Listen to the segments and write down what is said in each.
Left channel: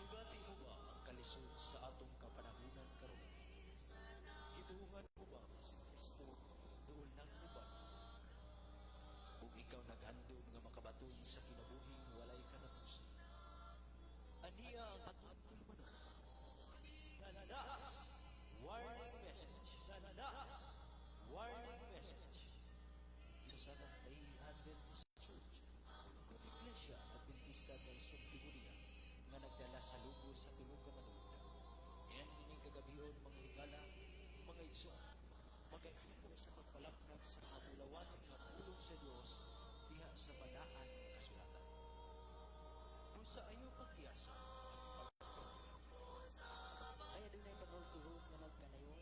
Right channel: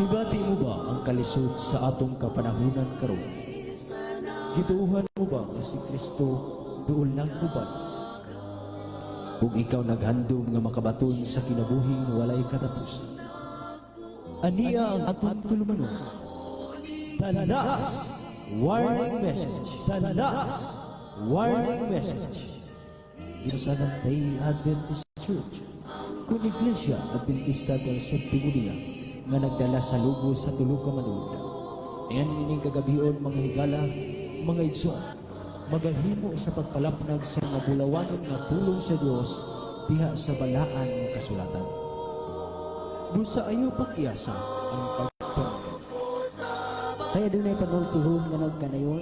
Hibati mo ba ang kalisod sa atong kapanahunan karon? Gituuhan mo ba nga si Kristo duol lang uban? Kung ikaw naghandom nga makabaton sa kinabuhing walay katapusan, aniya ang atong tulumanon. Talas! Warning message! Talas! Warning message! Dito sa Nantay Adventist Church, kung Iglesia Adventista del Séptimo Día, nga nagdala sa lugo sa tulog ka manood. Ayan nining kagabion mga higala, mga igsoon, magahimo sa pagpalapnag sa mga bulawanon nga pulong sa Dios diha sa balaan ng kasulatan. Busa ayaw pakiasa ang pagpangin. Kaya doon ay panultuhon nga nagkanayon.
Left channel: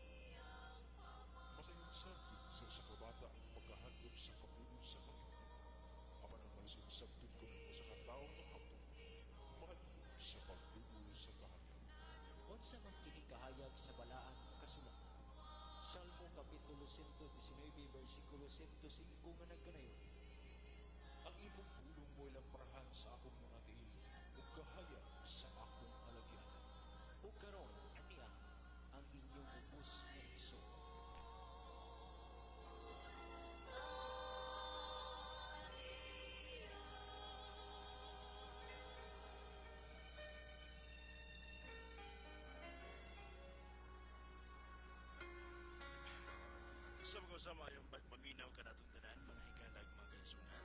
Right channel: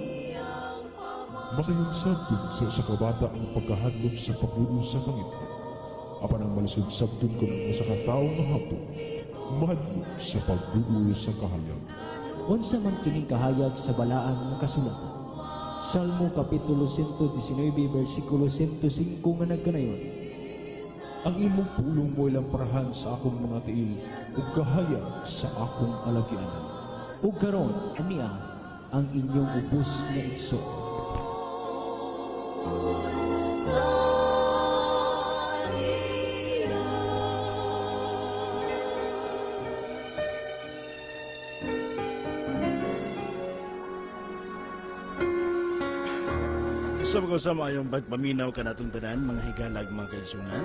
Makayong sabdun sa kabata ang pagkahadlok sa paglulo sa Panginoon. Apan ang malisod sabdun ko ng usa ka taong mahapon, mahadlok sa paglulo sa kahayag. Unsa man kining kahayag sa balaan ng kasulatan. Salmo Kapitulo 119, versikulo 105 nga nagkanayon. Ang imong pulong mo ilang parahan sa akong mga tiil, ug kahayag sa akong alagyanan. Ug karon aniya ang inyong ubos nga igsoon. Sa mga sama yung pagpaminaw ka natong tanan, mga higalag, mga kaigsunan.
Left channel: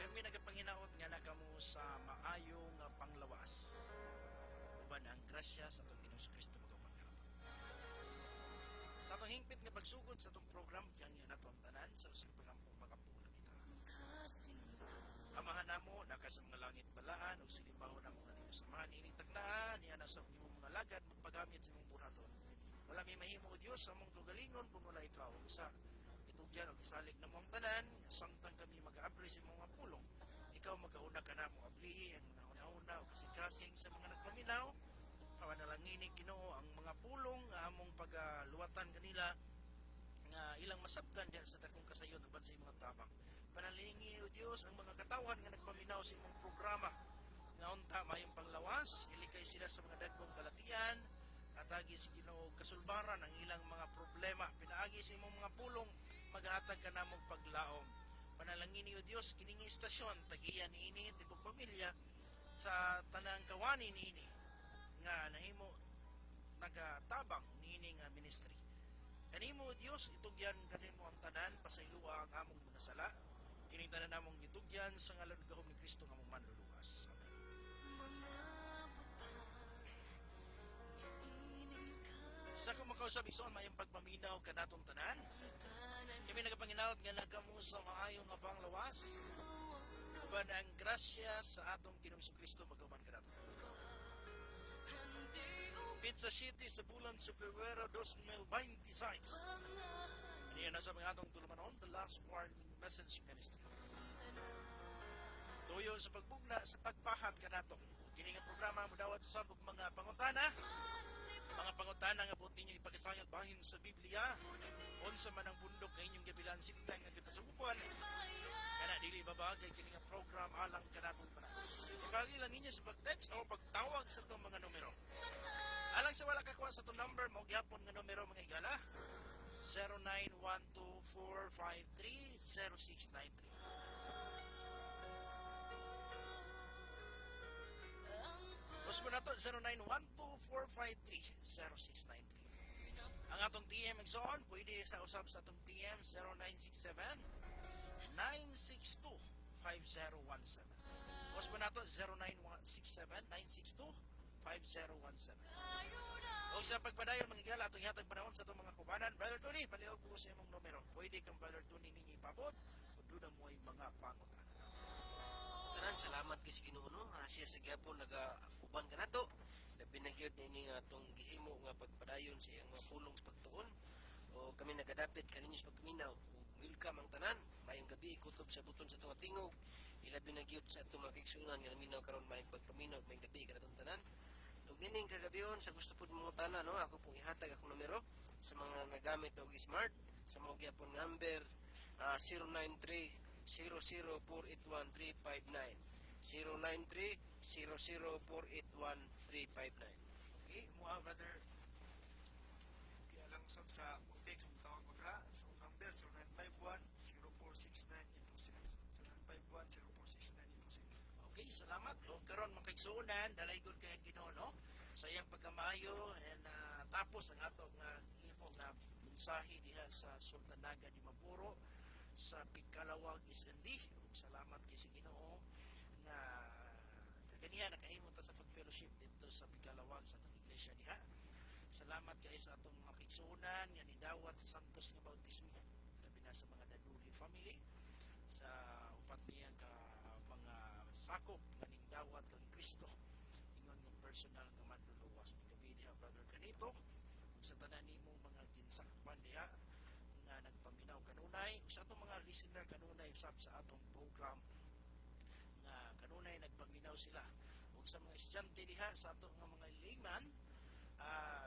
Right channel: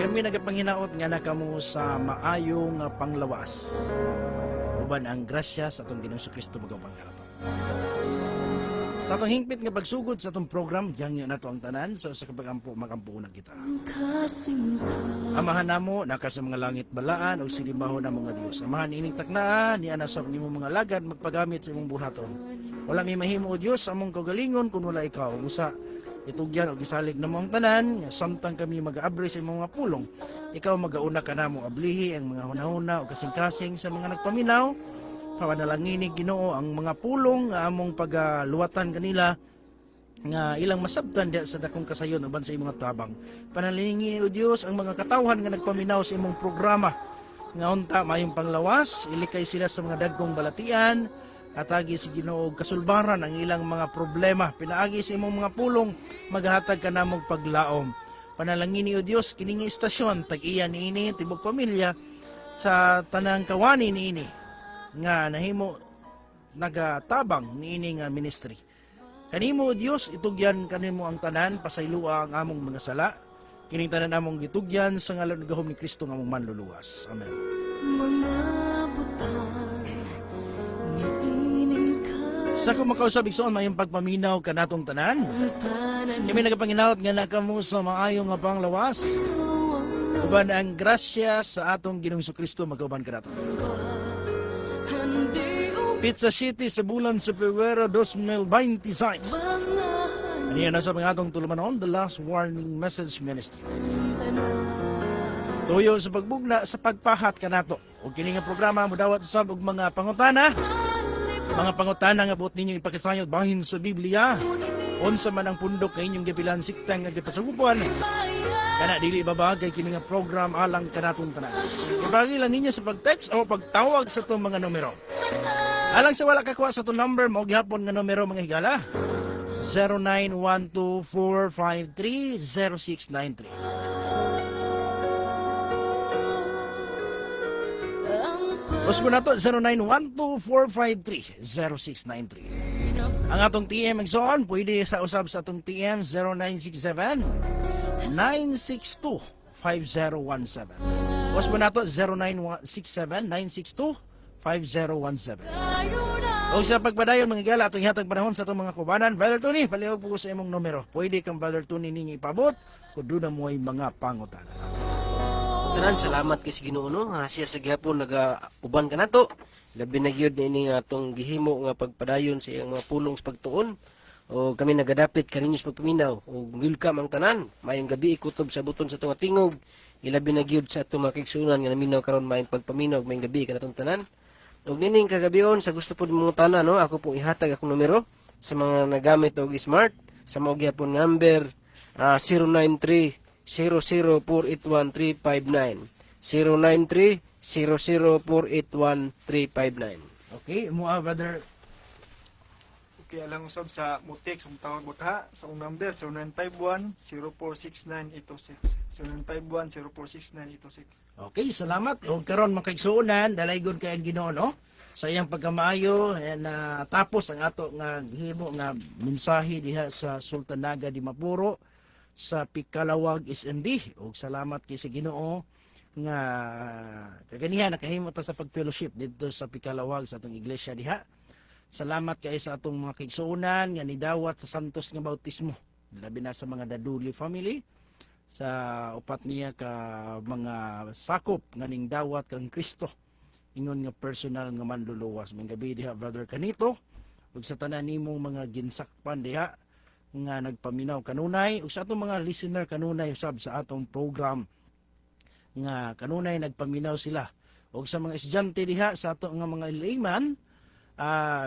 Kami nagapanginaot nga na kamo sa maayong panglawas. Uban ang grasya sa atong Ginoong Kristo magawang harapan. Sa atong hingpit nga pagsugod sa atong program, diyan na to ang tanan, so sa kapagampo makampuunan kita. Amahan namo naka sa mga langit balaan o sinibaho na mga Dios. Amahan ining taknaan ni ana sa imong mga lagad magpagamit sa imong buhaton. Wala may mahimo o Diyos among kaugalingon kung wala ikaw. Usa itugyan o gisalig na mong tanan, samtang kami mag-aabri sa imong mga pulong. Ikaw magauna ka na mo ablihi ang mga hunahuna o kasing-kasing sa mga nagpaminaw. Pamanalangini Ginoo ang mga pulong nga among pagluwatan kanila nga ilang masabtan diya sa dakong kasayon uban sa imong tabang. Panalingi o Dios ang mga katawhan nga nagpaminaw sa imong programa. Nga unta mayong panglawas, ilikay sila sa mga dagkong balatian, atagi si Ginoo kasulbaran ang ilang mga problema. Pinaagi sa imong mga pulong, maghatag ka namong paglaom. Panalangini o Dios kining istasyon tag-iya niini tibok pamilya sa tanang kawani niini nga nahimo nagatabang niini nga ministry. Kanimo o Dios itugyan kanimo ang tanan, pasaylua ang among mga sala. Kining tanan among gitugyan sa ngalan ng gahom ni Kristo nga among manluluwas. Amen. Sa kung makausap igsoon mayong pagpaminaw ka natong tanan. Kami nagapanginaot nga nakamo sa maayong nga panglawas. Uban ang grasya sa atong Ginoong Kristo magkauban ka nato. Pizza City sa bulan sa Febrero 2026. Aniya na sa mga atong tulumanon, the last warning message ministry. Tuyo sa pagbugna sa pagpahat ka nato. O kini nga programa mo dawat usab og mga pangutana. Mga pangutana nga buot ninyo ipakisayod bahin sa Biblia. Unsa man ang pundok kay inyong gipilan siktang nga gipasugupan. Kana dili babagay kini nga program alang kanatong tanan. Ibagi lang ninyo sa pag-text o pagtawag sa itong mga numero. Alang sa wala kakuha sa itong number, mao gihapon nga numero mga higala. 0912-453-0693. Usbo na to, 0912-453-0693. Ang atong TM Exxon, pwede sa usab sa atong TM 0967-962-5017. Usbo na to, 0967-962-5017. O sa pagpadayon mga gala, atong ihatag panahon sa itong mga kubanan. Brother Tony, palihog po sa imong numero. Pwede kang Brother Tony ninyo ipabot kung doon na mo ay mga pangutana. Tanan, salamat kay Ginoo no, siya sa gihapon nagauban ka nato. Labi na gyud ni atong gihimo nga pagpadayon sa iyang mga pulong sa pagtuon. O kami nagadapit kaninyo sa pagpaminaw. O welcome ang tanan. Mayong gabi ikutob sa buton sa tunga tingog. Ilabi na gyud sa atong mga kaigsunan nga naminaw karon mayong pagpaminaw mayong gabi kanatong tanan. Og nining kagabion sa gusto pod mga tanan no, ako pong ihatag akong numero sa mga nagamit og smart sa mao gihapon number 093 00481-359. 0917-00481-359. Okay, mo brother. Okay, alang usab sa mutik sa tawag baka sa number 0951-0469-826. 0951-0469-826. Okay, salamat. O karon makaigsuonan, dalaygon kay ang Ginoo no? Sa iyang pagkamaayo na tapos ang ato nga himo nga mensahe diha sa Sultanaga di Mapuro sa Pikalawag SND. Og salamat kay sa Ginoo nga kaganihan nakahimo ta sa pagfellowship dito sa Pikalawag sa atong iglesia diha. Salamat kay sa atong mga kaigsuonan nga nidawat sa santos nga bautismo. Labi na sa mga Daduli family sa upat niya ka mga sakop nga ning dawat kang Kristo ingon nga personal nga manluluwas. May gabi diha brother kanito ug sa tanan nimong mga ginsakpan diha nga nagpaminaw kanunay ug sa atong mga listener kanunay usab sa atong program nga kanunay nagpaminaw sila ug sa mga estudyante diha sa ato nga mga layman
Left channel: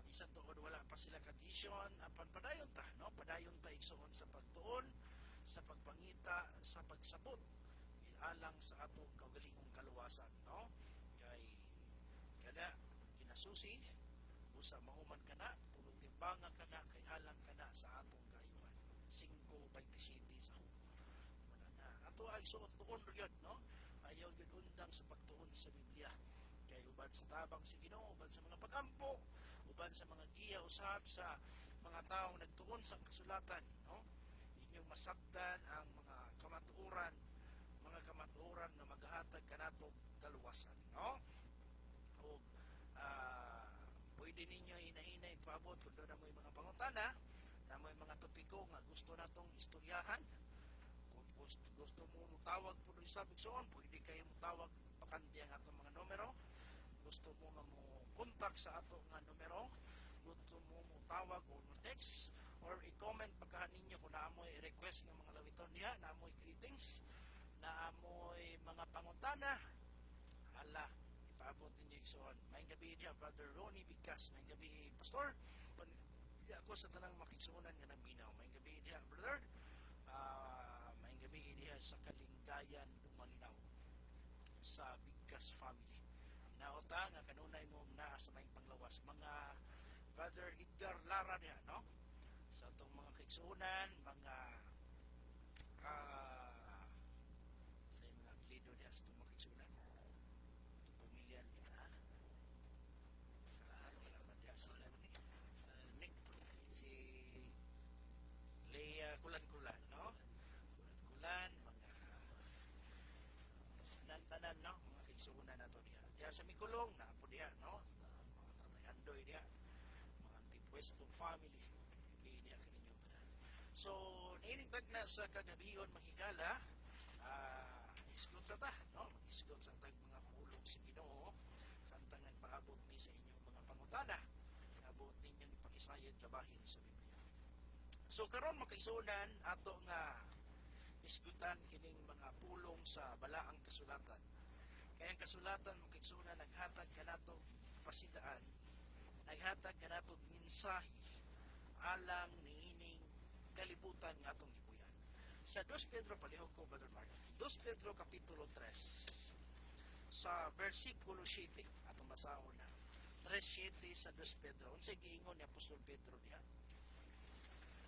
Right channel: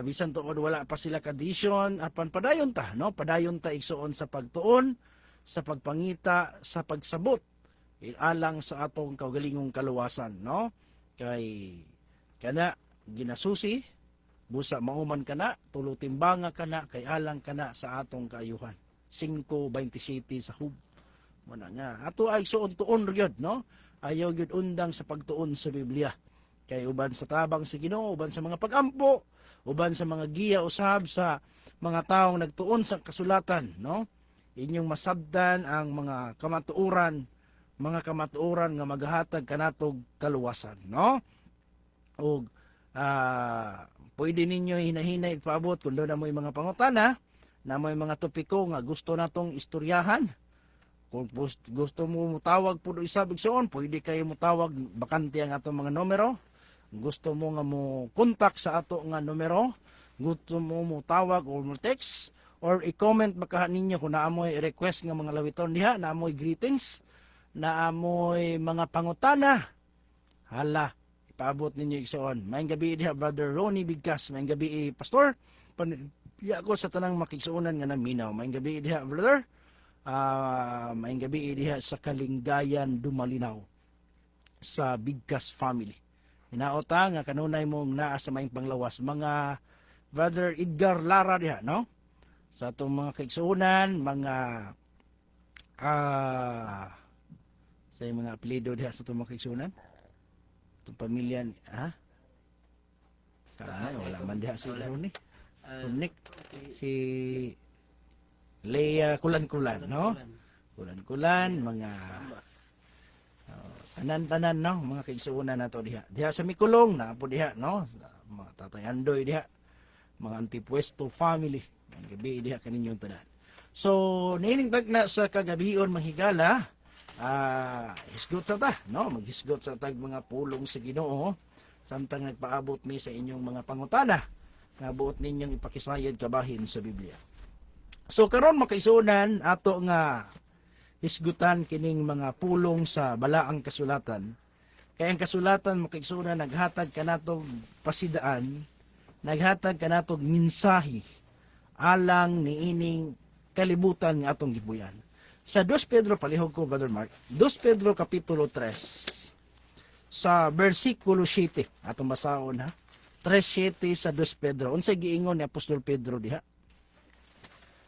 bisan tuod wala pa sila kadisyon apan padayon ta no, padayon ta igsuon sa pagtuon, sa pagpangita, sa pagsabot alang sa atong kaugalingong kaluwasan no. Kay kana ginasusi busa mauman kana tulo timbanga kana kay alang kana sa atong kaayuhan. 5:27 sa hub mana nga ato ay igsuon tuon gyud no, ayaw gyud undang sa pagtuon sa Biblia. Kay uban sa tabang sa Ginoo, uban sa mga pagampo, uban sa mga giya usab sa mga taong nagtuon sa kasulatan no, inyong masabdan ang mga kamatuoran nga maghatag kanatog kaluwasan no. Og pwede ninyo hinahinay paabot kung doon na mo'y mga pangutana na may mga topiko nga gusto natong istoryahan. Kung gusto mo mutawag po isabig soon, pwede kayo mutawag bakante ang atong mga numero. Gusto mo nga mo contact sa ato nga numero, gusto mo mo tawag or mo text or i-comment baka ninyo kung naamoy request nga mga lawiton diha, naamoy greetings, naamoy mga pangutana. Hala, ipaabot ninyo igsoon. Maayong gabi diha brother Ronnie Bigkas, maayong gabi pastor. Paniya ko sa tanang makigsuonan nga naminaw. Maayong gabi diha brother. Maayong gabi diha sa Kalingayan Dumalinaw sa Bigkas family. Hinaota nga kanunay mong naa sa maing panglawas mga brother Edgar Lara diha no, sa atong mga kaigsuonan mga sa mga apelyido diha sa atong mga kaigsuonan itong pamilya ha wala man diha si Ronik si Leia Kulan-Kulan no, Kulan-Kulan mga tanan-tanan no, mga kaigsuonan nato diha. Diha sa Mikulong na po diha no, mga Tatay Andoy diha, mga Antipuesto family. Ang gabi diha kaninyong tanan. So, nining na sa kagabion manghigala, hisgot sa ta no, maghisgot sa tag mga pulong sa Ginoo samtang nagpaabot mi sa inyong mga pangutana nga buot ninyong ipakisayad kabahin sa Biblia. So karon makaisunan ato nga hisgutan kining mga pulong sa balaang kasulatan. Kaya ang kasulatan makaigsunan naghatag kanatog pasidaan, naghatag kanatog mensahe alang niining kalibutan nga atong gipuyan. Sa 2 Pedro palihog ko brother Mark, 2 Pedro kapitulo 3 sa bersikulo 7 atong basahon ha. 3:7 sa 2 Pedro. Unsay giingon ni Apostol Pedro diha?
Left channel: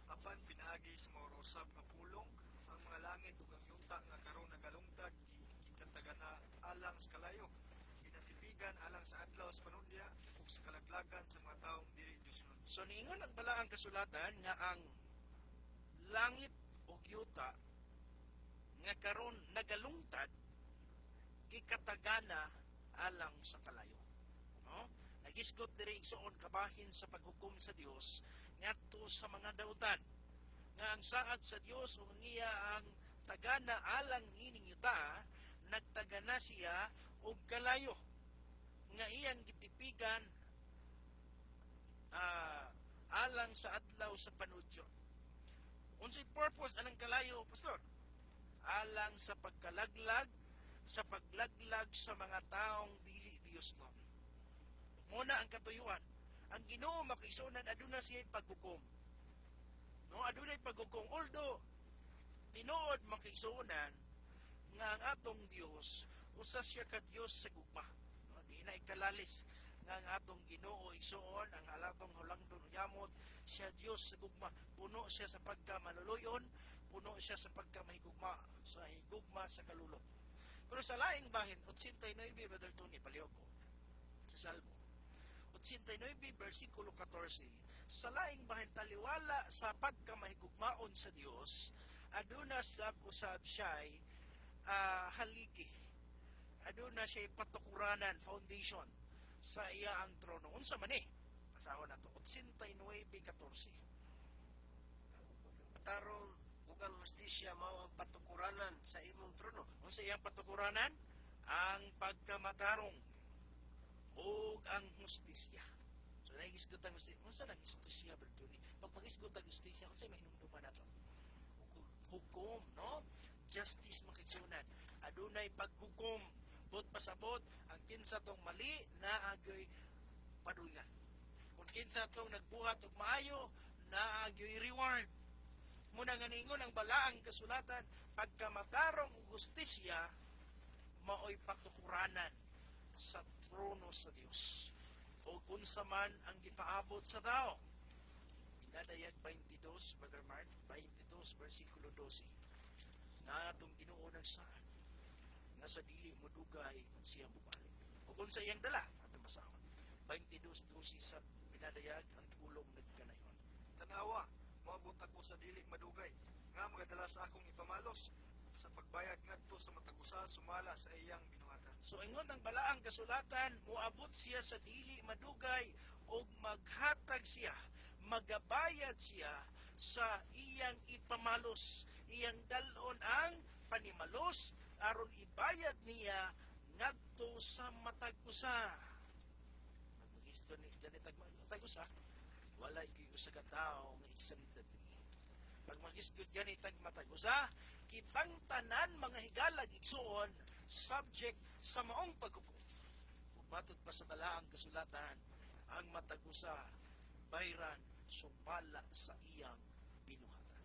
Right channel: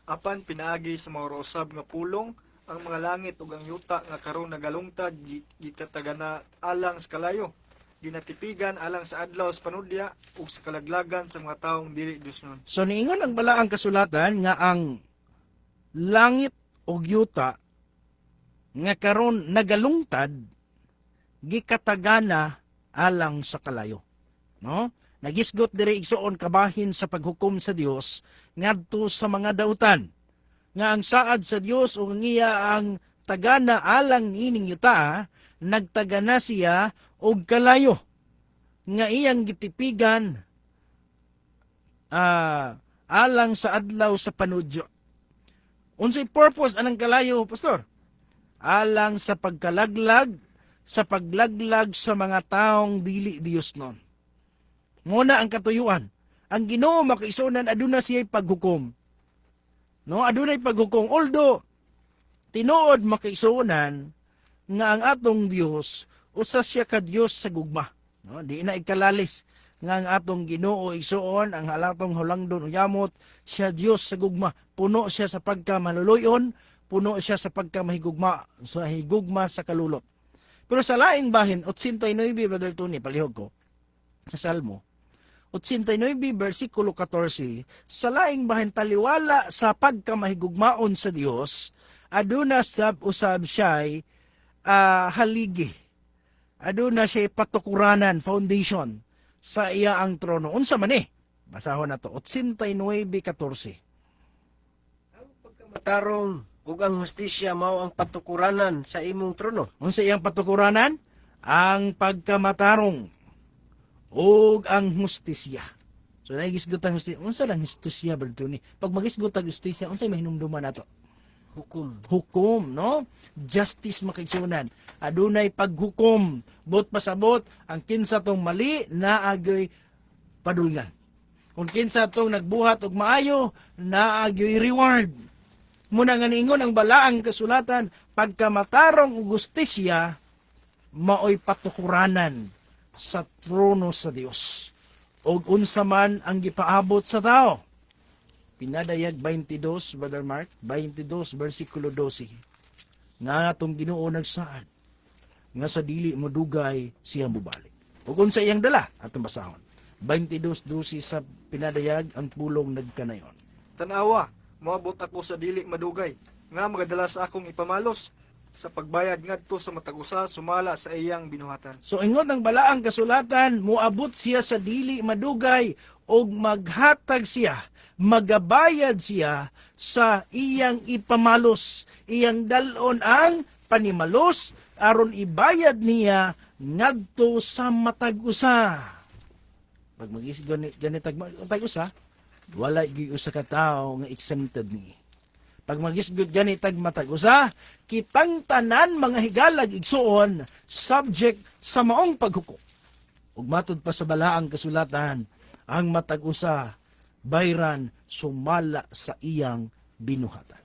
Apan pinaagi sa mga usab nga pulong ang mga langit ug ang yuta nga karon nagalungtad gitatagana alang sa kalayo, ginatipigan alang sa adlaw sa panudya ug sa kalaglagan sa mga taong dili Diosnon. So niingon ang balaang kasulatan nga ang langit ug yuta nga karon nagalungtad gikatagana alang sa kalayo. No? Nagisgot diri igsuon kabahin sa paghukom sa Dios ngadto sa mga dautan. Nga ang saad sa Dios o ngiya ang tagana alang ining yuta, nagtagana siya og kalayo nga iyang gitipigan alang sa adlaw sa panudyo. Unsay purpose anang kalayo, pastor? Alang sa pagkalaglag, sa paglaglag sa mga taong dili Dios non. Muna ang katuyuan. Ang Ginoo makaisunan aduna siya'y paghukom. No, adunay paghukom. Although tinuod makaisunan nga ang atong Dios usa siya ka Dios sa gugma. No, di na ikalalis nga ang atong Ginoo igsuon ang halatong hulangdon uyamot siya Dios sa gugma. Puno siya sa pagkamaluluyon, puno siya sa pagkamahigugma, sa higugma sa kalulot. Pero sa laing bahin 89 Brother Tony palihog ko sa Salmo 89 versikulo 14, sa laing bahin taliwala sa pagkamahigugmaon sa Dios, aduna sab usab siya'y haligi. Aduna siya'y patukuranan, foundation sa iya ang trono. Unsa man basahon nato 89:14. Matarong ug ang hustisya mao ang patukuranan sa imong trono. Unsa iyang patukuranan? Ang pagkamatarong ug ang hustisya. So nagisgot ang hustisya. Unsa lang hustisya Brother Tony? Pag magisgot ang hustisya, unsay mahinumduman nato? Hukom, no? Justice makaigsunan. Adunay paghukom, bot pasabot ang kinsa tong mali naagyoy padulngan. Kung kinsa tong nagbuhat og maayo, naagyoy reward. Muna nga niingon ang balaang kasulatan, pagkamatarong ug hustisya maoy patukuranan sa trono sa Dios. Og unsa man ang gipaabot sa tao. Pinadayag 22, Brother Mark, 22, versikulo 12. Nga atong Ginoo nagsaad, nga sa dili mo dugay siya mubalik. Ug unsa iyang dala, atong basahon. 22:12 sa pinadayag, ang pulong nagkanayon. Tanawa, moabot ako sa dili madugay, nga magadala sa akong ipamalos, sa pagbayad ngadto sa matag-usa sumala sa iyang binuhatan. So ingon ang balaang kasulatan, muabot siya sa dili madugay, og maghatag siya, magabayad siya sa iyang ipamalos, iyang dalon ang panimalos, aron ibayad niya ngadto sa matag-usa. Pag ganitag matag-usa, wala gyud usa ka tawo nga exempted ni. Pag magisgod ganitag matag-usa, kitang tanan mga higalag igsuon subject sa maong paghukom. Ug matud pa sa balaang kasulatan, ang matag-usa bayran sumala sa iyang binuhatan.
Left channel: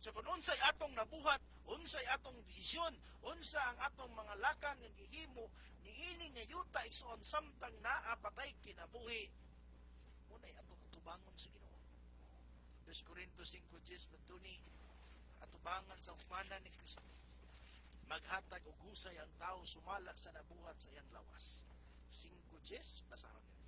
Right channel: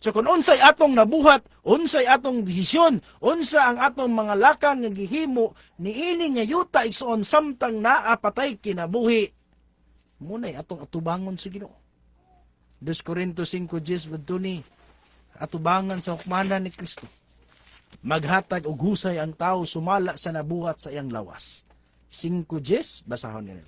So kung unsay atong nabuhat, unsay atong desisyon, unsa ang atong mga lakang nga gihimo niini nga yuta igsuon samtang naa patay kinabuhi, munay atong atubangon sa Ginoo. 2 Corintios 5:10 Tony, atubangan sa hukmanan ni Kristo. Maghatag og husay ang tao sumala sa nabuhat sa iyang lawas. 5:10 basahon nila.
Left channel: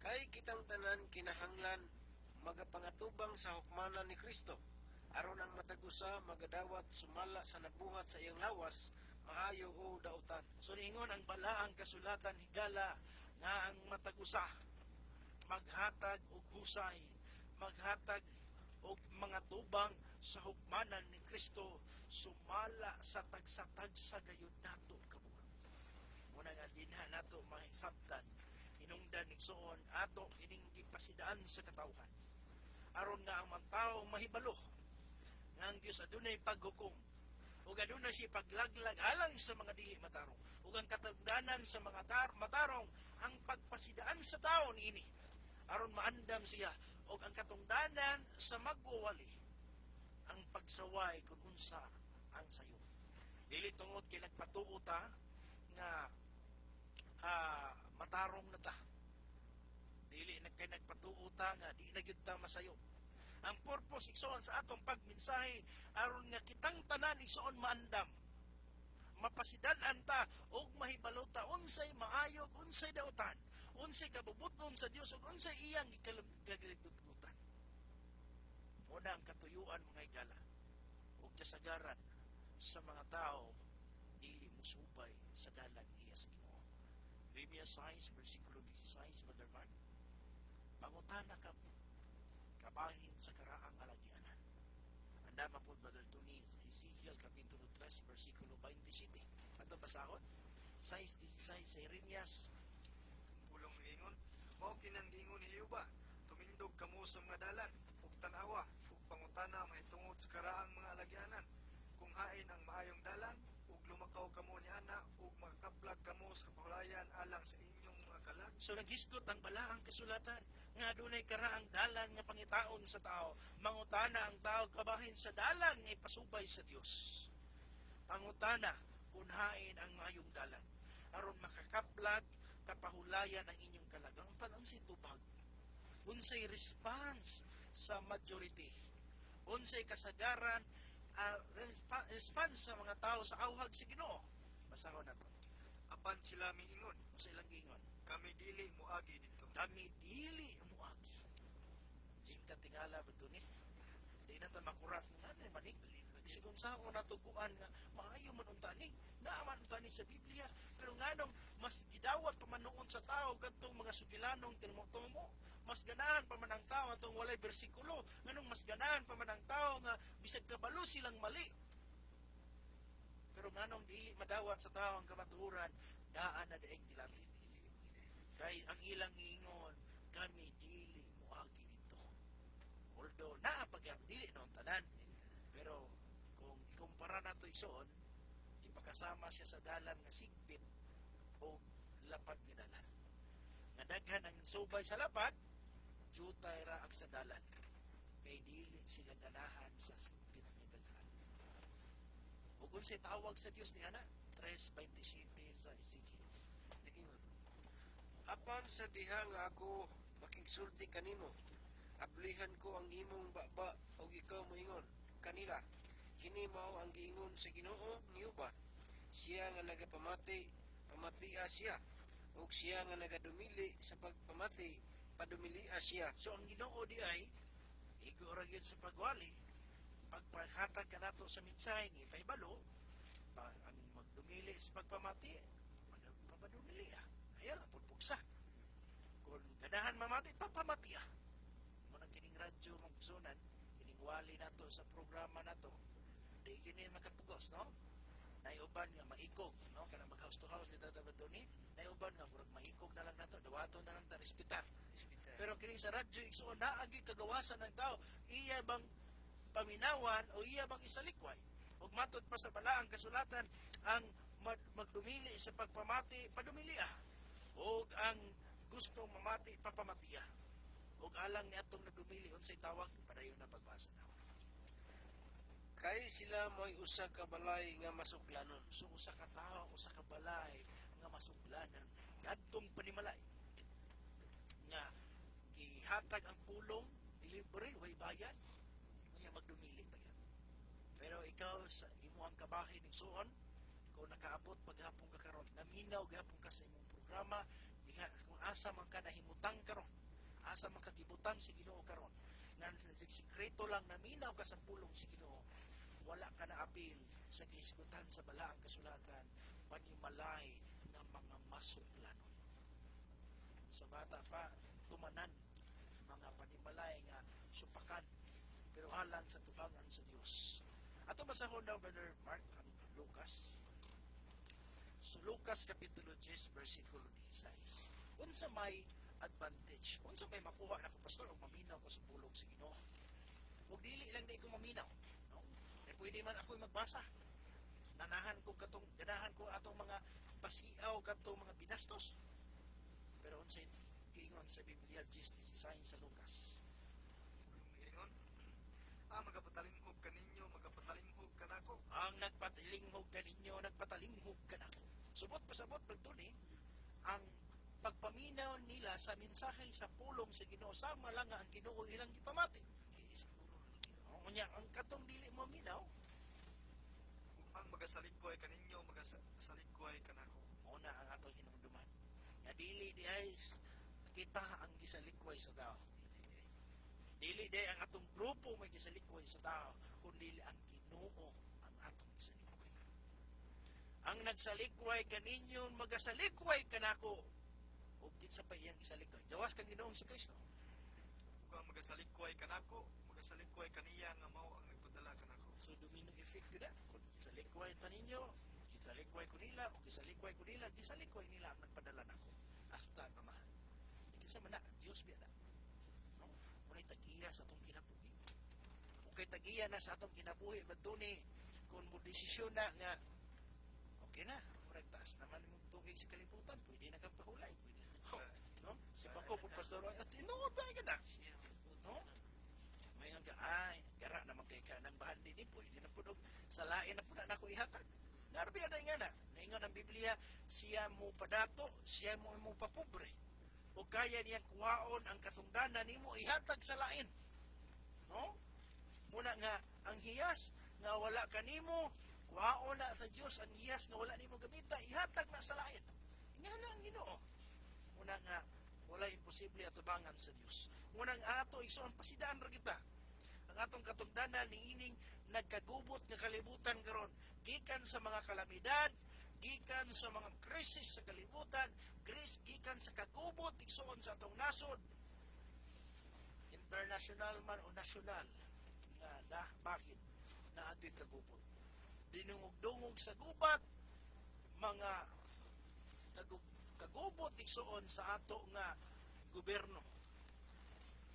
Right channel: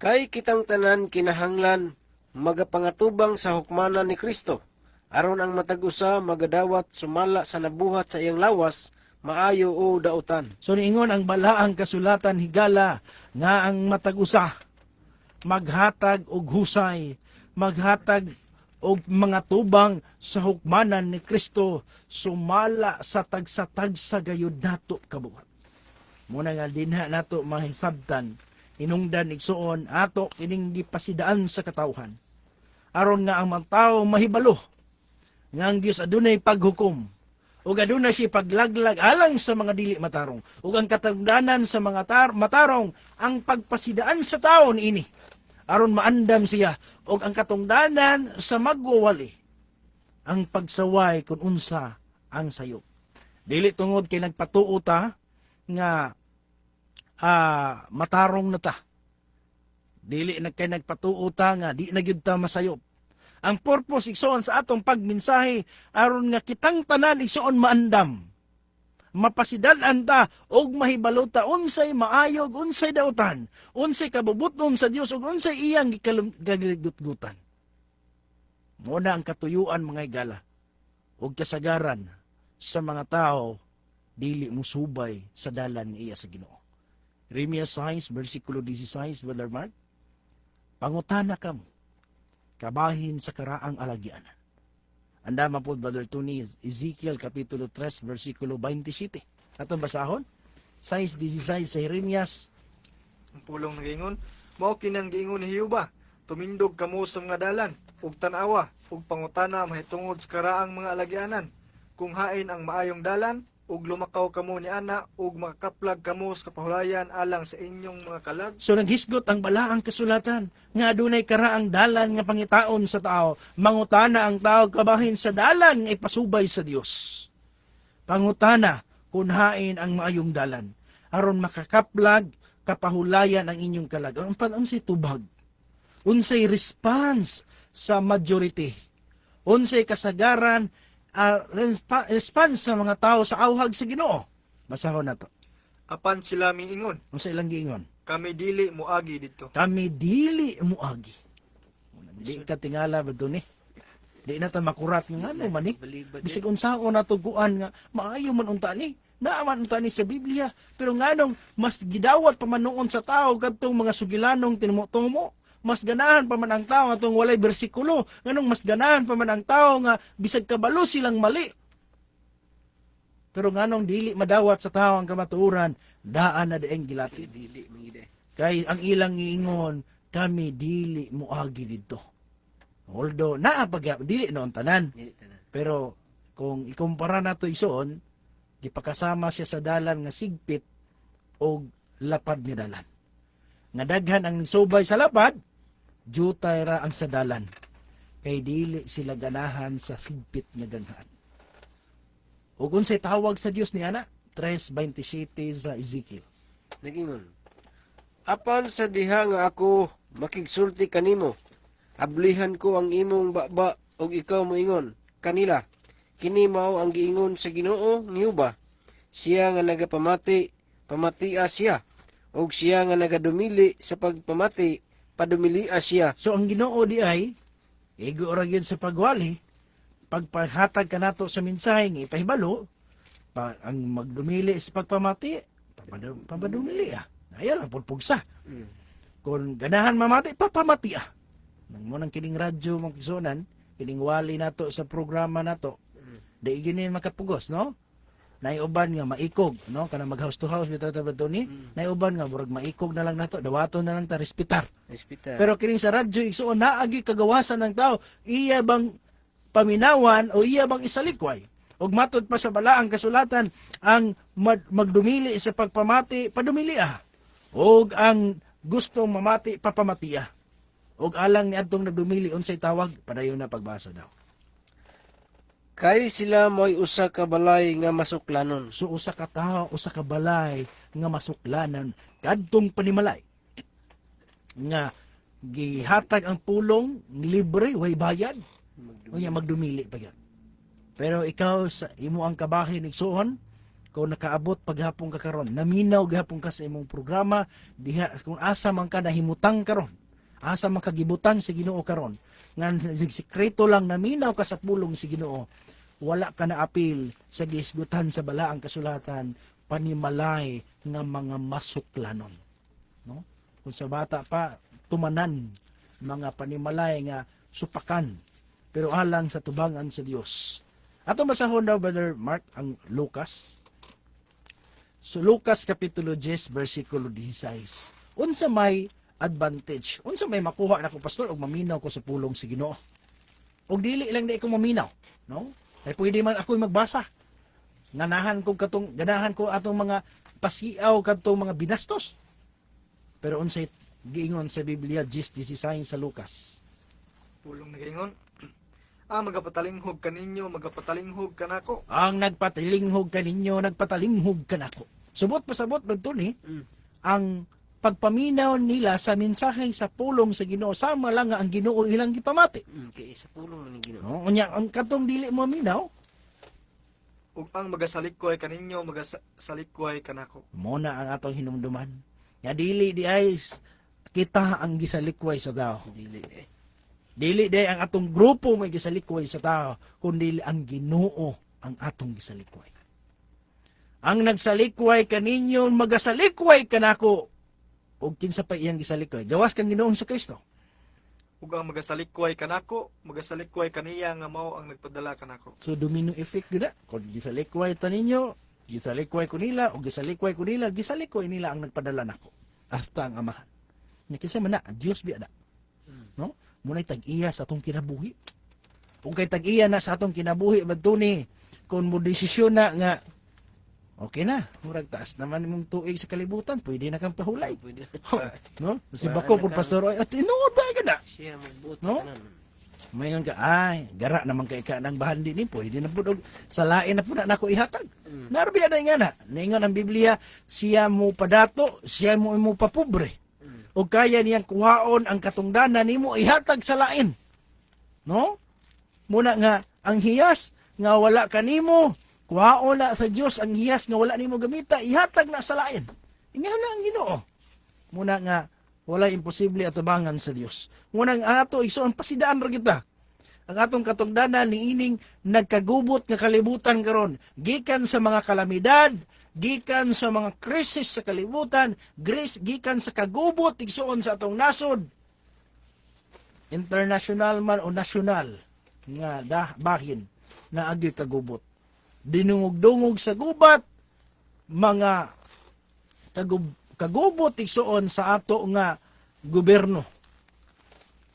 Kay kitang tanan kinahanglan magapangatubang sa hukmanan ni Kristo, aron ang matag-usa magadawat sumala sa nabuhat sa iyang lawas, maayo o dautan. So niingon ang balaang kasulatan higala nga ang matag-usa maghatag og husay, maghatag og mga tubang sa hukmanan ni Kristo sumala sa tagsa-tagsa gayud nato kabuhat. Muna nga dinha nato mahisabtan inungdan igsuon ato kining gipasidaan sa katawhan. Aron nga ang mga tawo mahibalo nga ang Dios adunay paghukom ug aduna siya paglaglag alang sa mga dili matarong ug ang katungdanan sa mga matarong ang pagpasidaan sa tawo niini aron maandam siya ug ang katungdanan sa magwawali ang pagsaway kun unsa ang sayop. Dili tungod kay nagpatuo ta nga matarong na ta. Dili na kay nagpatuo ta nga di na gyud ta masayop. Ang purpose igsoon sa atong pagmensahe aron nga kitang tanan igsoon maandam. Mapasidan ta og mahibalo ta unsay maayog, unsay dautan, unsay kabubuton sa Dios ug unsay iyang gikaluggutan. Muna ang katuyuan mga higala ug kasagaran sa mga tao dili musubay sa dalan nga iya sa Ginoo. Jeremias 6 versikulo 16 Brother Mark. Pangutana kamo kabahin sa karaang alagyanan. Andama po, Brother Tony, Ezekiel Kapitulo 3, versikulo 27. Atong basahon, 6:16 sa Jeremias. Ang pulong nagingon, mao kinang giingon ni Hiyuba, tumindog kamo sa mga dalan, ug tanawa, ug pangutana mahitungod sa karaang mga alagyanan, kung hain ang maayong dalan, ug lumakaw kamo ni ana, ug makakaplag kamo sa kapahulayan alang sa inyong mga kalag. So naghisgot ang balaang kasulatan nga adunay karaang dalan nga pangitaon sa tao, mangutana ang tao kabahin sa dalan nga ipasubay sa Dios. Pangutana kung hain ang maayong dalan. aron makakaplag kapahulayan ang inyong kalag. Unsay tubag? Unsay response sa majority? Unsay kasagaran response sa mga tao sa awhag sa Ginoo? Basahon na to. Apan sila miingon, Unsay ilang giingon? kami dili moagi dito. Kami dili muagi. Di ka tingala ba ni? Di na ta makurat nga ano man ni. Bisig unsaon na tuguan nga maayo man unta ni. Naaman unta ni sa Biblia, pero nganong mas gidawat pa man noon sa tao kadtong mga sugilanong tinumo-tumo. Mas ganahan pa man ang tao atong walay bersikulo. Nganong mas ganahan pa man ang tao nga bisag kabalo silang mali. Pero nganong dili madawat sa tao ang kamatuoran, daan na dieng gilatid. Kay ang ilang giingon, kami dili muagi didto. Although naapag dili noon tanan. Pero kung ikumpara nato isuon, gipakasama siya sa dalan nga sigpit o lapad nga dalan. Nga daghan ang subay sa lapad, jutay ra ang sa dalan. Kay dili sila ganahan sa sigpit nga ganahan. Ug unsay tawag sa Dios ni ana? 3:27 sa Ezekiel. Nagingon, apan sa diha nga ako makigsulti kanimo, ablihan ko ang imong baba og ikaw moingon kanila, kini mao ang giingon sa Ginoo niuba, siya nga nagapamati, pamatia siya, og siya nga nagadumili sa pagpamati, padumilia siya. So ang Ginoo di ay igo ra gyud sa pagwali, pagpahatag kanato sa mensahe nga ipahibalo, ang magdumili sa pagpamati, papadumili Ayaw lang pulpugsa. Kung ganahan mamati, papamati Nang mo nang kining radyo mong kisunan, kining wali nato sa programa nato, di ginin makapugos, no? Naiuban nga maikog, no? Kana mag house to house bitaw ta ni. Naiuban nga murag maikog na lang nato, dawaton na lang ta respitar. Pero kining sa radyo igsuon naagi kagawasan ng tao, iya bang paminawan o iya bang isalikway? Og matod pa sa balaang kasulatan, ang magdumili sa pagpamati, padumili Og ang gustong mamati, papamati Og alang ni adtong nagdumili unsay tawag, padayon na pagbasa daw. Kay sila mo'y usa ka balay nga masuklanon. So usa ka tawo, usa ka balay nga masuklanan kadtong panimalay. Nga gihatag ang pulong libre, way bayad. Unya magdumili pa gyud. Pero ikaw sa imo ang kabahin igsuon, kung nakaabot paghapon ka karon, naminaw gihapon ka sa imong programa, diha kung asa man ka nahimutang karon, asa man kagibutan sa Ginoo karon, nga sikreto lang naminaw ka sa pulong si Ginoo, wala ka na apil sa giisgutan sa balaang kasulatan, panimalay nga mga masuklanon. No? Kung sa bata pa, tumanan, mga panimalay nga supakan, pero alang sa tubangan sa Dios. Ato masahon daw, Brother Mark, ang Lucas. So, Lucas Kapitulo 10, versikulo 16. Unsa may advantage? Unsa may makuha na ko, Pastor, og maminaw ko sa pulong si Ginoo? Og dili lang di ko maminaw. No? Ay pwede man ako magbasa. Ganahan ko atong mga pasiaw kadtong mga binastos. Pero unsay giingon sa Biblia 10:16 sa Lucas? Pulong nagingon, magapatalinghob kaninyo, magapatalinghob kanako. Ang nagpatalinghog kaninyo, nagpatalinghog kanako. Subot pasabot dito ni, ang pagpaminaw nila sa mensahe sa pulong sa Ginoo, sama lang nga ang Ginoo ilang gipamati. Kay sa pulong ni Ginoo. No? Unya, ang katong dili mo minaw, Ug ang magasalikkoy kaninyo, magasalikkoy kanako. muna ang atong hinumduman. Nga dili di ay kita ang gisalikway sa tao. Dili di ang atong grupo may gisalikway sa tao, kundi ang Ginoo ang atong gisalikway. Ang nagsalikway kaninyo, magasalikway kanako. O kinsa pa iyang gisalikway? Gawas kang Ginoong sa Kristo. Ug ang magasalikkoy kanako, magasalikkoy kaniya nga mao ang nagpadala kanako. So domino effect gina. Kung gisalikway ta ninyo, gisalikway ko nila, o gisalikway ko nila, gisalikway nila ang nagpadala nako. Hasta ang amahan. Nya kinsa man na, Dios biya na. No? Muna'y tag-iya sa atong kinabuhi. Kung kay tag-iya na sa atong kinabuhi, badto ni, kung mo desisyon na nga, okay na, murag taas naman mong tuig sa kalibutan, pwede na kang pahulay. No? Si Bako po, Pastor, at tinuod ba ka na? Siya magbuot No? sa kanan. Mayon ka, ay, gara naman kay ka ng bahandi ni po, hindi na po sa lain na po na nako ihatag. Narbiya na nga na, naingon ang Biblia, siya mo padato, siya mo papobre. O kaya niyang kuhaon ang katungdanan nimo ihatag sa lain. No? Muna nga, ang hiyas nga wala kanimo, kuhaon na sa Dios ang hiyas nga wala nimo gamita, ihatag na sa lain. Inga na ang Ginoo. Muna nga, wala imposible atubangan sa Dios. Muna nga ato, igsoon, pasidaan ra kita. Ang atong katungdanan ni ining nagkagubot nga kalibutan karon, gikan sa mga kalamidad, gikan sa mga krisis sa kalibutan, gikan sa kagubot igsoon sa atong nasod, international man o nasyonal nga bahin na agi kagubot. Dinungog-dungog sa gubat, mga kagubot igsoon sa ato nga gobyerno,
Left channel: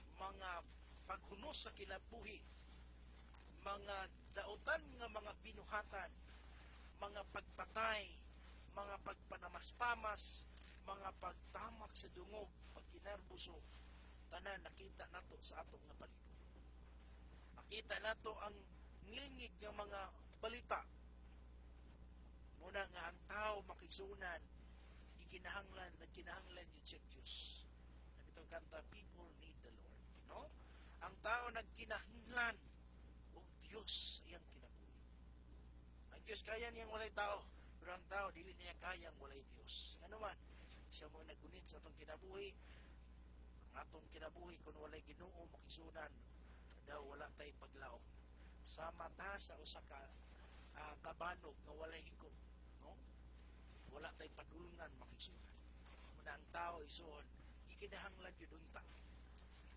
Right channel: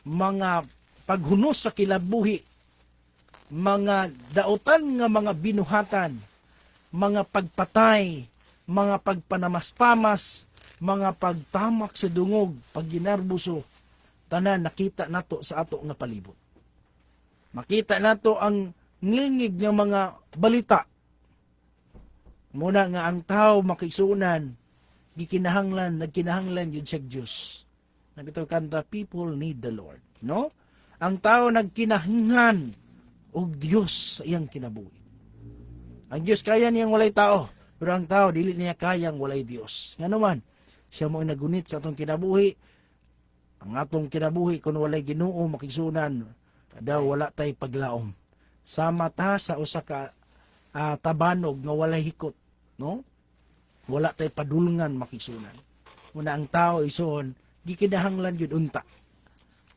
mga paghunos sa kilabuhi, mga dautan nga mga binuhatan, mga pagpatay, mga pagpanamastamas, mga pagtamak sa dungog, pagginarbuso, tanan nakita nato sa ato nga palibot. Makita nato ang ngilngig nga mga balita. Muna nga ang tao makisunan, nagkinahanglan yun sa Diyos. Nabitaw kanta, people need the Lord. No? Ang tao nagkinahanglan og Diyos sa iyang kinabuhi. Ang Diyos kaya niyang walay tao, pero ang tao dili niya kayang walay Diyos. Nga naman, siya mo nagunit sa atong kinabuhi. Ang atong kinabuhi kung walay Ginoo makisunan, daw wala tay paglaom. Sama ta sa usa ka tabanog nga walay hikot, no? Wala tay padulngan makisunan. Muna ang tao ison gikinahanglan yun unta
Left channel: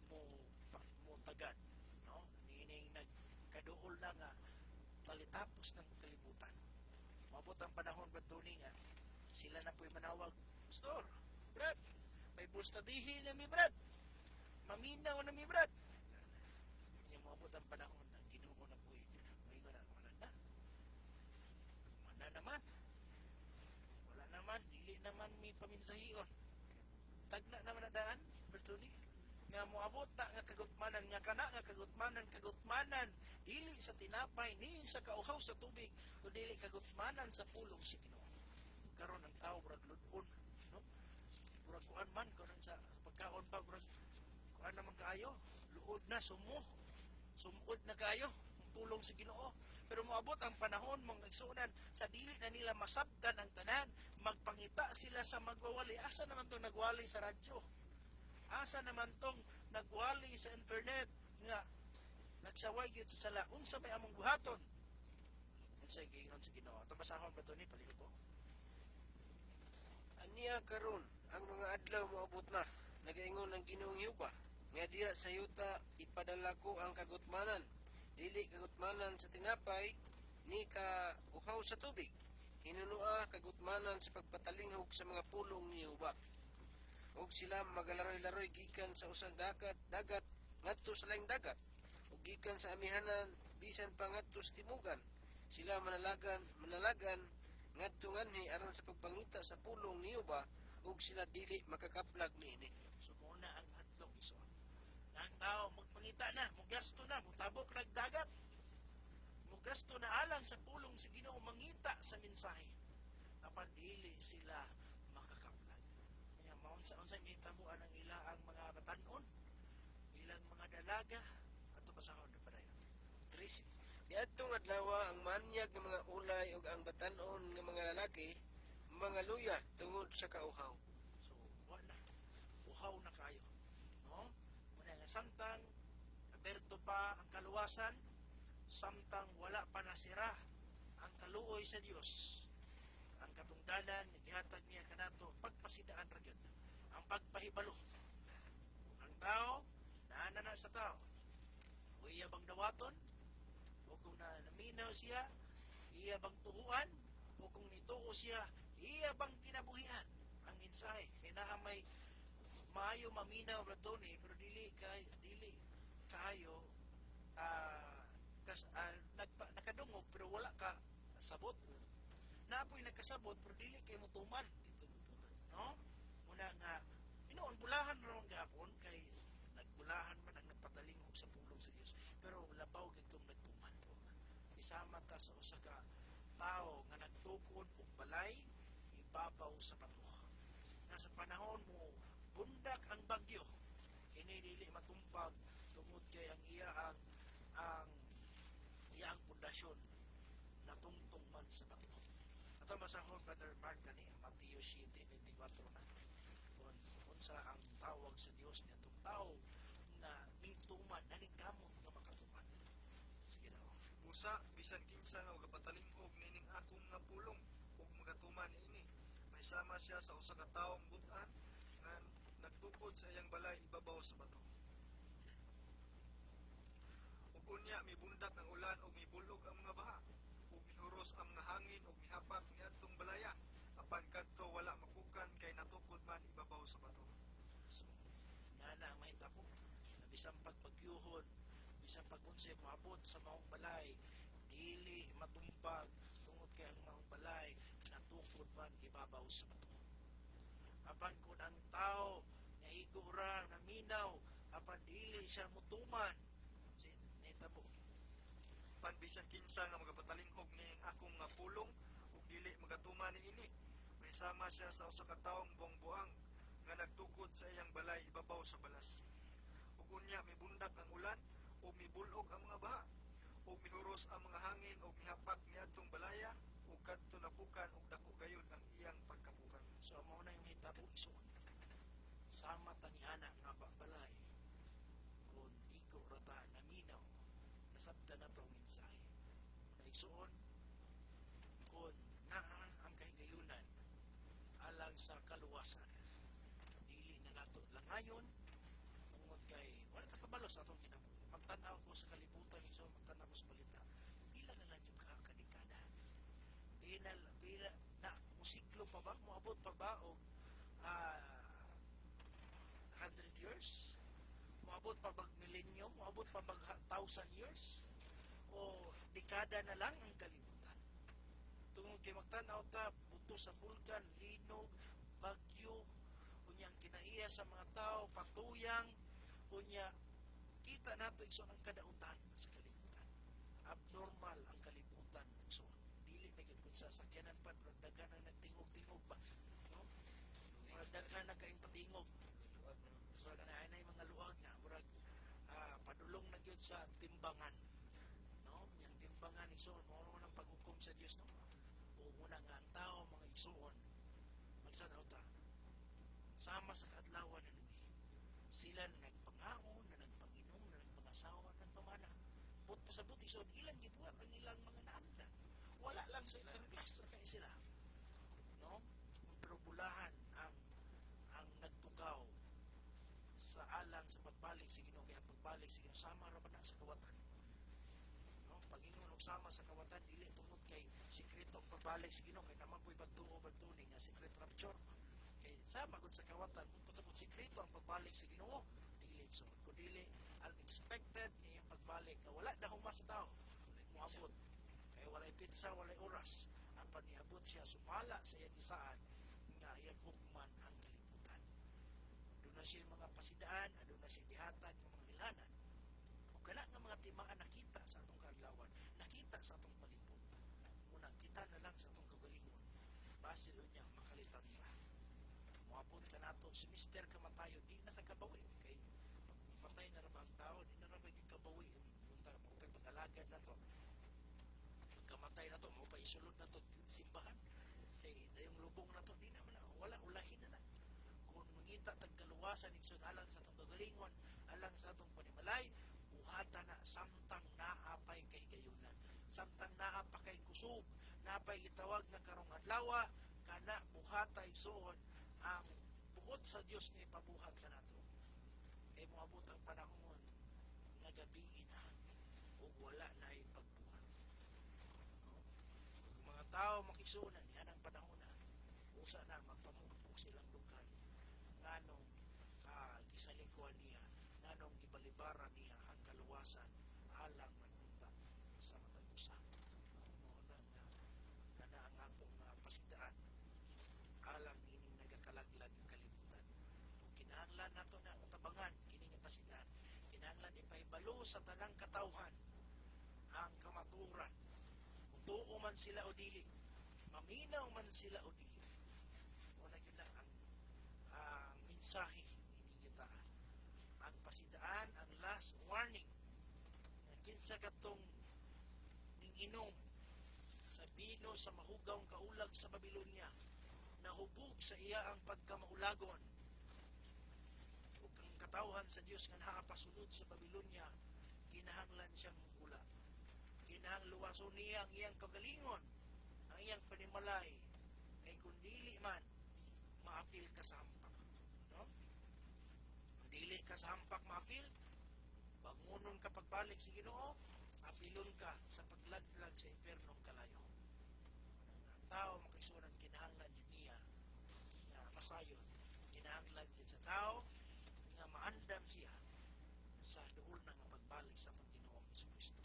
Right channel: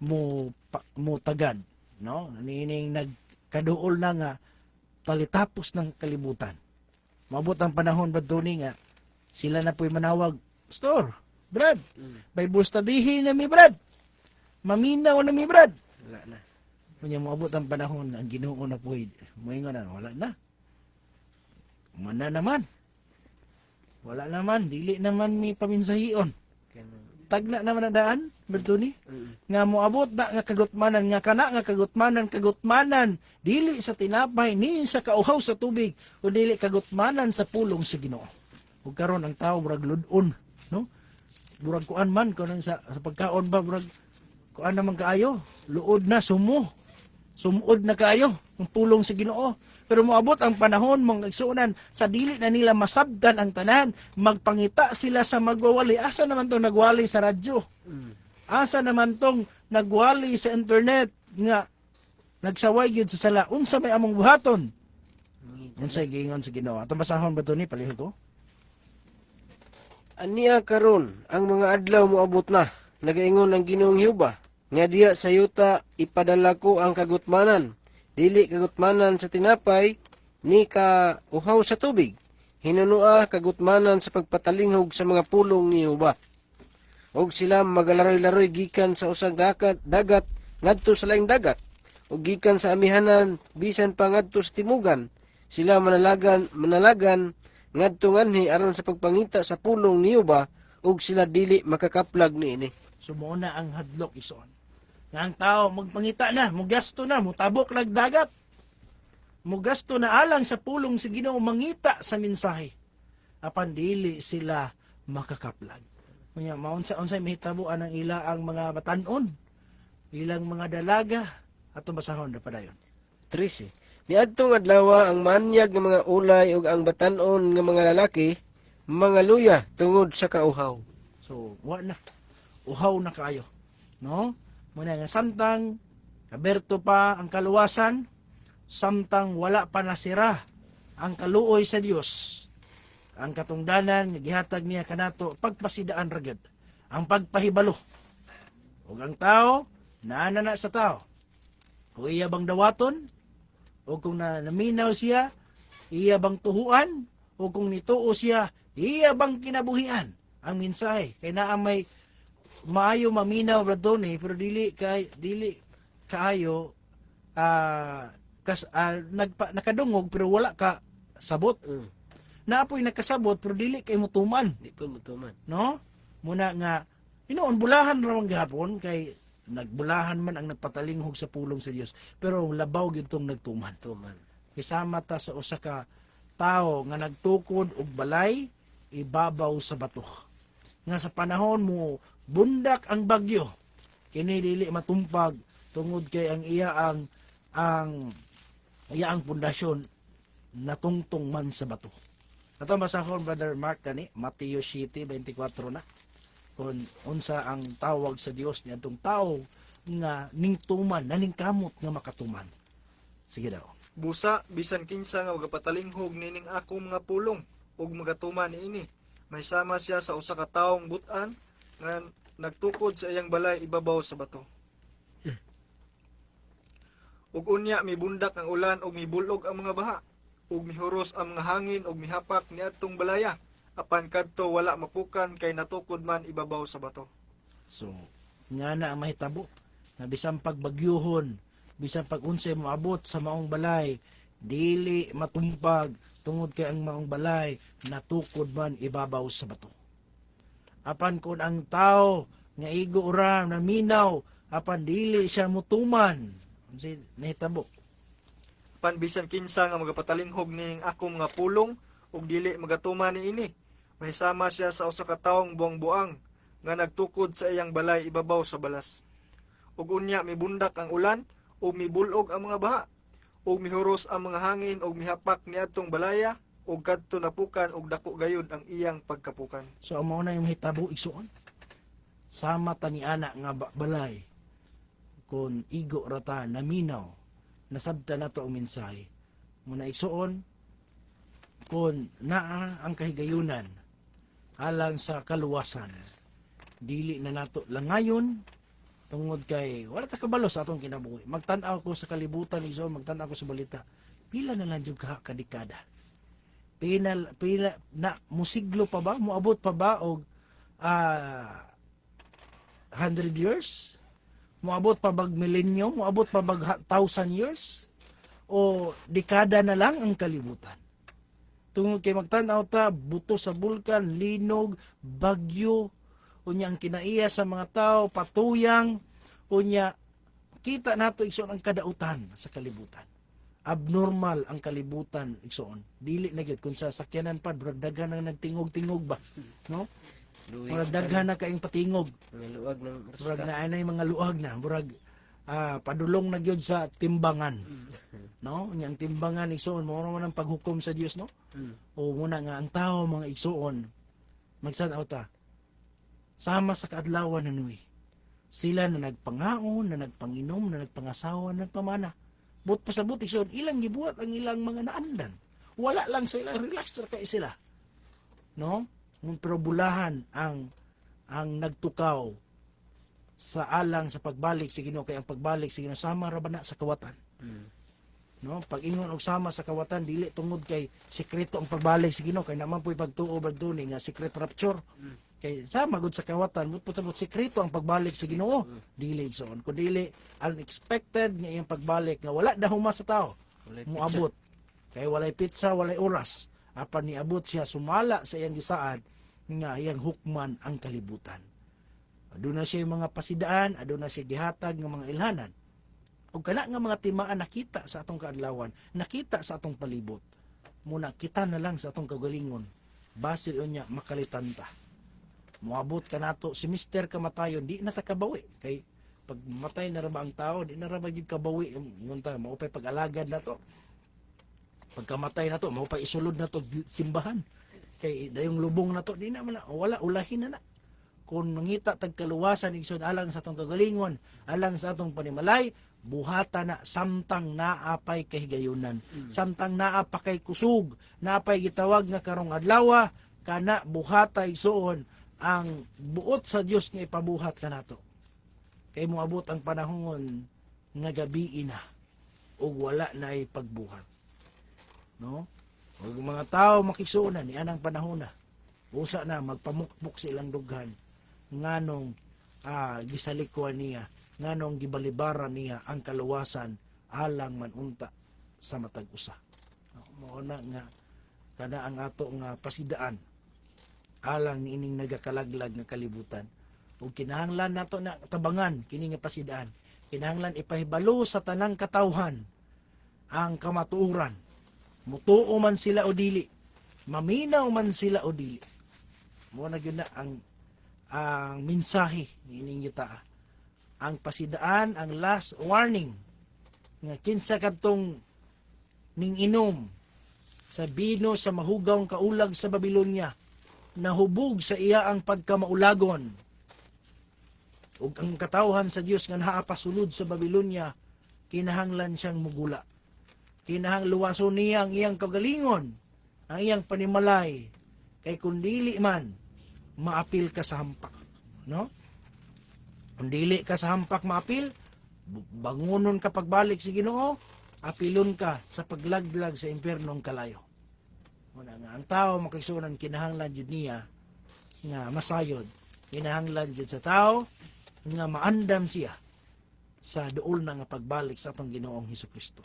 mo tagad, no? Nining nagkaduol na nga talitapos ng kalibutan. Maabot ang panahon ba ni nga sila na po'y manawag, Pastor, Brad, Bible studyhin na mi Brad, maminaw na mi Brad. Wala na. Kanya maabot ang panahon, ang Ginoo na po'y moingon na, wala na. Mana naman. Wala naman, dili naman mi paminsahion. Tagna naman ang daan, Bertuni. Nga moabot na nga kagutmanan, nga kana nga kagutmanan, dili sa tinapay, ni sa kauhaw sa tubig, o dili kagutmanan sa pulong sa Ginoo. Ug karon ang tao murag ludon, no? Murag kuan man kuno sa pagkaon ba murag kuan naman kaayo, luod na sumuod na kaayo ang pulong sa Ginoo. Pero moabot ang panahon mong igsuunan sa dili na nila masabdan ang tanan, magpangita sila sa magwawali. Asa naman tong nagwali sa radyo? Asa naman tong nagwali sa internet nga nagsaway gyud sa sala? Unsa may among buhaton? Unsay giingon sa Ginoo? Atong basahon ba to ni palihog ko? Aniya karon ang mga adlaw moabot na. Nagaingon ang Ginoong Jehova nga diya sa yuta ipadala ko ang kagutmanan. Dili kagutmanan sa tinapay, ni ka uhaw sa tubig. Hinunua kagutmanan sa pagpatalinghog sa mga pulong ni Jehova. Og sila magalaroy-laroy gikan sa usang dagat ngadto sa laing dagat. Og gikan sa amihanan bisan pa ngadto sa timugan. Sila manalagan ngadto nganhi aron sa pagpangita sa pulong ni Jehova, og sila dili makakaplag niini. So mo na ang hadlok ison. Nga ang tao magpangita na, mugasto na, mutabok nagdagat. Mugasto na alang sa pulong sa Ginoo mangita sa mensahe. Apan dili sila makakaplag. Kunya maunsa-unsay mahitabuan ang ila ang mga batan-on, ilang mga dalaga ato basahon ra padayon. 13. Niadtong adlaw ang manyag nga mga ulay ug ang batan-on nga mga lalaki mga luya tungod sa kauhaw. So, wa na. Uhaw na kayo. No? Muna nga samtang aberto pa ang kaluwasan, samtang wala pa nasira ang kaluoy sa Dios. Ang katungdanan nga gihatag niya kanato pagpasidaan ragad, ang pagpahibalo. Ug ang tao naana na sa tao. O iya bang dawaton? O kung naminaw siya, iya bang tuhuan? O kung nituo siya, iya bang kinabuhian? Ang mensahe kay naa may maayo maminaw radone pero dili kaayo nakadungog pero wala ka sabot. Naapoy nakasabot pero dili kay mutuman. Di pa mutuman. No? Muna nga inoon bulahan ra man gihapon kay nagbulahan man ang nagpatalinghog sa pulong sa Dios, pero labaw gyud tong nagtuman. Tuman. Kisama ta sa usa ka tawo nga nagtukod og balay ibabaw sa bato. Nga sa panahon mo bundak ang bagyo, kini dili matumpag tungod kay ang iya ang pundasyon natungtong man sa bato. Ato basahon Brother Mark kani Mateo 7:24 na kung unsa ang tawag sa Dios niadtong tao nga ningtuman naningkamot nga makatuman. Sige daw. Busa bisan kinsa nga magapatalinghog nining ako mga pulong ug magatuman niini. Mahisama siya sa usa ka tawong but-an nga nagtukod sa iyang balay ibabaw sa bato. Ug unya mibundak ang ulan ug mibulog ang mga baha ug mihuros ang mga hangin ug mihapak niadtong balaya apan kadto wala mapukan kay natukod man ibabaw sa bato. So, nga na ang mahitabo na bisan pagbagyuhon, bisan pag unsay moabot sa maong balay, dili matumpag tungod kay ang maong balay natukod man ibabaw sa bato. Apan kun ang tao nga igo ura na minaw, apan dili siya mutuman, unsay nahitabo. Apan bisan kinsa nga magapatalinghog nining ako mga pulong ug dili magatuman niini. Mahisama siya sa usa ka tawong buang-buang nga nagtukod sa iyang balay ibabaw sa balas. Ug unya mibundak ang ulan ug mibulog ang mga baha ug mihuros ang mga hangin ug mihapak niadtong balaya ug kadto napukan ug dako gayud ang iyang pagkapukan. So ang mao na yung mahitabo igsuon. Sama ta ni ana nga balay kun igo rata naminaw nasabta nato ang mensahe. Muna igsuon kun naa ang kahigayunan alang sa kaluwasan. Dili na nato langayon tungod kay wala ta kabalo sa atong kinabuhi. Magtan-aw ko sa kalibutan igsoon, magtan-aw ko sa balita. Pila na lang jud ka dekada. Pila na musiglo pa ba, moabot pa ba og 100 years? Moabot pa bag millennium? Moabot pa bag 1,000 years? O dekada na lang ang kalibutan? Tungod kay magtan-aw ta, buto sa bulkan, linog, bagyo, unya ang kinaiya sa mga tao, patuyang, unya kita nato igsoon ang kadautan sa kalibutan. Abnormal ang kalibutan igsoon. Dili na gyud kun sa sakyanan pa durag daghan ang nagtingog-tingog ba, no? Murag daghan na kaing patingog. Mga luwag ng Murag na ay mga luag na, murag padulong na gyud sa timbangan. No? Yang timbangan igsoon mo man ang paghukom sa Dios, no? O muna nga ang tao mga igsoon magsan-aw ta. Sama sa kaadlawan nanuy. Sila na nagpangaon, na nagpanginom, na nagpangasawa, na nagpamana. But pasabot igsoon ilang gibuhat ang ilang mga naandan. Wala lang sila, relax ra kay sila. No? Pero bulahan ang nagtukaw sa alang sa pagbalik sa Ginoo kay ang pagbalik sa Ginoo sama ra ba na sa kawatan. No, pag ingon og sama sa kawatan dili tungod kay sekreto ang pagbalik sa Ginoo kay naman po'y pagtuo badtuni nga secret rapture. Kay sama gud sa kawatan mo putabot sekreto ang pagbalik sa Ginoo. Dili igsoon kun dili unexpected nga iyang pagbalik nga wala dahuma sa tao. Moabot kay walay pizza, walay oras. Apan niabot siya sumala sa iyang gisaad nga iyang hukman ang kalibutan. Aduna siya mga pasidaan, aduna siya gihatag nga mga ilhanan. O kana nga mga timaan nakita sa atong kaadlawan, nakita sa atong palibot. Muna kita na lang sa atong kagalingon. Basil unya makalitan ta. Moabot ka nato si Mr. Kamatayon, di na ta kabawi. Kay pag matay na ra ba ang tao, di na ra ba gyud kabawi. Ingon ta, maupay pag-alagad na to. Pagkamatay na to, maupay isulod na to simbahan. Kay dayong lubong na to, di na man wala ulahin na. Kung mangita tagkaluwasan igsoon alang sa atong kagalingon, alang sa atong panimalay, buhata na samtang naapay kahigayunan, samtang naapay kusog, naapay gitawag nga karong adlaw, kana buhata igsoon ang buot sa Dios nga ipabuhat kanato. Kay moabot ang panahon nga gabi na ug wala na ay pagbuhat. No? Ug mga tao makisunan ni anang panahon na. Usa na magpamukpok sa ilang dughan nganong gisalikuan niya, nganong gibalibaran niya ang kaluwasan alang manunta sa matag usa. Mao na nga kada ang ato nga pasidaan alang niining nagakalaglag nga kalibutan ug kinahanglan nato na tabangan kini nga pasidaan. Kinahanglan ipahibalo sa tanang katawhan ang kamatuoran. Mutuo man sila o dili, maminaw man sila o dili. Mo na gyud na ang mensahe niining yuta. Ang pasidaan, ang last warning nga kinsa kadtong ning inom sa bino sa mahugawng kaulag sa Babilonya, nahubog sa iya ang pagkamaulagon. Ug ang katawhan sa Dios nga naapasulod sa Babilonya, kinahanglan siyang mugula. Kinahang luwason niya ang iyang kagalingon, ang iyang panimalay, kay kung dili man, maapil ka sa hampak. No? Kung dili ka sa hampak maapil, bangunon ka pagbalik sa Ginoo, apilon ka sa paglaglag sa impyernong kalayo. Muna nga, ang tao makisunan kinahanglan jud niya nga masayod. Kinahanglan jud sa tao nga maandam siya sa duol na nga pagbalik sa atong Ginoong Hesukristo.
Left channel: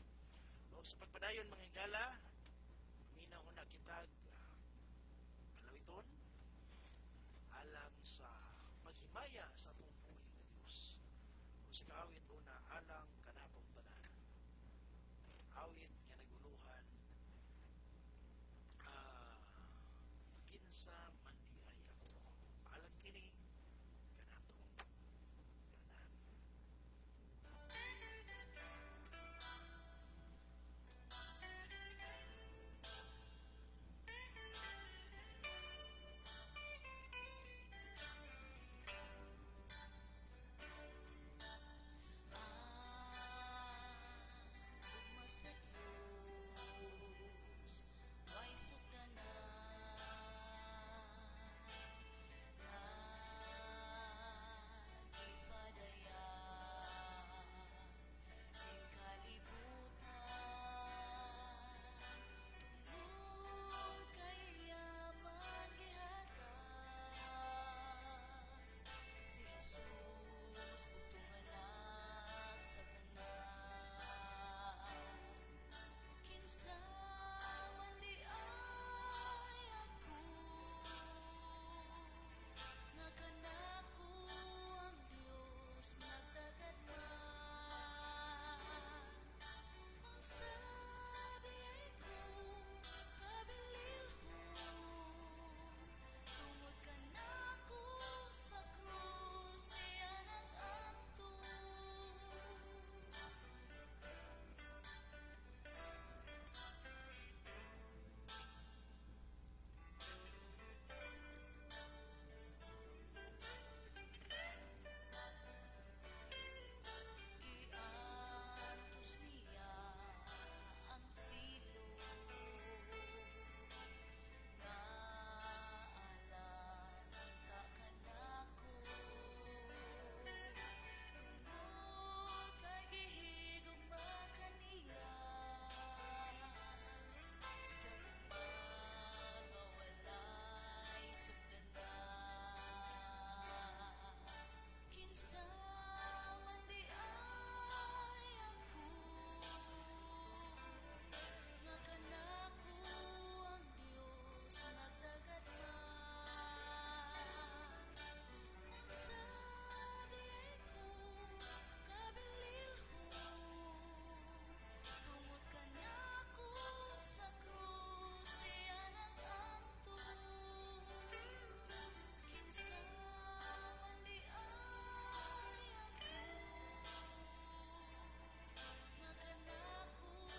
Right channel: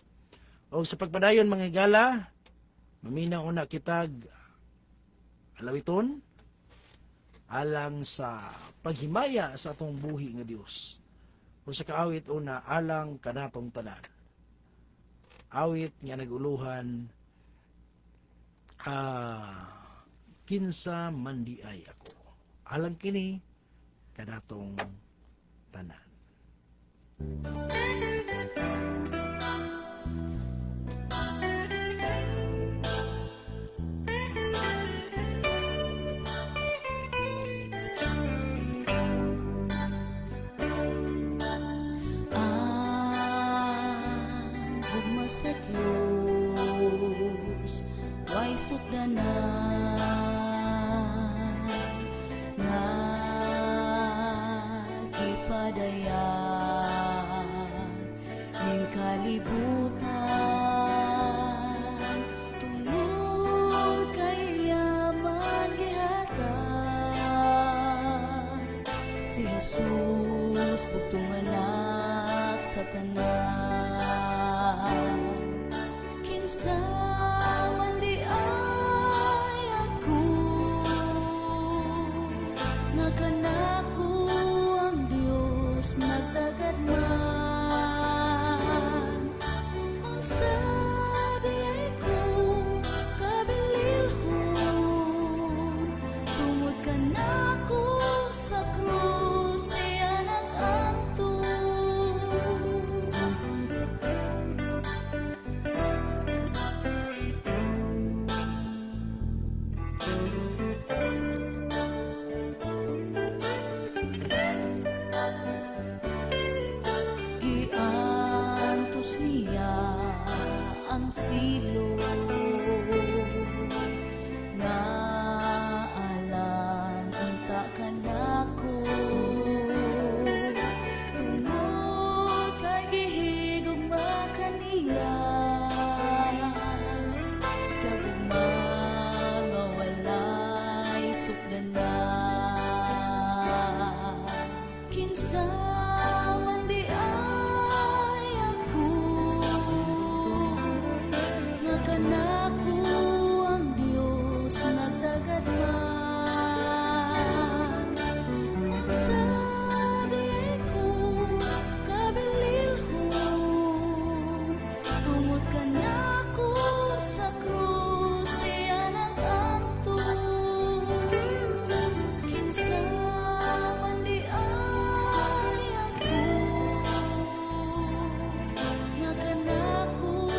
O sa pagpadayon mga higala, maminaw una kitag alawiton alang sa paghimaya sa atong buhi nga Dios. O sa kaawit una alang kanatong tanan. Awit nga naguluhan kinsa mandi ay ako. Alang kini kanatong tanan. Gugma sa Diyos, way sukdanan, nga gipadayan, ning kalibutan, tungod kay yaman gihatag, si Jesus, bugtong anak sa tanan. Kinsa man di ay ako, nga kanako ang Dios nagdagad man. Ang sabi ay ko kabililhon, tungod kanako sa krus siya nag-antos. Giantos niya ang silo, nga alam unta kanako, tungod kay gihigugma kaniya, sa gugma nga walay sukdanan. Kinsa man di ay ako, nga kanako ang Dios nagdagad man. Magsabi ko kabililhon, tungod kanako sa krus siya nag-antos. Kinsa man di ay ako, nga kanako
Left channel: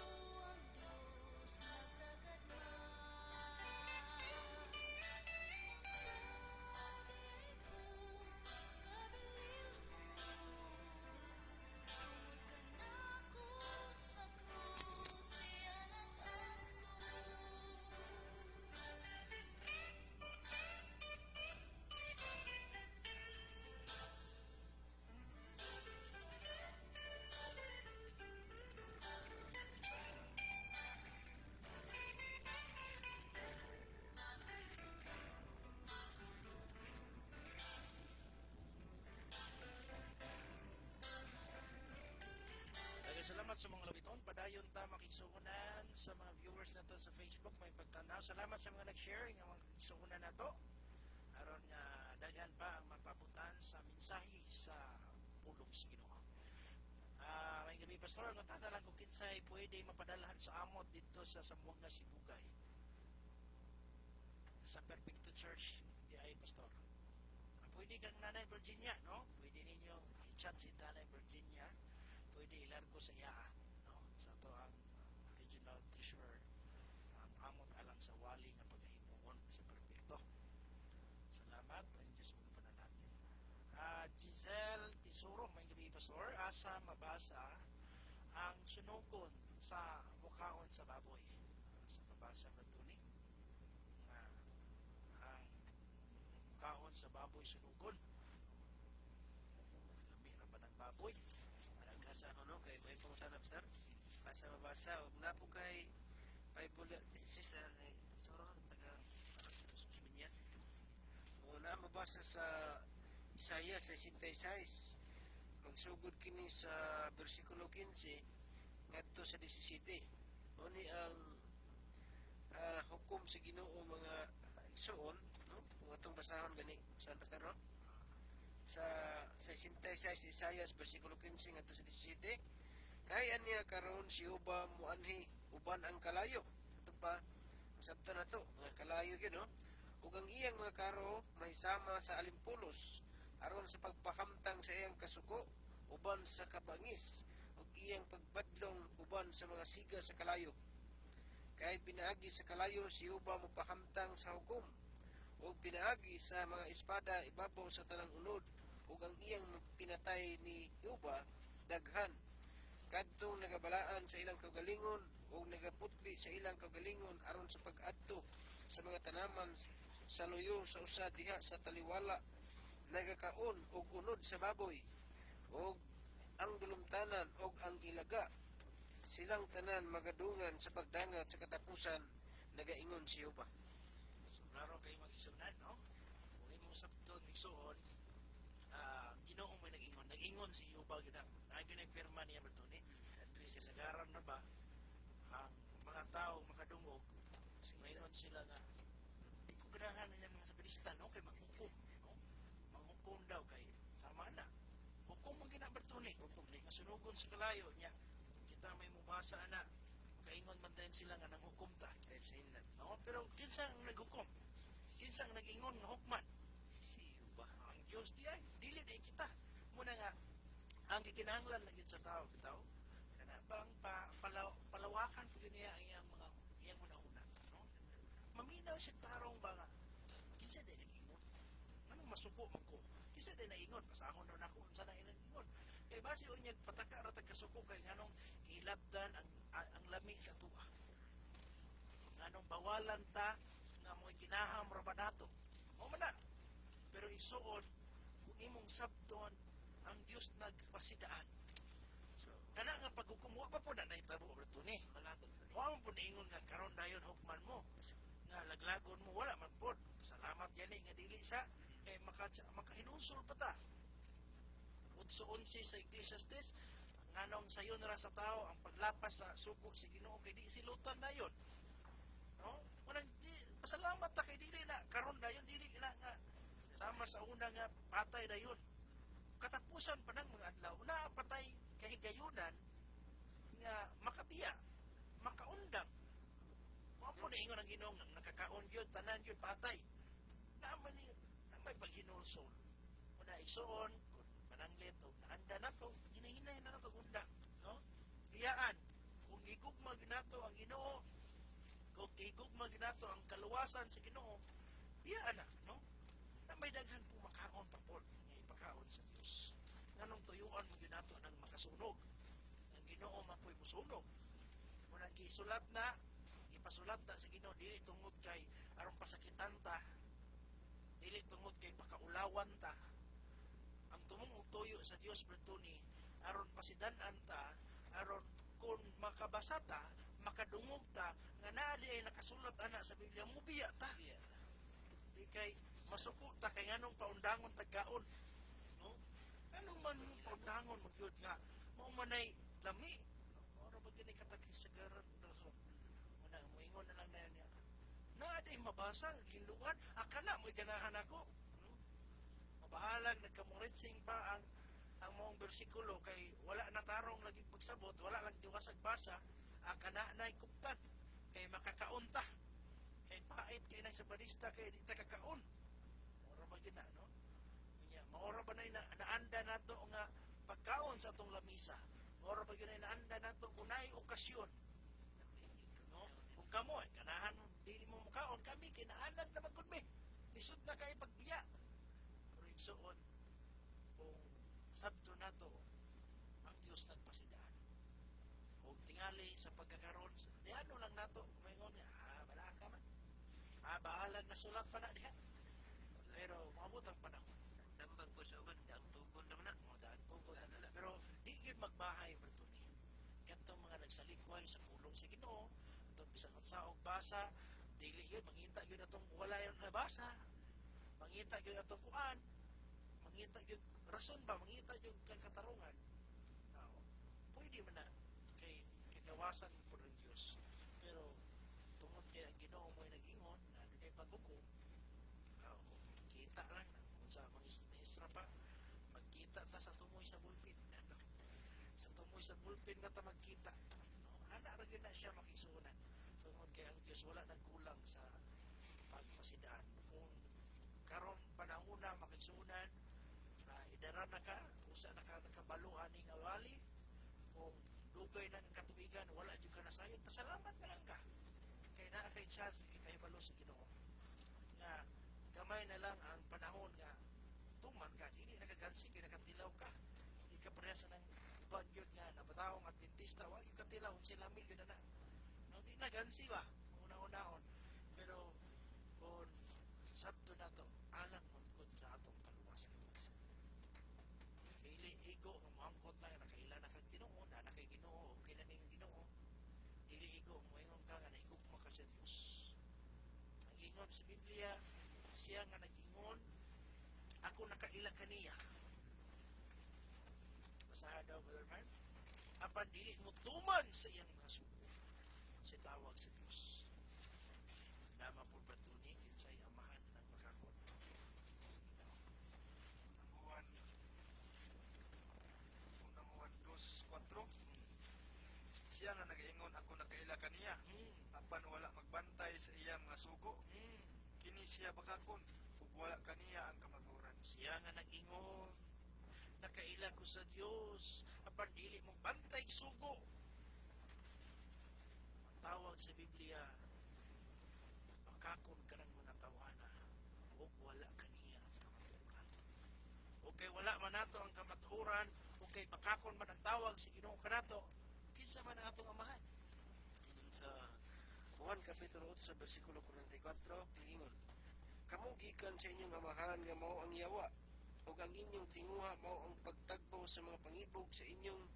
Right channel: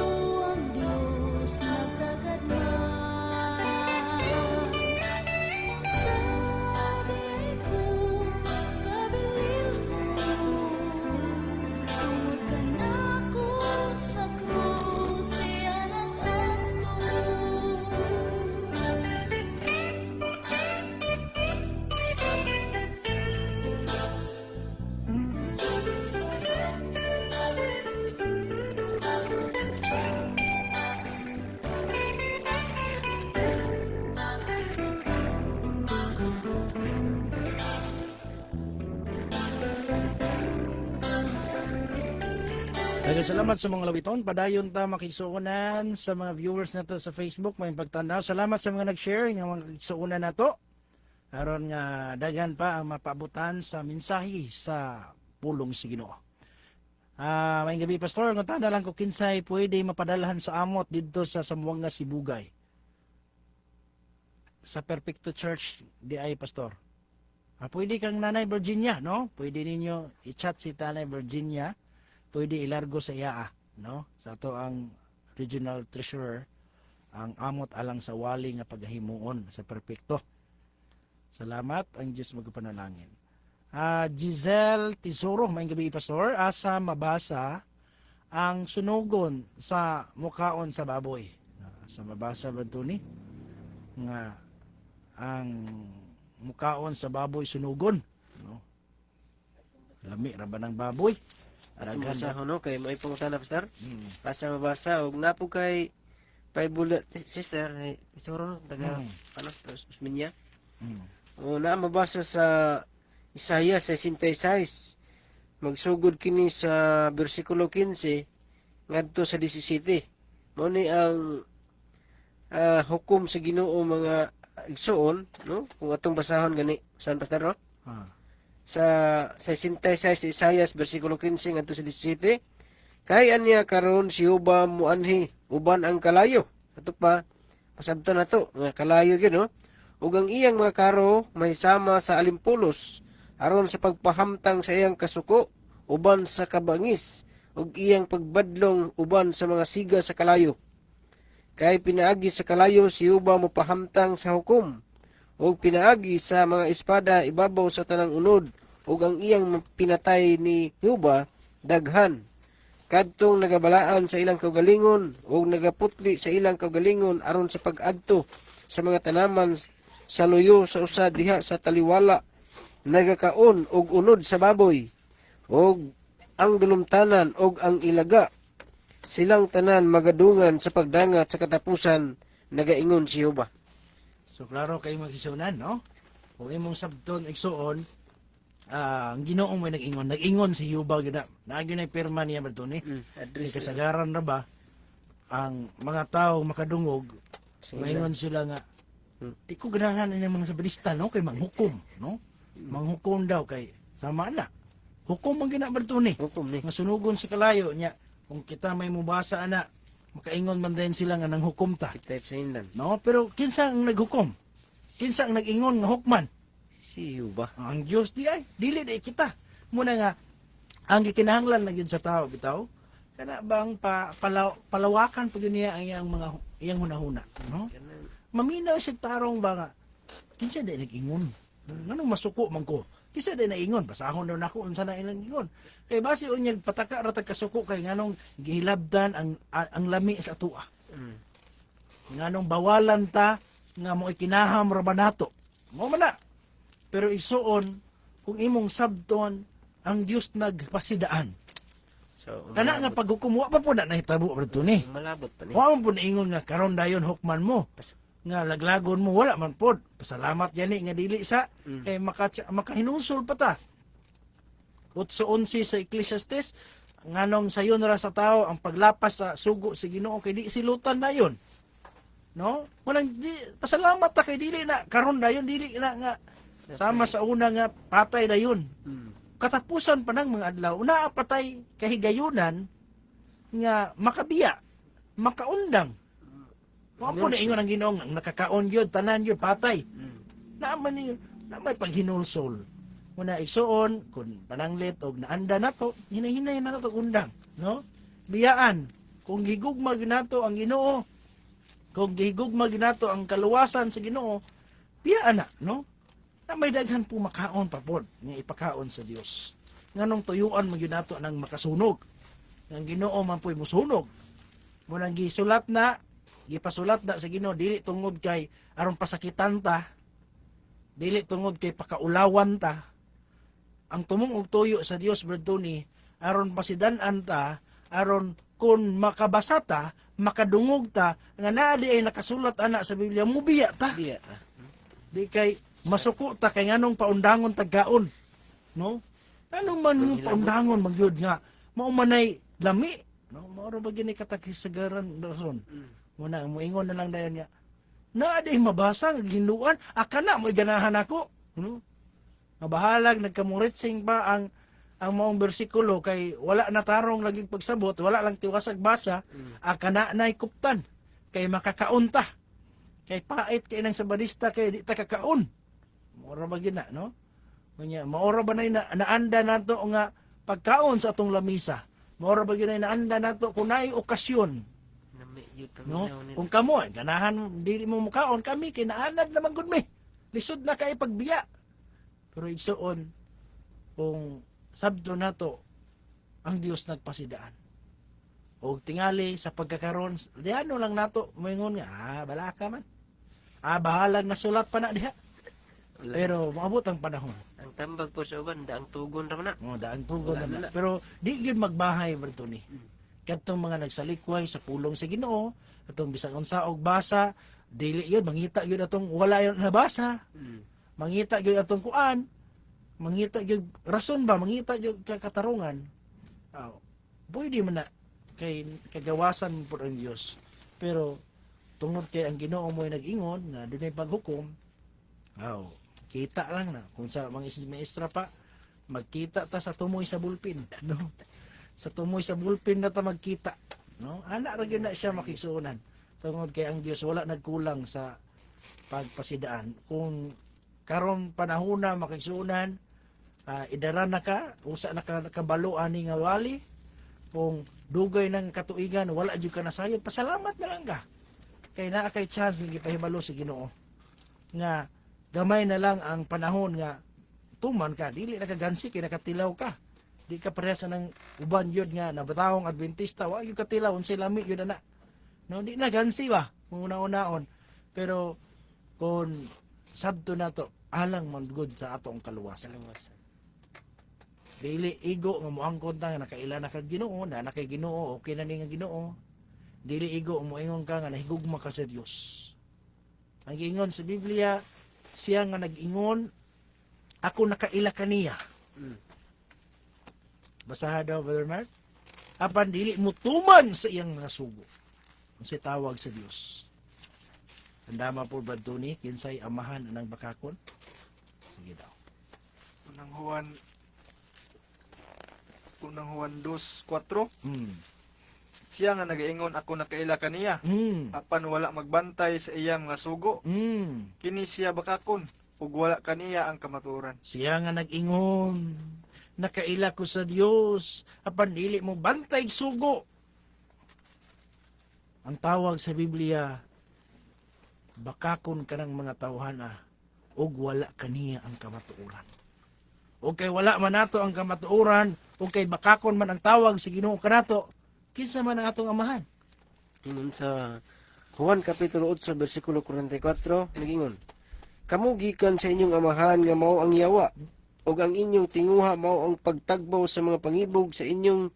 ang Dios nagdagad man. Magsabi ko kabililhon, tungod kanako sa krus siya nag-antos. Daghang salamat sa mga lawiton. Padayon ta makigsuonan sa mga viewers nato sa Facebook, may pagtanaw. Salamat sa mga nag-share ng mga kigsuonan nato. aron nga daghan pa ang mapabutan sa mensahe sa pulong sa Ginoo. May gabi pastor, ngunta lang ko kinsay pwede mapadalahan sa amot didto sa Sambuanga Sibugay. Sa Perfecto Church di ay pastor. Pwede kang Nanay Virginia, no? Pwede ninyo i-chat si Nanay Virginia. Pwede ilargo sa iya, no? Sa ato ang regional treasurer ang amot alang sa wali nga paghimuon sa Perfecto. Salamat, ang Diyos magpanalangin. Giselle Tesoro, may gabi pastor, asa mabasa ang sunugon sa mukaon sa baboy. Sa mabasa ba ito ni? Nga ang mukaon sa baboy sunugon. No? Lami ra ba ng baboy? Atong basa ho no kay may pangutana pastor. Hmm. Basa mabasa og napo kay bullet sister Tesoro no taga panos Usminya. Hmm. O na mabasa sa Isaiah 66. Magsugod kini sa bersikulo 15 ngadto sa 17. Mao ni ang hukom sa Ginoo mga igsoon, no? Kung atong basahon gani, saan pastor no? Sa 66 Isaiah bersikulo 15 ngadto sa 17. Kay anya karon si Uba muanhi uban ang kalayo. Ato pa pasabtan nato nga kalayo gyud no. Ug ang iyang mga karo may sama sa alimpulos aron sa pagpahamtang sa iyang kasuko uban sa kabangis ug iyang pagbadlong uban sa mga siga sa kalayo. Kay pinaagi sa kalayo si Uba mopahamtang sa hukom ug pinaagi sa mga espada ibabaw sa tanang unod ug ang iyang pinatay ni Uba daghan. Kadtong nagabalaan sa ilang kaugalingon ug nagaputli sa ilang kaugalingon aron sa pag-adto sa mga tanaman sa luyo sa usa diha sa taliwala nagakaon og unod sa baboy og ang dulumtanan og ang ilaga silang tanan magadungan sa pagdangat sa katapusan nagaingon si Jehova. So klaro kay maghisunan, no? Kung imong sabton igsuon, ang Ginoo mo nag-ingon si Yuba gid na. Naagi na pirma niya ba ni? Address Kasagaran ra ba ang mga tao makadungog, maingon sila nga di ko ganahan ini mga sabalista, no? Kay manghukom, no? Manghukom daw kay sama na. Hukom ang ginabarto ni. hukom ni. Nga sunugon sa kalayo niya. Kung kita may mubasa ana, makaingon man din sila nga nang hukom ta. Type sa inlan. No, pero kinsa ang naghukom? Kinsa ang nag-ingon nga hukman? Si Jehova. Ang Dios di ay dili di kita. Muna nga ang gikinahanglan na gyud sa tao bitaw kana bang palawakan pud niya ang iyang hunahuna, no? Maminaw siya tarong ba nga kinsa di nag-ingon? Nganong masuko man ko? Kinsa di naingon? Basahon daw nako unsa na ilang ingon. Kay base unya pataka ra tag kasuko kay nganong gihilabdan ang lami sa atoa. Nganong bawalan ta nga mo ikinaham ra ba nato? Mo man na. Pero isuon kung imong sabton ang Dios nagpasidaan. So, Kana nga paghukom wa pa po na nahitabo bro ni. malabot pa ni. Wa man po naingon nga karon dayon hukman mo. Nga laglagon mo wala man pod. Pasalamat yani nga dili sa kay makahinulsol pa ta. 8:11 sa Ecclesiastes nganong sayon ra sa tao ang paglapas sa sugo sa Ginoo kay di silutan dayon. No? Walang pasalamat ta kay dili na karon dayon dili na nga sama sa una nga patay dayon. Katapusan pa ng mga adlaw naa patay kahigayunan nga makabiya, makaundang. Wa po na ingon ang Ginoo nga nakakaon gyud tanan gyud patay. Naaman ni na may paghinulsol. Muna igsuon kun pananglit og naanda nato, hinahinay na nato undang, no? Biyaan kung gigugma gyud nato ang Ginoo, kung gihigugma gyud nato ang kaluwasan sa Ginoo, biyaan na, no? Na may daghan po makaon pa pod nga ipakaon sa Dios. Nganong tuyuan man gyud nato nang makasunog. Ang Ginoo man po'y musunog. Munang gisulat na, gipasulat na sa Ginoo dili tungod kay aron pasakitan ta, dili tungod kay pakaulawan ta. Ang tumong og tuyo sa Dios bro ni aron pasidan-an ta, aron kun makabasa ta, makadungog ta nga naa di ay nakasulat ana sa Biblia, mubiya ta. Diya. Di kay masuko ta kay nganong paundangon tagkaon, no? Ano man yung paundangon magyud nga mao manay lami, no? Mao ra ba gini katakisagaran rason. Muna moingon na lang dayon nga Na di mabasa nga ginluan, akana mo ganahan ako. No? Mabahalag nagkamuritsing pa ang maong bersikulo kay wala na tarong laging pagsabot, wala lang tiwasag basa, akana na kuptan kay makakaunta. Kay pait kay nang sabadista kay di ta kakaon. Maura ba gina, no? Kunya, maura ba na naanda nato nga pagkaon sa atong lamisa? Maura ba gina naanda nato kung naay okasyon, Nami yun no? paminaw nila. Kung kamo ganahan dili mo mukaon, kami kinaanad naman gud mi. Lisod na kay pagbiya. Pero igsuon kung sabdo nato ang Dios nagpasidaan. O tingali sa pagkakaroon, diano lang nato moingon nga, bala ka man. Bahalag na sulat pa na diha. Wala. Pero maabot ang panahon. Ang tambag po sa uban, daang tugon ra na. Daang tugon Wala na. na. Pero di gyud magbahay berto ni. Kadtong mga nagsalikway sa pulong sa Ginoo, atong bisag unsa og basa, dili yun mangita gyud atong wala yun nabasa. Mangita gyud atong kuan, mangita gyud rason ba, mangita gyud katarungan. Pwede man na kay kagawasan po ang Dios. Pero tungod kay ang Ginoo mo nag-ingon nga dunay paghukom, kita lang na kung sa mga maestra pa magkita ta sa tumoy sa bulpin, no? Sa tumoy sa bulpin na ta magkita, no? Ana ra gyud na siya makigsuonan. Tungod kay ang Dios wala nagkulang sa pagpasidaan. Kung karon panahona makigsuonan, idara na ka, usa na ka kabalo ani nga wali, kung dugay ng katuigan wala jud ka nasayod, pasalamat na lang ka. Kay naa kay chance nga gipahibalo sa Ginoo nga gamay na lang ang panahon nga tuman ka, dili na kagansi kay nakatilaw ka. Di ka parehas ng uban yun nga nabatawong Adventista, wa gyud katilaw unsay lami yun ana. No, di na gansi ba kung una-unaon. Pero kung sabto na to alang man good sa atong kaluwasan. Dili igo nga moangkon ta nga nakaila na kag Ginoo, na nakay Ginoo, okay na ni nga Ginoo. Dili igo moingon ka nga nahigugma ka sa Dios. Ang giingon sa Biblia, siya nga nag-ingon, ako nakaila kaniya. Basaha daw, Brother Mark. Apan dili mo tuman sa iyang mga sugo. Kung siya tawag sa Dios. Tandama po ba ito ni, kinsay amahan anang bakakon? Sige daw. Unang Juan 2:4. Hmm. Siya nga nagaingon, ako nakaila kaniya. Hmm. Apan wala magbantay sa iyang mga sugo. Hmm. Kini siya bakakon, ug wala kaniya ang kamatuoran. Siya nga nag-ingon, nakaila ko sa Dios, apan dili mo bantay sugo. Ang tawag sa Biblia, bakakon ka ng mga tawhana, ug wala kaniya ang kamatuoran. O kay wala man nato ang kamatuoran, o kay bakakon man ang tawag sa Ginoo kanato, kinsa man ang atong amahan? Ingon sa Juan Kapitulo 8, versikulo 44, nagingon, kamu gikan sa inyong amahan nga mao ang yawa, ug ang inyong tinguha mao ang pagtagbaw sa mga pangibog sa inyong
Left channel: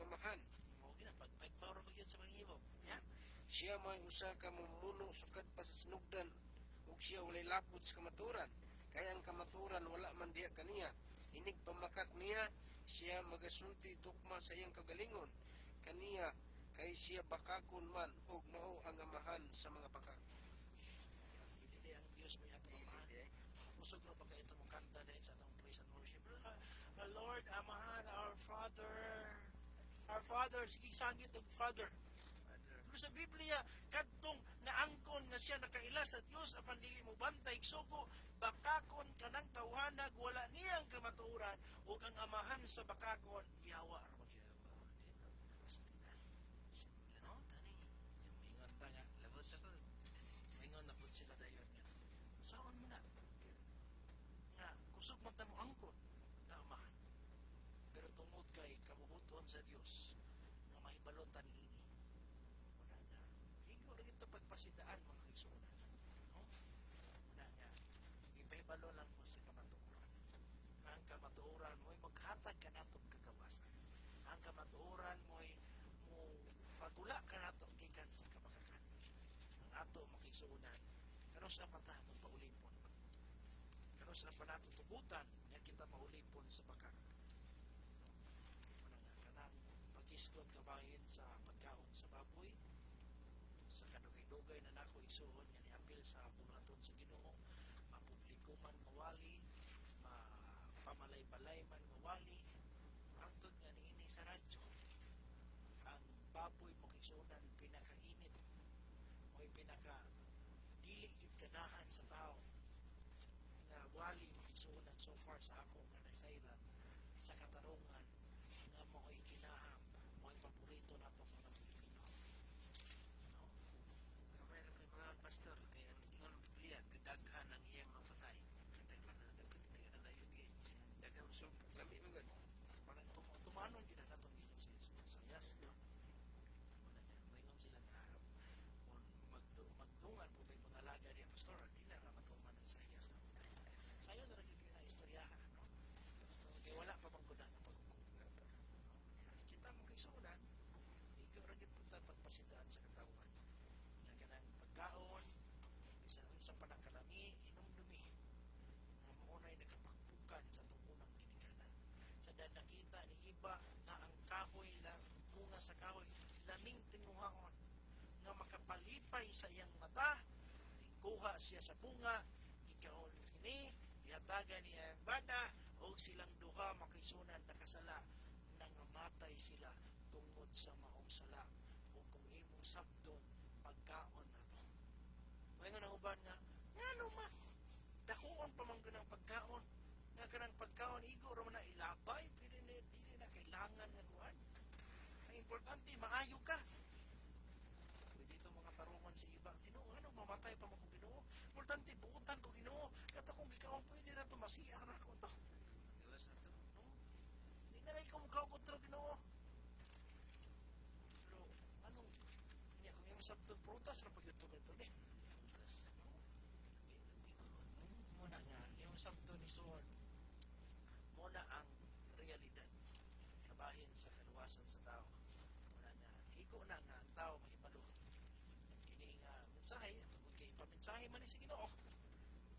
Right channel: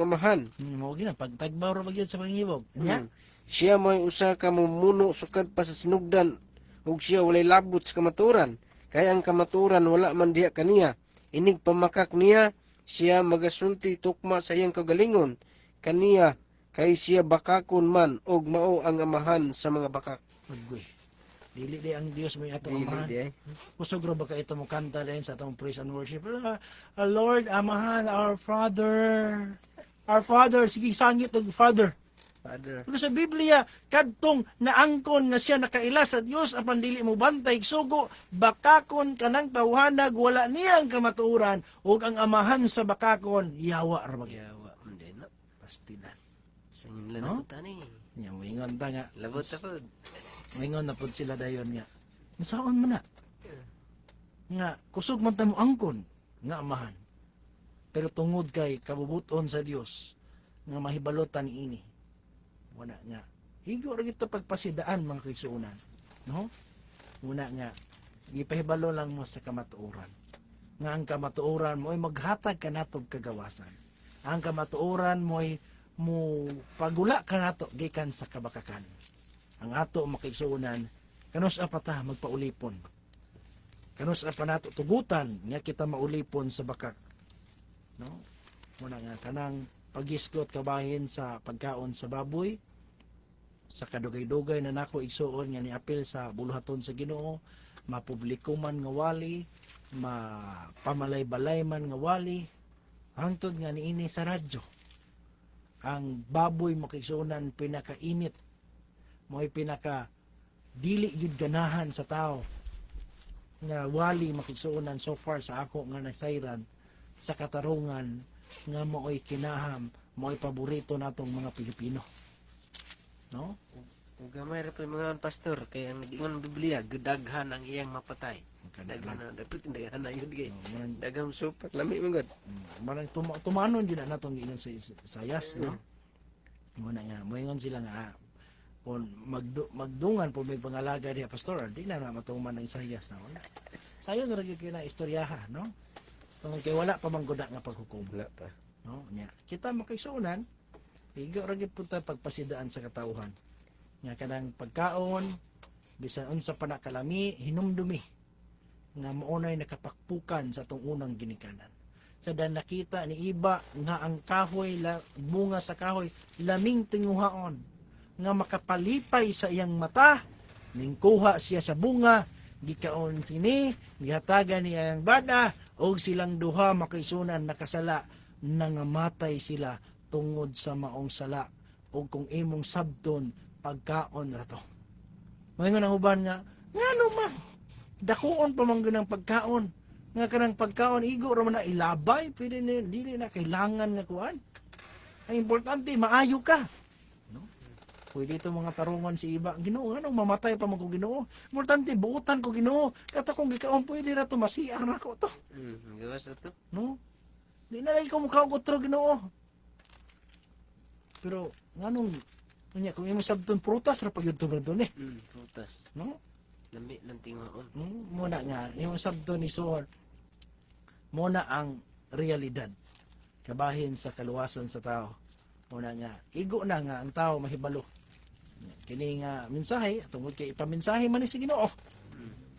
amahan. Mao gina pagtagbaw ra magyud sa pangibog. Nya, Siya may usa ka mumuno sukad pa sa sinugdan, ug siya walay labot sa kamaturan. Kaya ang kamaturan wala man diha kaniya. Inig pamakak niya, siya magasulti tukma sa iyang kagalingon. Kaniya, kay siya bakakon man, og mao ang amahan sa mga bakak. Aggoy. Dili di ang Dios mo atong amahan. Kusog ra ba ka ito mo kanta din sa atong praise and worship? Lord, amahan, our Father, sige sangit og Father. Father. Pero sa Biblia, kadtong naangkon nga siya nakaila sa Dios apan dili mo bantay sugo, bakakon kanang tawhanag wala niyang kamatuoran ug ang amahan sa bakakon yawa ra bagya. Yawa, hindi na. Pastidan. Sa inyo No? na tani. Nya moingon ta nga. Labot ta pod. Moingon na pud sila dayon nga. Nasaon man na? Nga kusog man ta mo angkon nga amahan. Pero tungod kay kabubuton sa Dios nga mahibalotan ini. Wala nga. Higo ra gito pagpasidaan mga kaigsuonan. No? Una nga gipahibalo lang mo sa kamatuoran. Nga ang kamatuoran mo ay maghatag ka natog kagawasan. Ang kamatuoran mo ay mo pagula ka nato gikan sa kabakakan. Ang ato makaigsuonan kanus pa ta magpaulipon. Kanus pa nato tugutan nga kita maulipon sa bakak. No? Muna nga kanang pagisgot kabahin sa pagkaon sa baboy, sa kadugay-dugay na nako igsuon nga niapil sa buluhaton sa Ginoo, mapubliko man nga wali, mapamalay-balay man nga wali, hangtod nga niini sa radyo. Ang baboy makigsuonan pinakainit, mo'y pinaka dili yun ganahan sa tao nga wali makigsuonan so far sa ako nga nasayran sa katarungan nga mo'y kinaham, mo'y paborito natong mga Pilipino. No? Ug gamay ra pa mga pastor kay ang ingon Biblia gudaghan ang iyang mapatay. Daghan na dapat daghan na yun kay daghang supak lami man gud. Marang tumanon din na natong giingon sa sayas, no? Muna nga, moingon sila nga kung magdungan po may pangalaga diha pastor, di na matuman ng sayas na wala. Sayo ra gyud kina istoryaha, no? Tungod kay wala pa man guda nga paghukom. Wala pa. No? Nya, kita makaisunan, higo ra gyud punta pagpasidaan sa katawhan. Nga kanang pagkaon bisan unsa pa na kalami hinumdumi nga maunay nakapakpukan sa tong unang ginikanan. Sa dan nakita ni iba nga ang kahoy bunga sa kahoy laming tinguhaon nga makapalipay sa iyang mata ning kuha siya sa bunga gikaon sini gihatagan niya ang bana og silang duha makaisunan nakasala nangamatay sila tungod sa maong sala o kung imong sabton pagkaon rato. Moingon ang uban nga ngano man dakuon pa man gyud ang pagkaon nga kanang pagkaon igo ra man na ilabay pwede na dili na kailangan nga kuan. Ang importante maayo ka. No? Pwede ito mga tarungan si iba Ginoo ngano mamatay pa man ko Ginoo. Importante buutan ko Ginoo. Kata kong gikaon pwede ra to masiar na ko to. Gawas ato. No? Di na lagi ko mukha ko tro Ginoo. Pero nganong nya kung imo sabton prutas ra pagyud to doon eh. Frutas. No? Lami ng tingaon. Muna nga imo sabton ni Sohor. Muna ang realidad. Kabahin sa kaluwasan sa tao. Muna nga igo na nga ang tao mahibalo. Kini nga mensahe tungod kay ipamensahe man ni si Ginoo.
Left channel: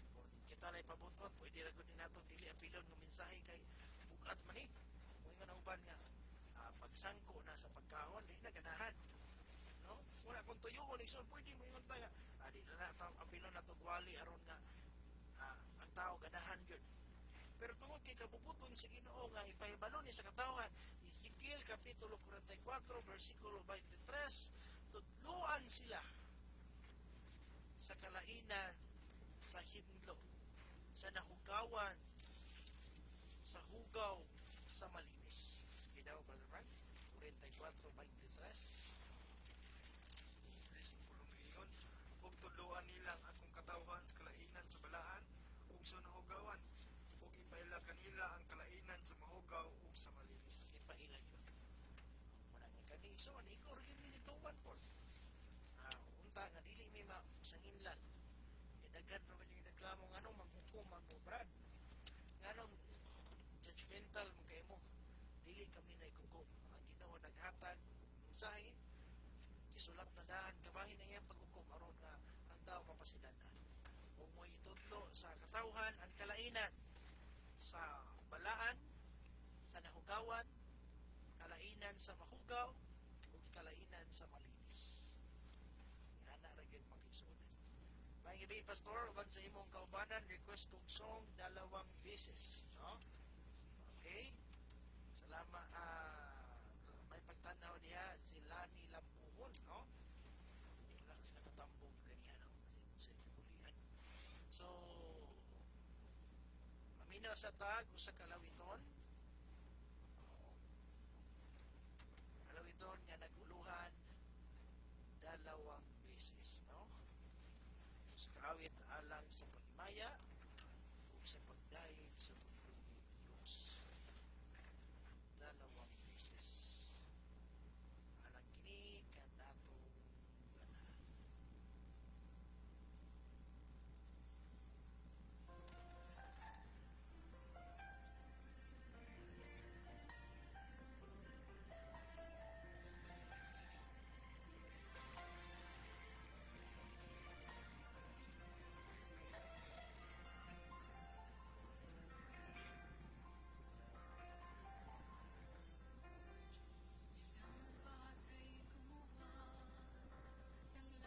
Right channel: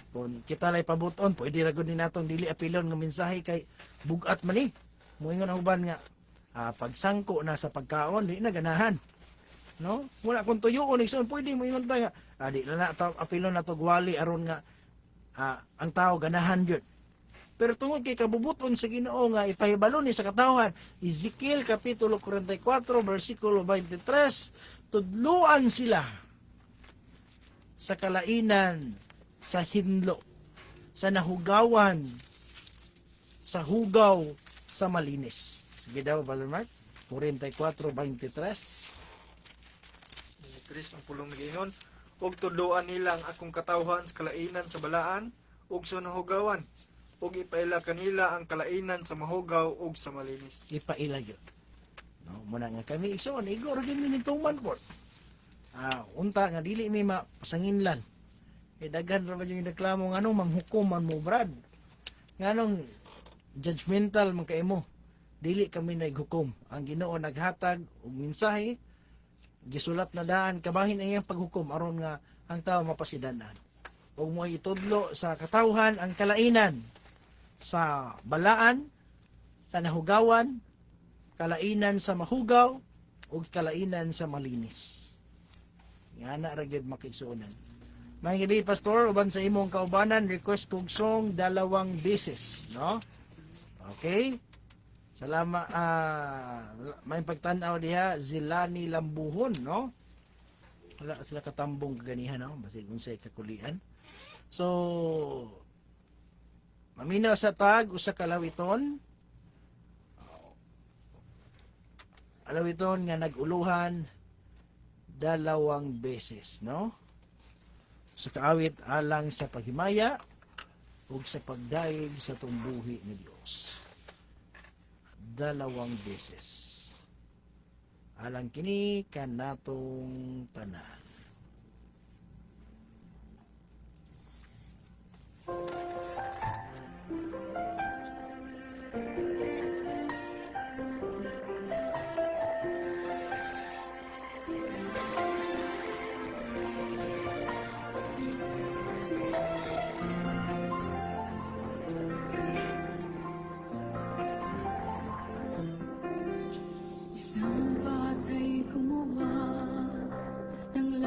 Kung kita lay pabuton, pwede ra gud ni natong dili apilon nga mensahe kay bugat man ni. Moingon ang uban nga pagsangko na sa pagkaon di na ganahan. No? Wala kung tuyoon igsoon pwede mo ingon ta nga di na apilon na to gwali aron nga ang tao ganahan gyud. Pero tungod kay kabubuton sa Ginoo nga ipahibalo ni sa katawhan, Ezekiel kapitulo 44 bersikulo 23, tudluan sila sa kalainan, sa hinlo, sa nahugawan, sa hugaw, sa malinis. Sige daw, Brother Mark, 44:23. Chris ang pulong nagingon, ug tudloan nila ang akong katawhan sa kalainan sa balaan ug sa nahugawan, ug ipaila kanila ang kalainan sa mahugaw ug sa malinis. Ipaila yun. No, muna nga kami igsoon, igo ra gyud minituman ko. Unta nga dili mi mapasanginlan. Kay daghan ra man yung reklamo ngano manghukom man mo brad. Nganong judgmental man kay mo. Dili kami naghukom. Ang Ginoo naghatag og mensahe gisulat na daan kabahin ang iyang paghukom aron nga ang tao mapasidanan. Ug mo itudlo sa katawhan ang kalainan sa balaan, sa nahugawan, kalainan sa mahugaw, ug kalainan sa malinis. Nga na ra gyud makigsuonan. May gabi pastor uban sa imong kaubanan request kog song 2 beses, no? Okay? Salamat may pagtan-aw diha Zilani Lambuhon, no? Wala sila katambong kaganihan, no? Basig unsay kakulian. So maminaw sa tag usa ka lawiton. Alawiton nga naguluhan 2 beses, no? Sa kaawit alang sa paghimaya ug sa pagdaig sa tumbuhi ni Dios. 2 beses. Alang kini kanatong tanan. Isang batay gumawa ng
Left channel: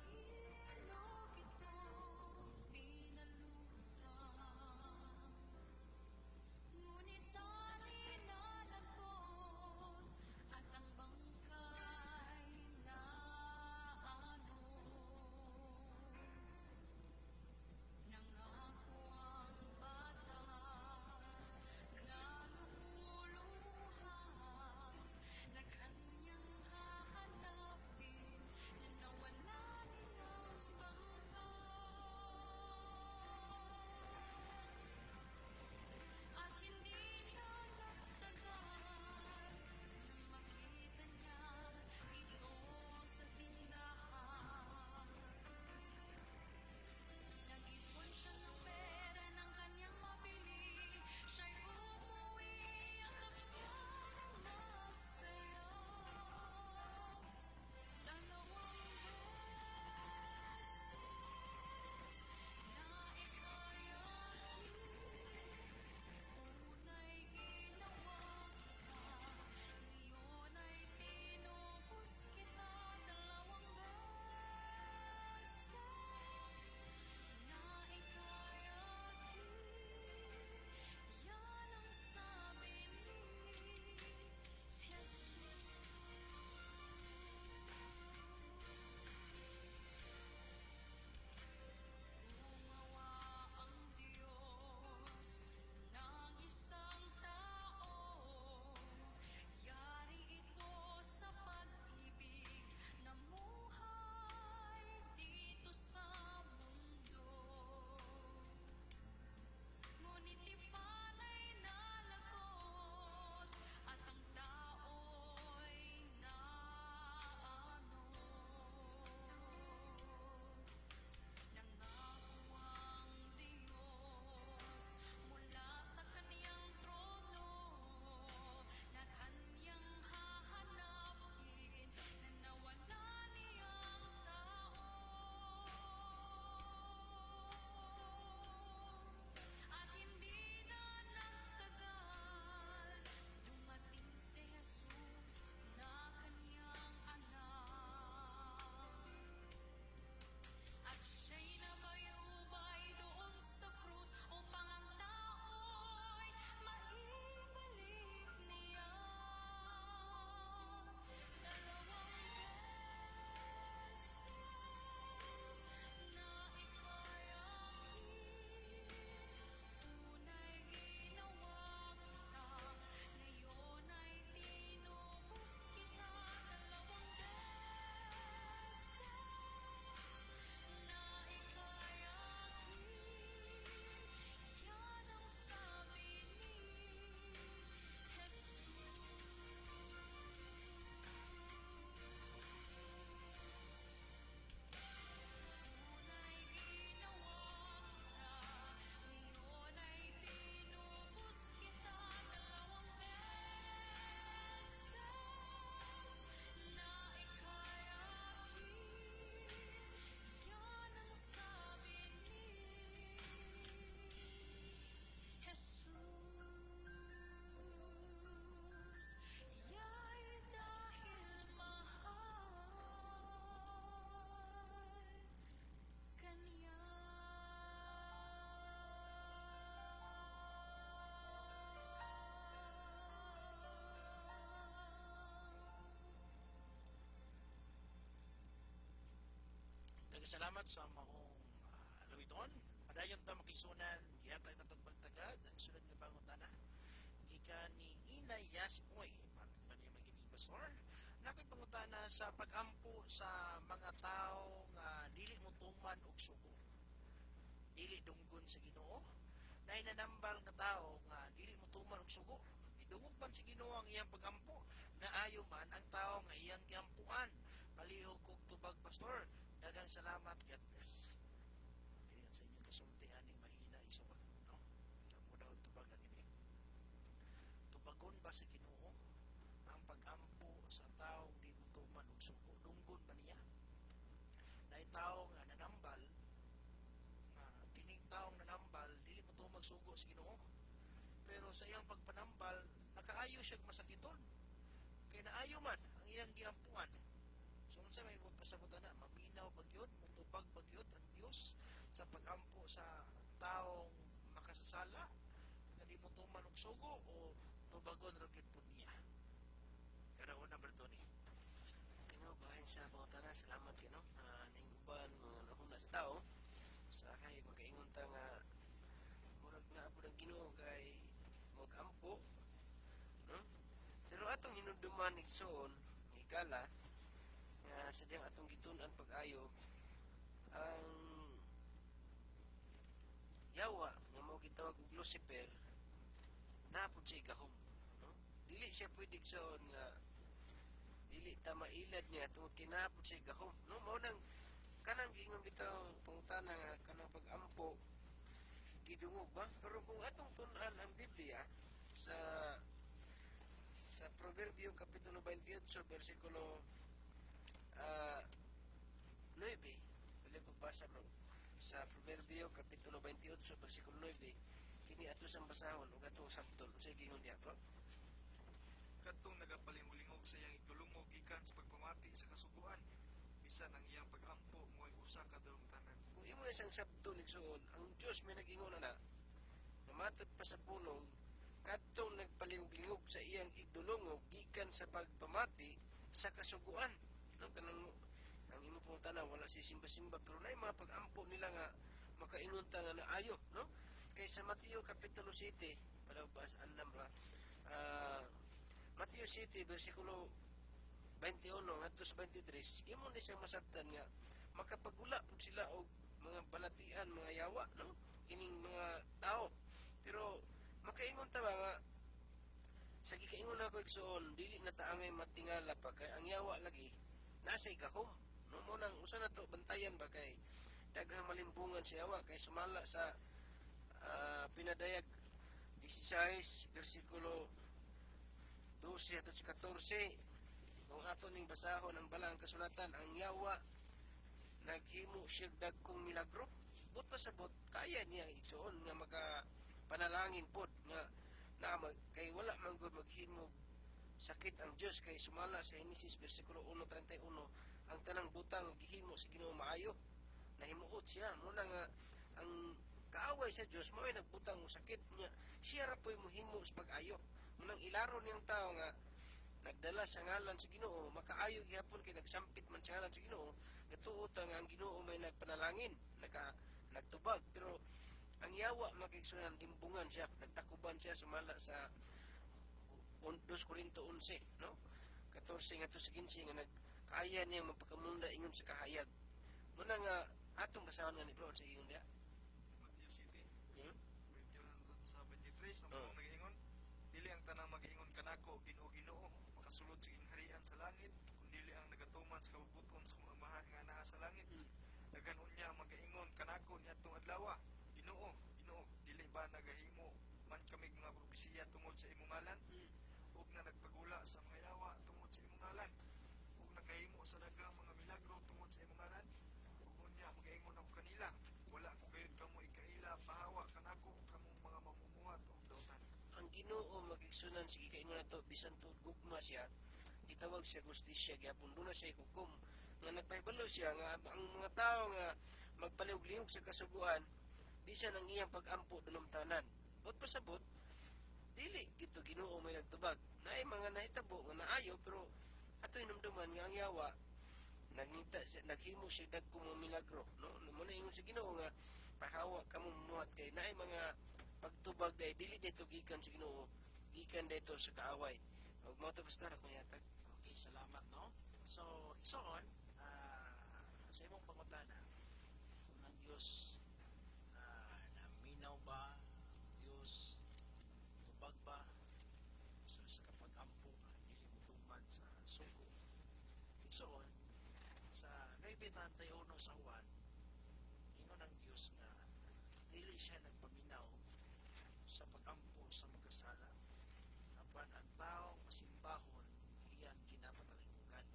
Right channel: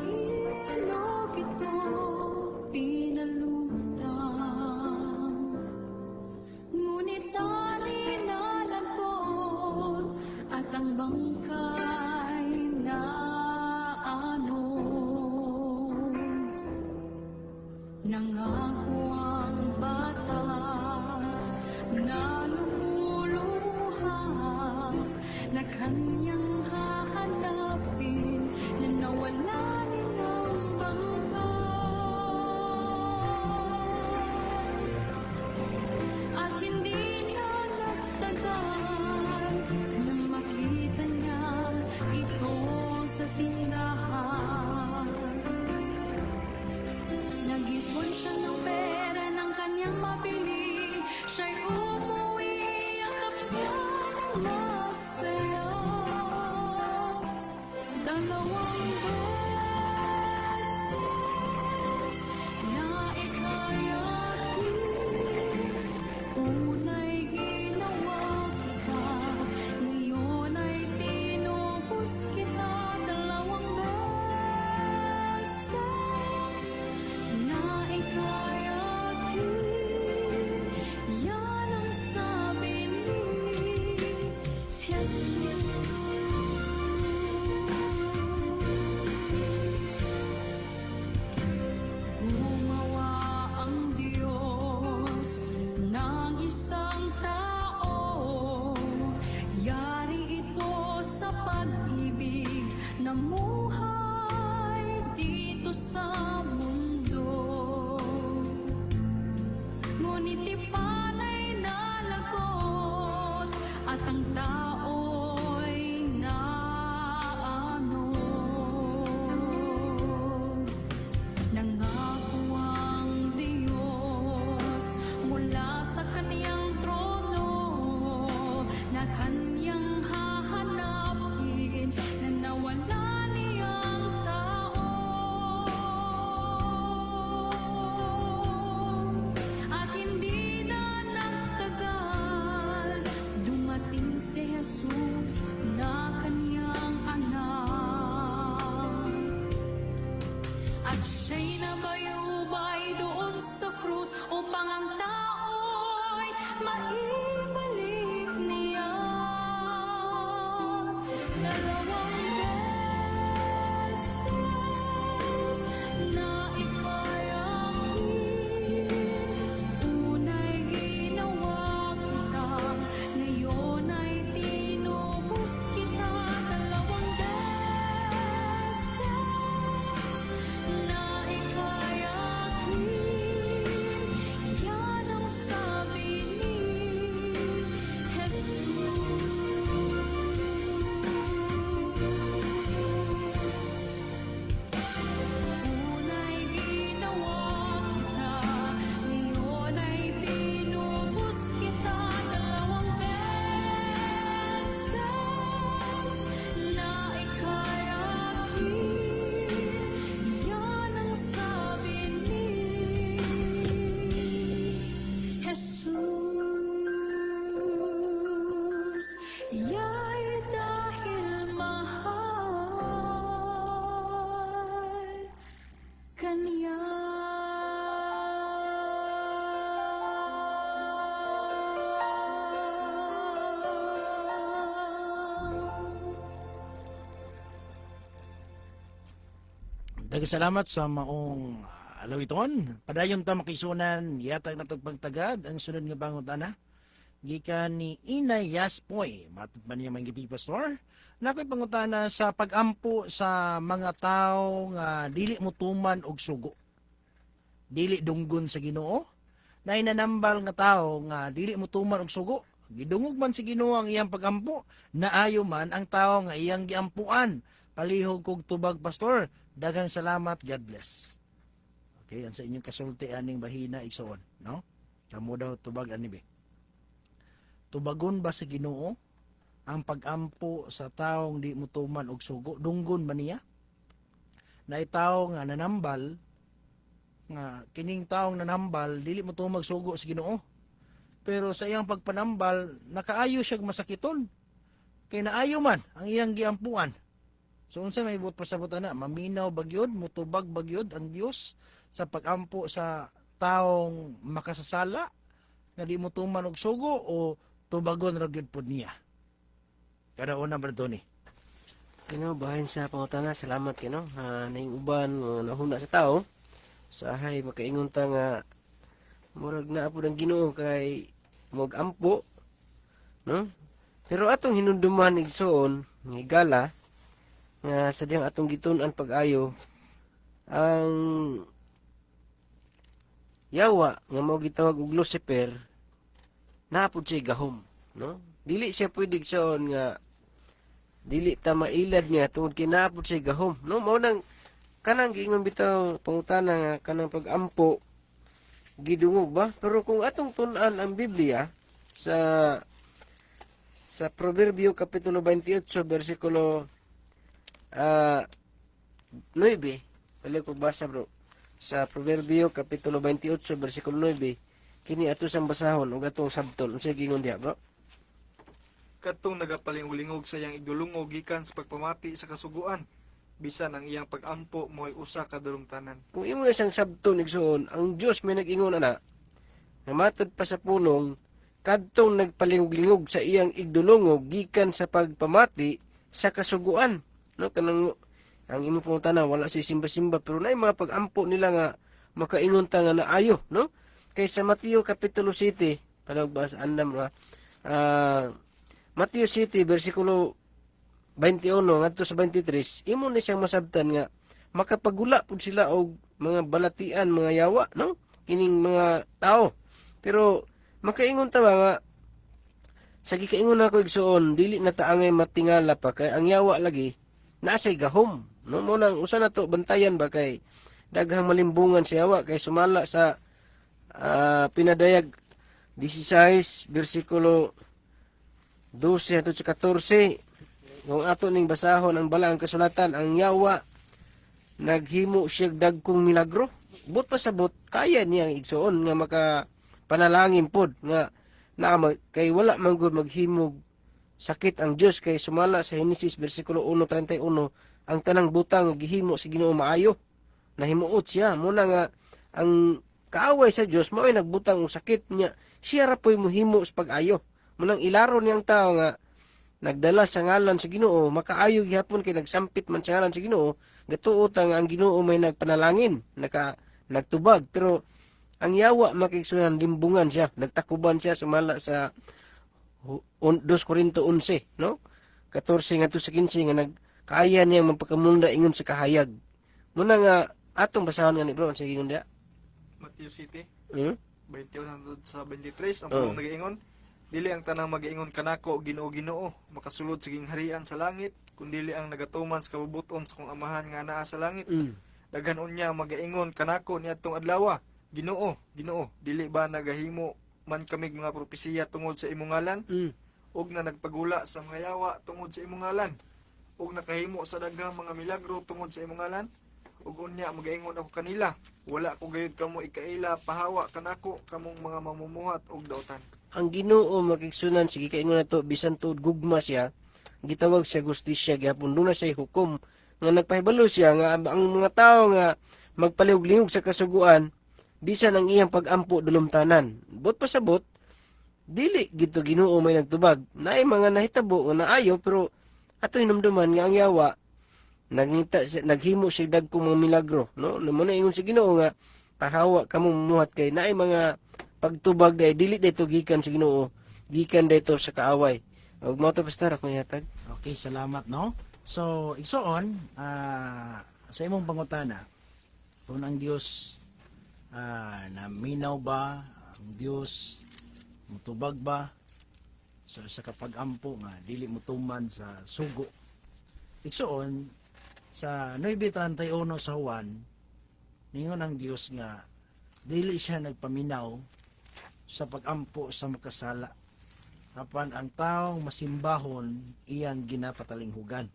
ilog ito pinalutang, ngunit tali nalagkot at ang bangkay na anod. Nangako ang bata na lumuluha na kanyang hahanapin na nawala niyang bangkay. At hindi na nagtagal nang makita niya ito sa tindahan. Nag-ipon siya ng pera ng kanyang mabili, siya'y umuwi ang kapya ng masaya. Dalawang beses na ikayakin, una'y ginawa kita, ngayon ay tinubos kita. Dalawang beses na ikayakin, yan ang sabi ni Jesus. Gumawa ang Diyos ng isang tao, yari ito sa pag-ibig, namuhay dito sa mundo. Ngunit ipala'y nalagot at ang tao'y naanod. Nangako ang Diyos mula sa kaniyang trono na kanyang hahanapin na nawala niyang tao. At hindi na nagtagal, dumating si Jesus na kanyang anak. At siya'y nabayubay doon sa krus upang ang tao'y maibalik niya. Dalawang beses na ikayakin, una'y ginawa kita, ngayon ay tinubos kita. Dalawang beses na ikayakin, yan ang sabi ni Jesus. Una'y ginawa kita, ngayon ay tinubos kita. Dalawang beses na ikayakin, yan ang sabi ni Jesus. Ya'y dahil mahal kaniya. Salamat sa maong alawiton. Padayon ta makisunan yatag natog pagtagad ang sunod nga pangutana. Gikan ni Inay Yaspoy, matod pa niya mga pastor. Nakoy pangutana sa pagampo sa mga tao nga dili mutuman og sugo. Dili dunggon sa Ginoo. Na inanambal nga tao nga dili mutuman og sugo. Gidungog man si Ginoo ang iyang pagampo, naayo man ang tao nga iyang giampuan. Palihog kog tubag pastor. Daghang salamat, God bless. Okay, ang sa inyong kasulti aning bahina igsoon, no? Kamo daw tubag ani be. Tubagon ba sa Ginoo ang pagampo sa taong di mutuman og sugo? Dunggon ba niya? Na itaw nga nanambal, nga kining taong nanambal dili mutuman og sugo sa Ginoo. Pero sa iyang pagpanambal, nakaayo siya masakiton. Kay naayo man ang iyang giampuan. So unsa may buot pasabot ana, maminaw bagyod, mutubag bagyod ang Dios sa pagampo sa taong makasasala nga di mo tuman og sugo o tubagon ra gyud pod niya. Kada una Brad Tony. Kino bahin sa pangutana, salamat kino. Ning uban nahuna sa tao. Sahay makaingon ta nga murag na po ang Ginoo kay mag-ampo, no? Pero atong hinumduman igsoon nga higala nga sadyang atong gitun-an pag-ayo ang yawa nga mao gitawag og Lucifer napud siya gahom, no? Dili siya pwede igsoon nga dili ta mailad niya tungod kay napud siya gahom, no? Mao nang kanang giingon bitaw pangutana nga kanang pag-ampo gidungog ba? Pero kung atong tun-an ang Biblia sa Proverbio kapitulo 28 bersikulo 9, pala ko basa bro. Sa Proverbio kapitulo 28 bersikulo 9, kini ato sang basahon ug atong sabton. Unsa gingon diha bro? Kadtong nagapalingulingog sa iyang igdulungog gikan sa pagpamati sa kasuguan, bisan ang iyang pag-ampo mo'y usa ka dalungtanan. Kung imo isang sabton igsoon, ang Dios may nag-ingon ana, namatod pa sa pulong, kadtong nagpalingog-lingog sa iyang igdulungog gikan sa pagpamati sa kasuguan. No, kanang ang imo pangutana wala si simba-simba pero naay mga pag-ampo nila nga makaingon ta nga naayo, no? Kay sa Mateo kapitulo 7, palagbas andam ra. Mateo 7 bersikulo 21 ngadto sa 23, imo ni siyang masabtan nga makapagula pud sila og mga balatian, mga yawa, no? Kining mga tao. Pero makaingon ta ba nga sa gikaingon ako igsoon, dili na ta angay matingala pa kay ang yawa lagi nasay gahom, no? Mo nang usa na to bantayan ba kay daghang malimbungan sa yawa kay sumala sa pinadayag 16 bersikulo 12 hangtod sa 14. Kung ato ning basahon ang balaang kasulatan, ang yawa naghimo siya dagkong milagro. But pasabot kaya niyang igsoon nga makapanalangin pod nga kay wala man gud maghimog sakit ang Dios kay sumala sa Henesis bersikulo 1:31 ang tanang butang nga gihimo sa Ginoo maayo. Nahimuot siya muna nga ang kaaway sa Dios mao ay nagbutang og sakit niya. Siya ra poy mohimo sa pag-ayo. Munang ilaro niyang tao nga nagdala sa ngalan sa Ginoo, makaayo gihapon kay nagsampit man sa ngalan sa Ginoo, gatuot ang Ginoo may nagpanalangin, nagtubag, pero ang yawa makigsunan limbungan siya, nagtakuban siya sumala sa 2 Korinto 11, no? 14 ngadto sa 15 nga nagkaya niya magpakamunda ingon sa kahayag. Muna nga atong basahon nga ni bro sa gingon dia. Matthew 7, 21 Hmm? hangtod sa 23, ang pulong nag-iingon, dili ang tanang mag-iingon kanako Ginoo makasulod sa gingharian sa langit, kundili ang nagatuman sa kabubuton sa kong amahan nga naa sa langit. Daghan unya mag-iingon kanako niadtong adlaw, Ginoo, dili ba nagahimo man kami mga propesiya tungod sa imong ngalan? Ug na nagpagula sa mga yawa tungod sa imong ngalan? Ug nakahimo sa daghang mga milagro tungod sa imong ngalan? Ug unya mag-iingon ako kanila, wala ko gayud kamo ikaila pahawa kanako kamong mga mamumuhat og dautan. Ang Ginoo makigsunan sige kaingon nato bisan tuod gugma siya, gitawag siya justisya gihapon duna siya hukom nga nagpahibalo siya nga ang mga tao nga magpalihog-lingog sa kasuguan bisan ang iyang pag-ampo dulumtanan. Bot pasabot dili gito Ginoo may nagtubag. Naay mga nahitabo nga naayo pero ato hinumduman nga ang yawa naghimo siya dagkong mga milagro, no? Namo na ingon si Ginoo nga pahawa kamo muhat kay naay mga pagtubag day dili dayto gikan sa Ginoo, gikan dayto sa kaaway. Ug mao to pastor ako yatag. Okay, salamat no. So, igsoon sa imong pangutana, kung ang Dios naminaw ba, ang Dios mutubag ba sa kapag-ampo nga dili mutuman sa sugo. Igsoon sa 9:31 sa Juan, ningon ang Dios nga dili siya nagpaminaw sa pag-ampo sa makasala. Apan ang taong masimbahon iyang ginapatalinghugan.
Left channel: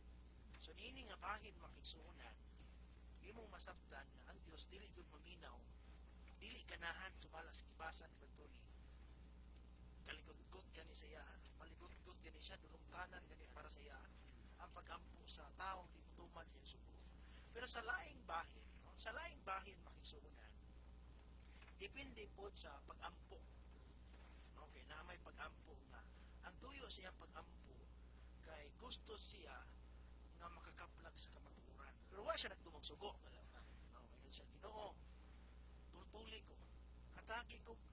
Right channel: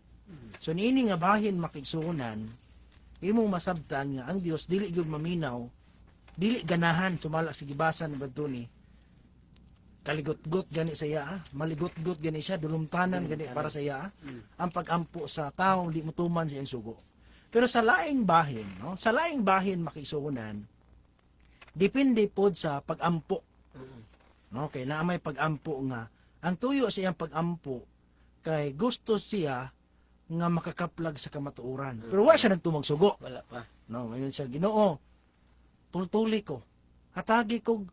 So niini nga bahin makigsuonan, imong masabtan nga ang Dios dili gyud maminaw, dili ganahan sumala sa gibasan ni Badtuni Kaligot-got gani sa iya, maligot-got gani siya, dulumtanan gani para sa iya, ang pagampo sa taong di mutuman sa iyang sugo. Pero sa laing bahin, no? Sa laing bahin makisuunan, depende pod sa pagampo. No, kay naa may pagampo nga ang tuyo sa iyang pagampo kay gusto siya nga makakaplag sa kamatuoran. Pero wa siya nagtumag sugo. Wala pa. No, ngayon siya, Ginoo, tultuli ko. Hatagi ko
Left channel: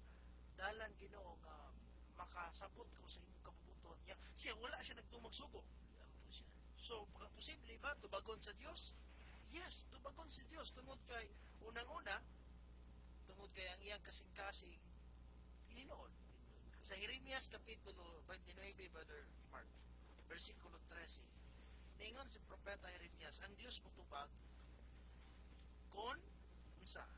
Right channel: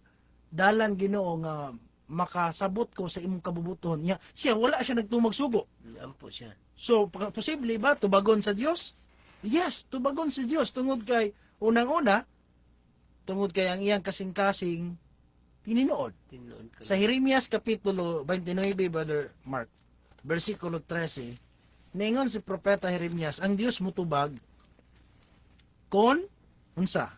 dalan, Ginoo, nga makasabot ko sa imong kabubuton niya. Siya wala siya nagtumag sugo. Ampo siya. So, posible ba tubagon sa Dios? Yes, tubagon sa Dios tungod kay unang-una tungod kay ang iyang kasing-kasing tininuod. Tinuod ka. Sa Jeremias kapitulo 29, Brother Mark, versikulo 13, ningon si propeta Jeremias, ang Dios mutubag kon unsa?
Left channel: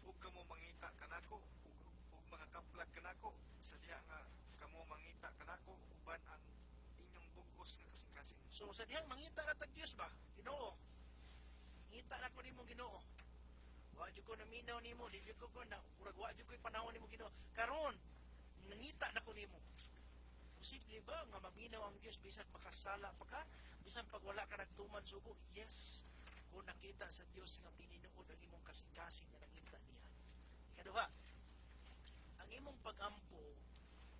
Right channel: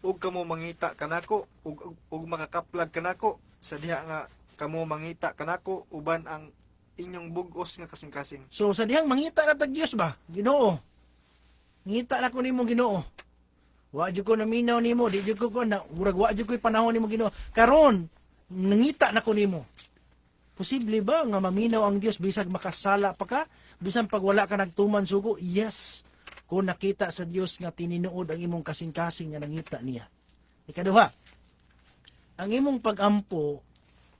Ug kamo mangita kanako ug makakaplag kanako sa diha nga kamo mangita kanako uban ang inyong bugos nga kasing-kasing. So sa dihang mangita na tag Dios ba? Ginoo. Ngita na ko nimo Ginoo. Wa jud ko naminaw nimo, di jud ko na murag wa jud ko panahon nimo Ginoo. Karon nangita na ko nimo. Posible ba nga maminaw ang Dios bisag makasala pa ka? Bisan pag wala ka nagtuman sugo? Yes. Kung nakita sa Dios nga tininuod ang imong kasing-kasing nga nangita niya. Ikaduha, ang imong pagampo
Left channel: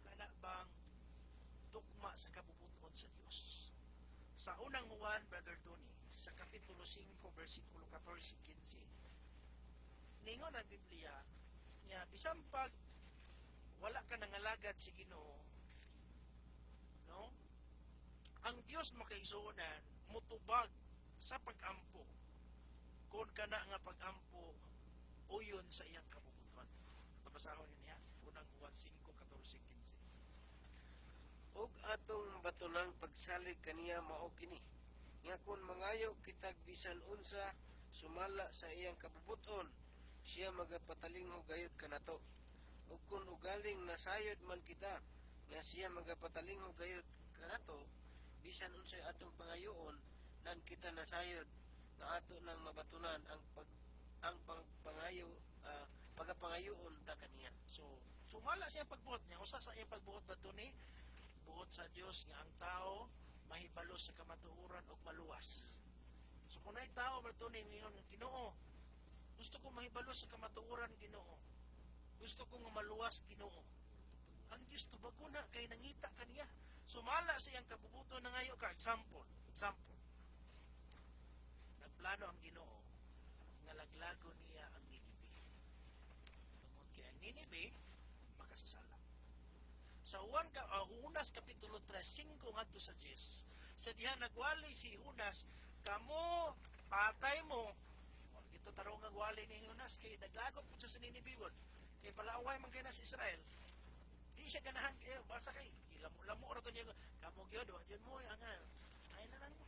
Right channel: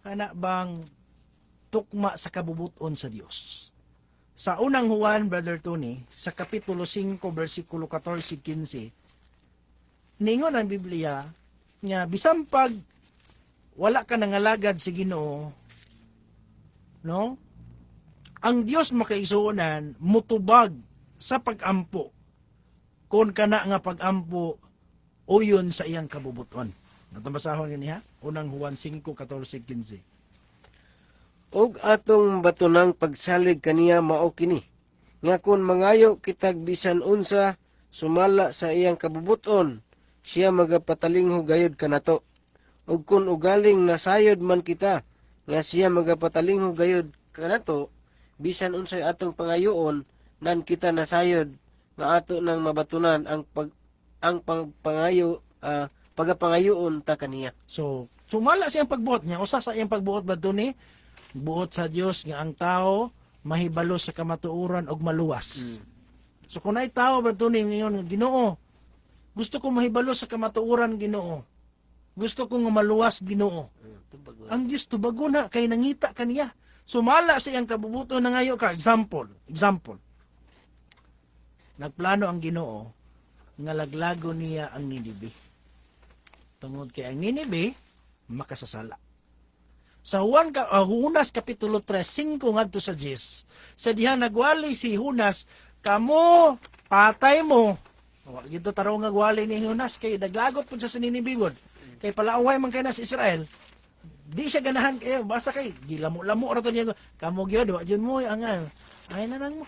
ana bang tukma sa kabubuton sa Dios. Sa unang Juan, Brother Tony, sa kapitulo 5, versikulo 14-15, ningon ang Biblia nga bisan pag wala ka nangalagad sa Ginoo, no? Ang Dios makaigsuonan mutubag sa pagampo kon kana nga pagampo uyon sa iyang kabubuton. Natabasahon gani ha? Unang Juan 5:14-15. Og atong batunang pagsalig kaniya mao kini. Nga kun mangayo kitag bisan unsa sumala sa iyang kabubuton, siya magapatalingho gayud kanato. Ug kun ugaling nasayod man kita, nga siya magapatalingho gayud kanato, bisan unsay atong pangayoon, nan kita nasayod nga ato nang mabatunan ang pagapangayoon ta kaniya. So, sumala siyang pagbuot niya. Usa sa iyang pagbuot ba ni buot sa Dios nga ang tao mahibalo sa kamatuoran og maluwas. So kung ay tao ba ni ngayon nga Ginoo, gusto ko mahibalo sa kamatuoran Ginoo. Gusto ko nga maluwas Ginoo. Ang Dios tubago na kay nangita kaniya. Sumala sa iyang kabubuton na ngayo ka. Example. Nagplano ang Ginoo nga laglago niya ang Ninibe. Tungod kay ang Ninibe makasasala. Sa Hunas kapitulo 3, 5 ngadto sa 10, sa diha nagwali si Hunas, kamo patay mo. Gito taro nga gwali ni Hunas kay naglagot pud sa Ninibe. Kay palaaway man kay na sa Israel. Di siya ganahan kay basta kay gilamo-lamo ra to niya. Kamo gyud wa jud mo ang ay na lang mo.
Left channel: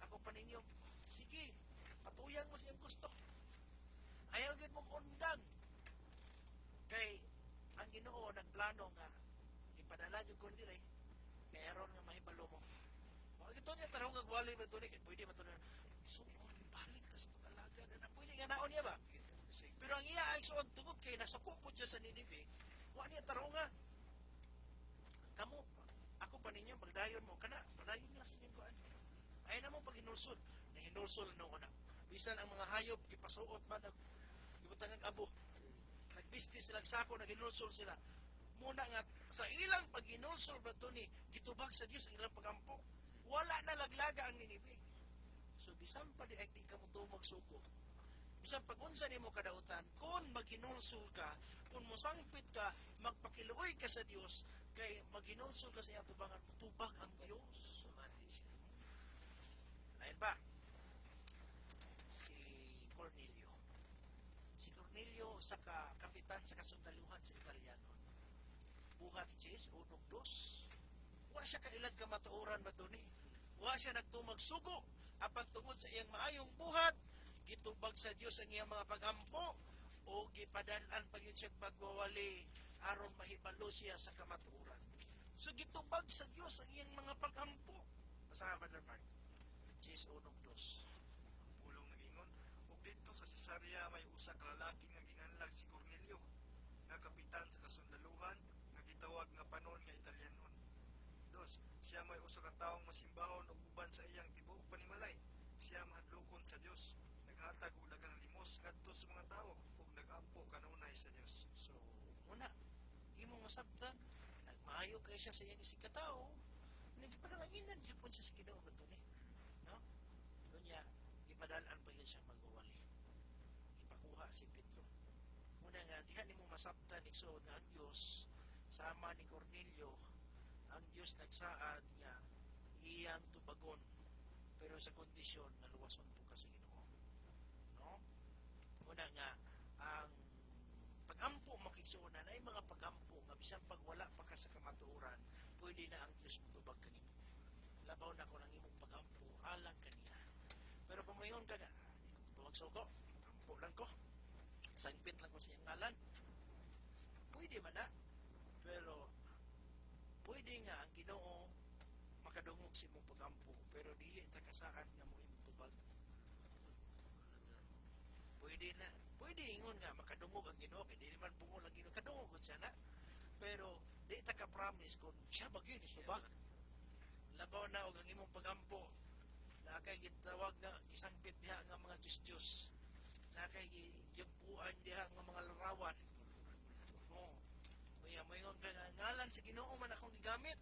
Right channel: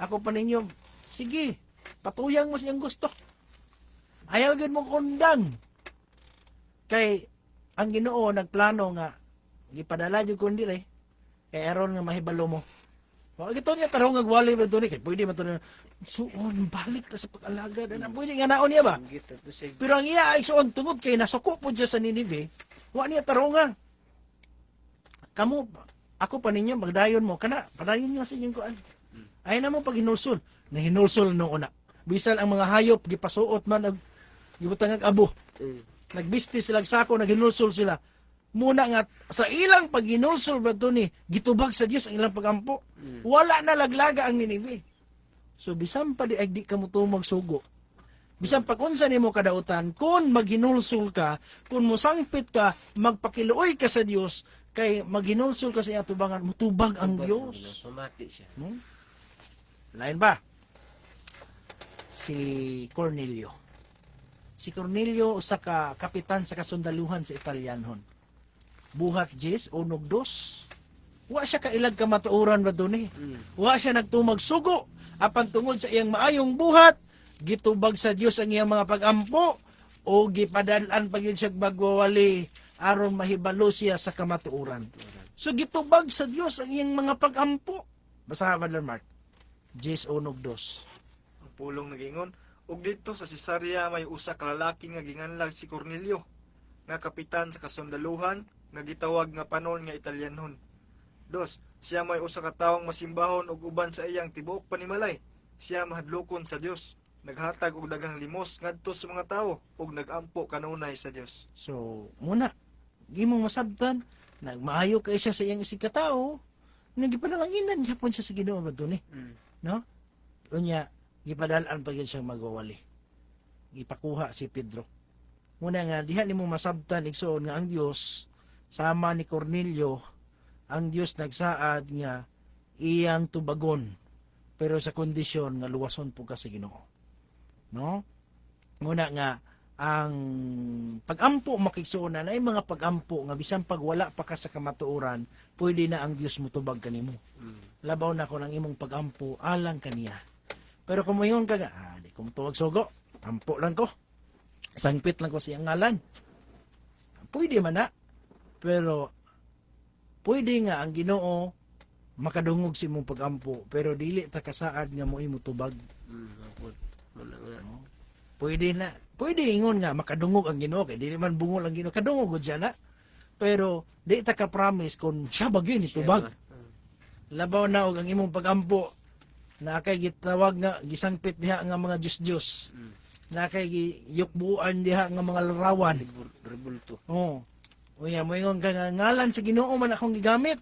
Ako pa ninyo, sige, patuyang mo siyang gusto. Ayaw gyud mo undang. Kay ang Ginoo nagplano nga gipadala jud kun dire kay aron nga mahibalo mo. Wa gito niya tarong nga gwali ba to ni kay pwede man to suon balik ta sa pag-alagad na pwede nga naon niya ba? Pero ang iya ay suon tungod kay nasuko po siya sa Ninibe, wa niya tarong nga. Kamu ako pa ninyo magdayon mo kana padayon niyo sa inyong kuan. Ay na mo pag hinulsol, na hinulsol no una. Bisan ang mga hayop gipasuot man og gibutang ag abo. Nagbiste sila sako, naghinulsol sila. Muna nga sa ilang paghinulsol ba to ni gitubag sa Dios ang ilang pagampo. Wala na laglaga ang Ninibe. So bisan pa di ay di ka mo magsugo. Bisan pag unsa nimo kadautan, kun maghinulsol ka, kun musangpit ka, magpakiluoy ka sa Dios, kay maghinulsol ka sa iyang tubangan, mutubag ang Dios. Sumati siya. Lain ba? Si Cornelio. Si Cornelio usa ka kapitan sa kasundaluhan sa Italianhon. Buhat 10 unog 2. Wa siya kailag kamatuoran ba duni? Wa siya nagtumag sugo apan tungod sa iyang maayong buhat, gitubag sa Dios ang iyang mga pagampo o gipadalan pa gyud siya magwawali aron mahibalo siya sa kamatuoran. So gitubag sa Dios ang iyang mga pagampo. Basa Brother Mark. 10 unog 2. Ang pulong nagingon, ug dito sa Cesarea may usa ka lalaki nga ginganlag si Cornelio, nga kapitan sa kasundaluhan, nga gitawag nga panon nga Italyanhon. 2. Siya may usa ka tawong masimbahon ug uban sa iyang tibuok panimalay. Siya mahadlokon sa Dios, naghatag og daghang limos ngadto sa mga tawo ug nagampo kanunay sa Dios. So, muna, gimong masabtan, nagmaayo kay siya sa iyang isig katao, nagipanalanginan niya po siya sa Ginoo ba ni? No? Unya, gipadalaan pa gyud siyang magwawali. Gipakuha si Pedro. Muna nga, diha nimo masabtan igsoon nga ang Dios sama ni Cornelio, ang Dios nagsaad nga iyang tubagon pero sa kondisyon nga luwason po ka sa Ginoo. No? Muna nga ang pagampo makigsuonan ay mga pagampo nga bisan pag wala pa ka sa kamatuoran, pwede na ang Dios motubag kanimo. Labaw na ko ng imong pagampo alang kaniya. Pero kung mayon ka nga, di ko tuwag sugo, ampo lang ko. Sangpit lang ko siyang ngalan. Pwede man na. Pero pwede nga ang Ginoo makadungog si imong pagampo, pero dili ta kasaad nga mo imutubag. Muna nga. Pwede na. Pwede ingon nga makadungog ang Ginoo kay dili man bungol ang Ginoo, kadungog gud siya na. Pero di ta ka promise kung siya bagyo ni tubag. Labaw na og ang imong pagampo na kay gitawag nga gisangpit diha nga mga Diyos-Diyos. Na kay giyukbuan diha nga mga larawan. Rebulto. Oh. Unya mo ingon ka nga ngalan sa Ginoo man akong gigamit.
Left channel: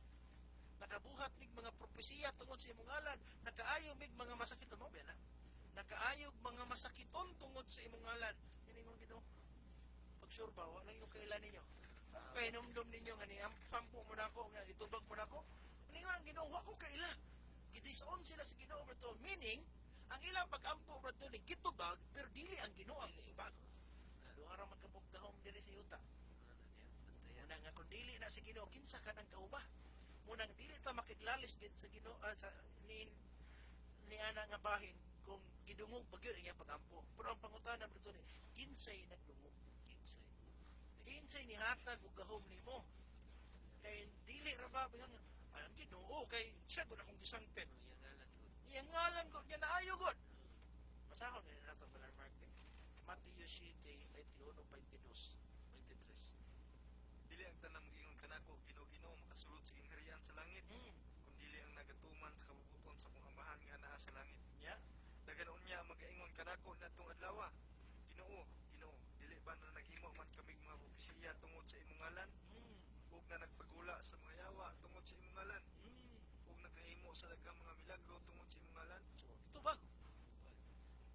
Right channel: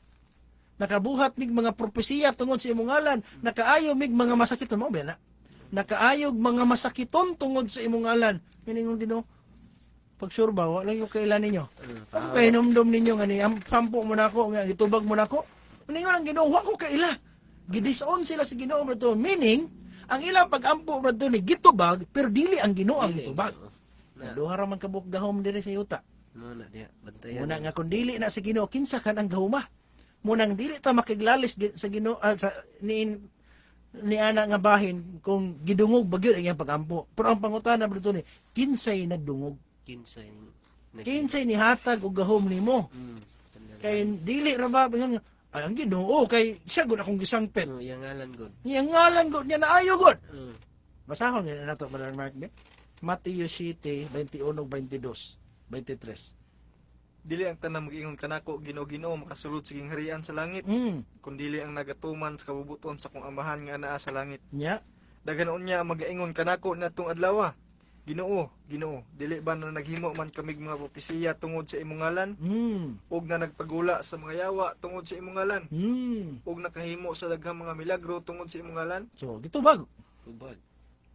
Nakabuhat mig mga propesiya tungod sa imong ngalan, nakaayo mig mga masakiton mo ba na? Nakaayog mga masakiton tungod sa imong ngalan. Ingon Ginoo. Pag sure ba wala yung kailan ninyo? Ang kainomdom ninyo nga ni sampo mo nako nga gitubag mo nako. Ingon ang Ginoo wa ko kaila. Gidison sila sa Ginoo bro, meaning ang ilang pagampo bro ni gitubag pero dili ang Ginoo ang gitubag. Duha ra man kabuk gahom diri sa yuta. Muna diya, bantayan. Muna nga kung dili na sa Ginoo kinsa kan ang gahuma. Munang dili ta makiglalis sa Ginoo sa ni ana nga bahin kung gidungog bagyo ang iyang pagampo. Pero ang pangutana bro ni kinsay nagdungog? Kinsay ni hatag og gahom nimo? Kay dili ra ba nga ay ang Ginoo kay siya gud akong gisangpit. Yang ngalan gud. Iyang ngalan gud niya naayo gud. Basahon ni nato Brother Mark be. Mateo 7, 21, 22, 23. Dili ang tanang mag-ingon kanako Ginoo makasulod siging harian sa langit, kun dili ang nagatuman sa kabubuton sa kong amahan nga naa sa langit. Nya, Daghanon niya mag-ingon kanako natong adlaw. Ginoo, dili ba na naghimo man kamig mga propesiya tungod sa imong ngalan? Ug na nagpagula sa mga yawa tungod sa imong ngalan? Ug nakahimo sa daghang mga milagro tungod sa imong ngalan? So, gitubag. Tubag.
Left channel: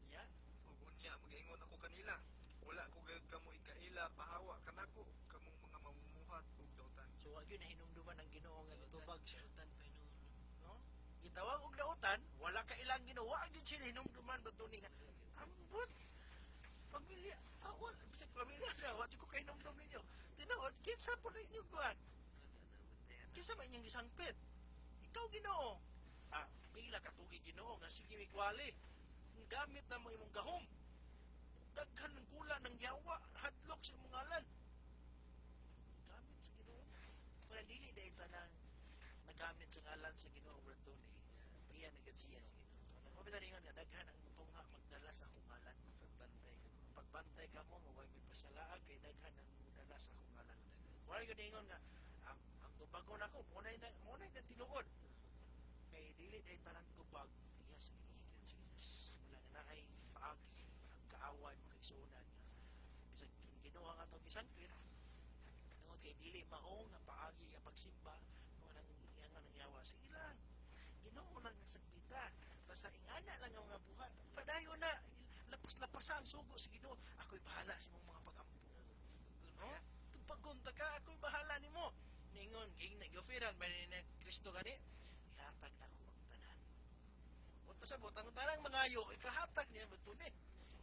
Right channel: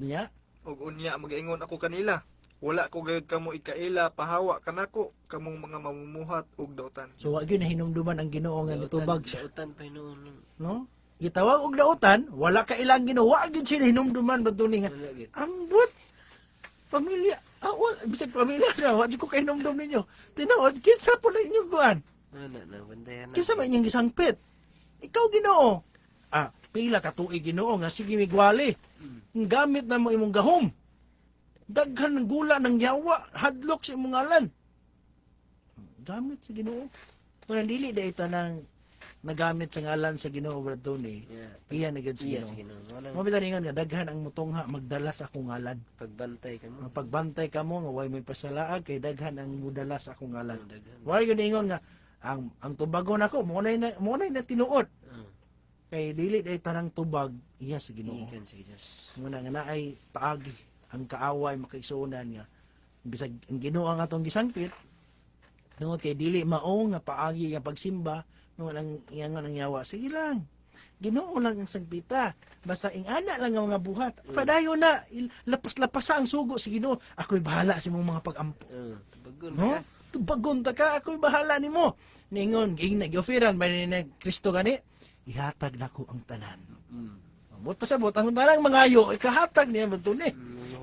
Nya, Ug unya mag-ingon ako kanila, wala ko gayud kamo ikaila pahawa kanako kamong mga mamumuhat ug dautan. so wa gyud na hinumduman ang Ginoo nga nitubag siya. Dautan pa noon. No? Gitawag og dautan, wala ka ilang Ginoo, wa gyud siya hinumduman bro ni nga. Wala gid. Ambot pamilya, bisag pamilya na, wa gyud ko kay hinumdum ninyo. Tinuod kinsa po na inyong kuan? Na bantayan na. Kinsa man inyong gisangpit? Ikaw Ginoo. Pila ka tuig Ginoo nga sige migwali. Gamit na mo imong gahom. Daghan ng gula ng yawa, hadlok sa imong ngalan. Gamit sa Ginoo. Kung dili da ita nang nagamit sa ngalan sa Ginoo bro ni. Iya na gid sa Iya Ginoo. sige no. Wala Mo bitan nga daghan ang mutungha magdala sa akong ngalan. pagbantay ka mo. Pagbantay ka mo nga way may pasalaag kay daghan ang mudala sa akong ngalan. Daghan. Way gyud ingon nga ang tubagon ako mo na tinuod. Kay dili day tanang tubag iya sa Ginoo. Ikan sa Dios. Muna nga naay paagi ang kaaway makaigsuonan nga bisag ang Ginoo ang atong gisangpit tungod kay dili mao nga paagi nga pagsimba nung ang iyang nang yawa sige lang Ginoo lang ang sangpita basta ingana lang ang mga buhat padayon na lapas-lapas ang sugo si Ginoo ako'y bahala sa imong mga pag-ampo Tubagon no ka. tubagon ta ka ako'y bahala nimo ningon ging nag-offeran ba ni Kristo gani ihatag nako ang tanan. Bot pasabot ang tanang mangayo ikahatag niya ba ni?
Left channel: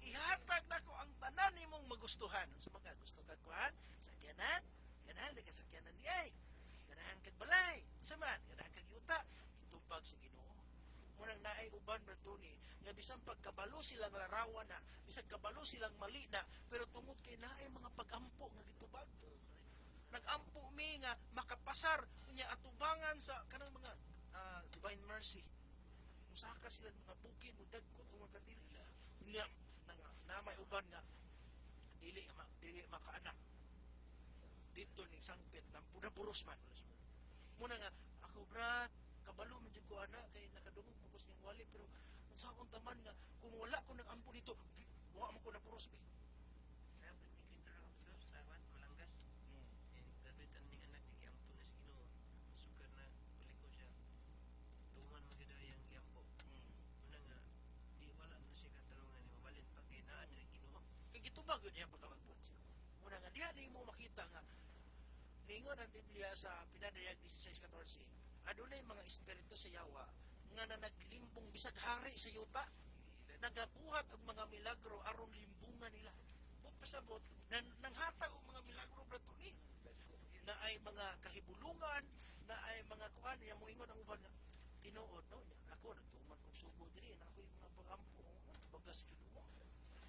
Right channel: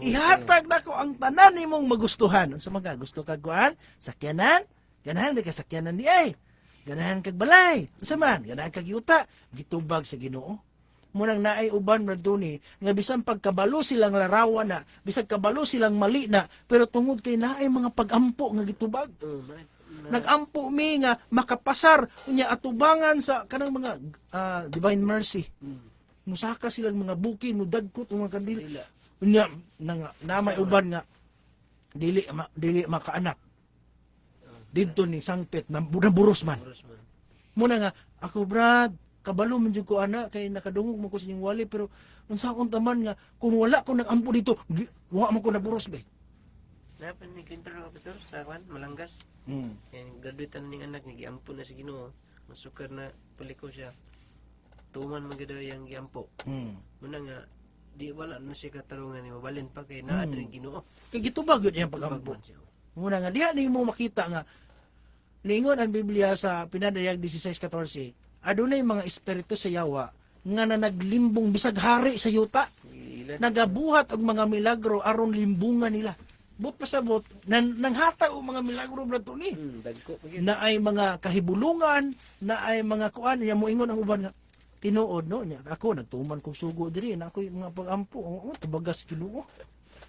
Ihatag nako ang tanan nimong magustuhan. Unsa man ka gusto kag kuan? Sakyanan? Ganahan ka sakyanan di ay. Ganahan kag balay. Unsa man? Ganahan kag yuta. Gitubag sa Ginoo. Munang naay uban man ni nga bisan pagkabalo silang larawan na, bisag kabalo silang mali na, pero tungod kay naay mga pagampo nga gitubag. Nagampo mi nga makapasar unya atubangan sa kanang mga divine mercy. Musaka silang mga buki no dagko tong mga kandili. Unya namay uban nga dili makaanak. dito ni sangpit na buros man. Oras man. Muna nga, ako brad, kabalo man jud ko ana kay nakadungog mo ko sa inyong wali pero unsaon taman nga kung wala ko nag-ampo dito, wa man ko naburos be. Dapat ni kwento na pastor sa kwan Malanggas. Kaya graduate na ning anak ni giampo na si Ginoo. Masukar na paliko siya. Tuman man gid yang giampo. Muna nga di wala na siya katarungan ni mabalin pa kay naa diri Ginoo. Kay gitubag yun yung pag-ampo. Tubag man siya. Muna nga, diha ni mo makita nga, lingon ang Biblia sa Pinadayag 16:14, adunay mga espiritu sa yawa nga na naglimbong bisag hari sa yuta, Ilan nagabuhat og mga milagro aron limbungan nila. But pasabot, nanghata og mga milagro brad to ni. dagko pa gyud. Na ay mga kahibulungan, na ay mga kuan, niya moingon ang uban nga, tinuod no niya ako nagtuman kog sugo diri na ako mga pag-ampo tubagas Ginoo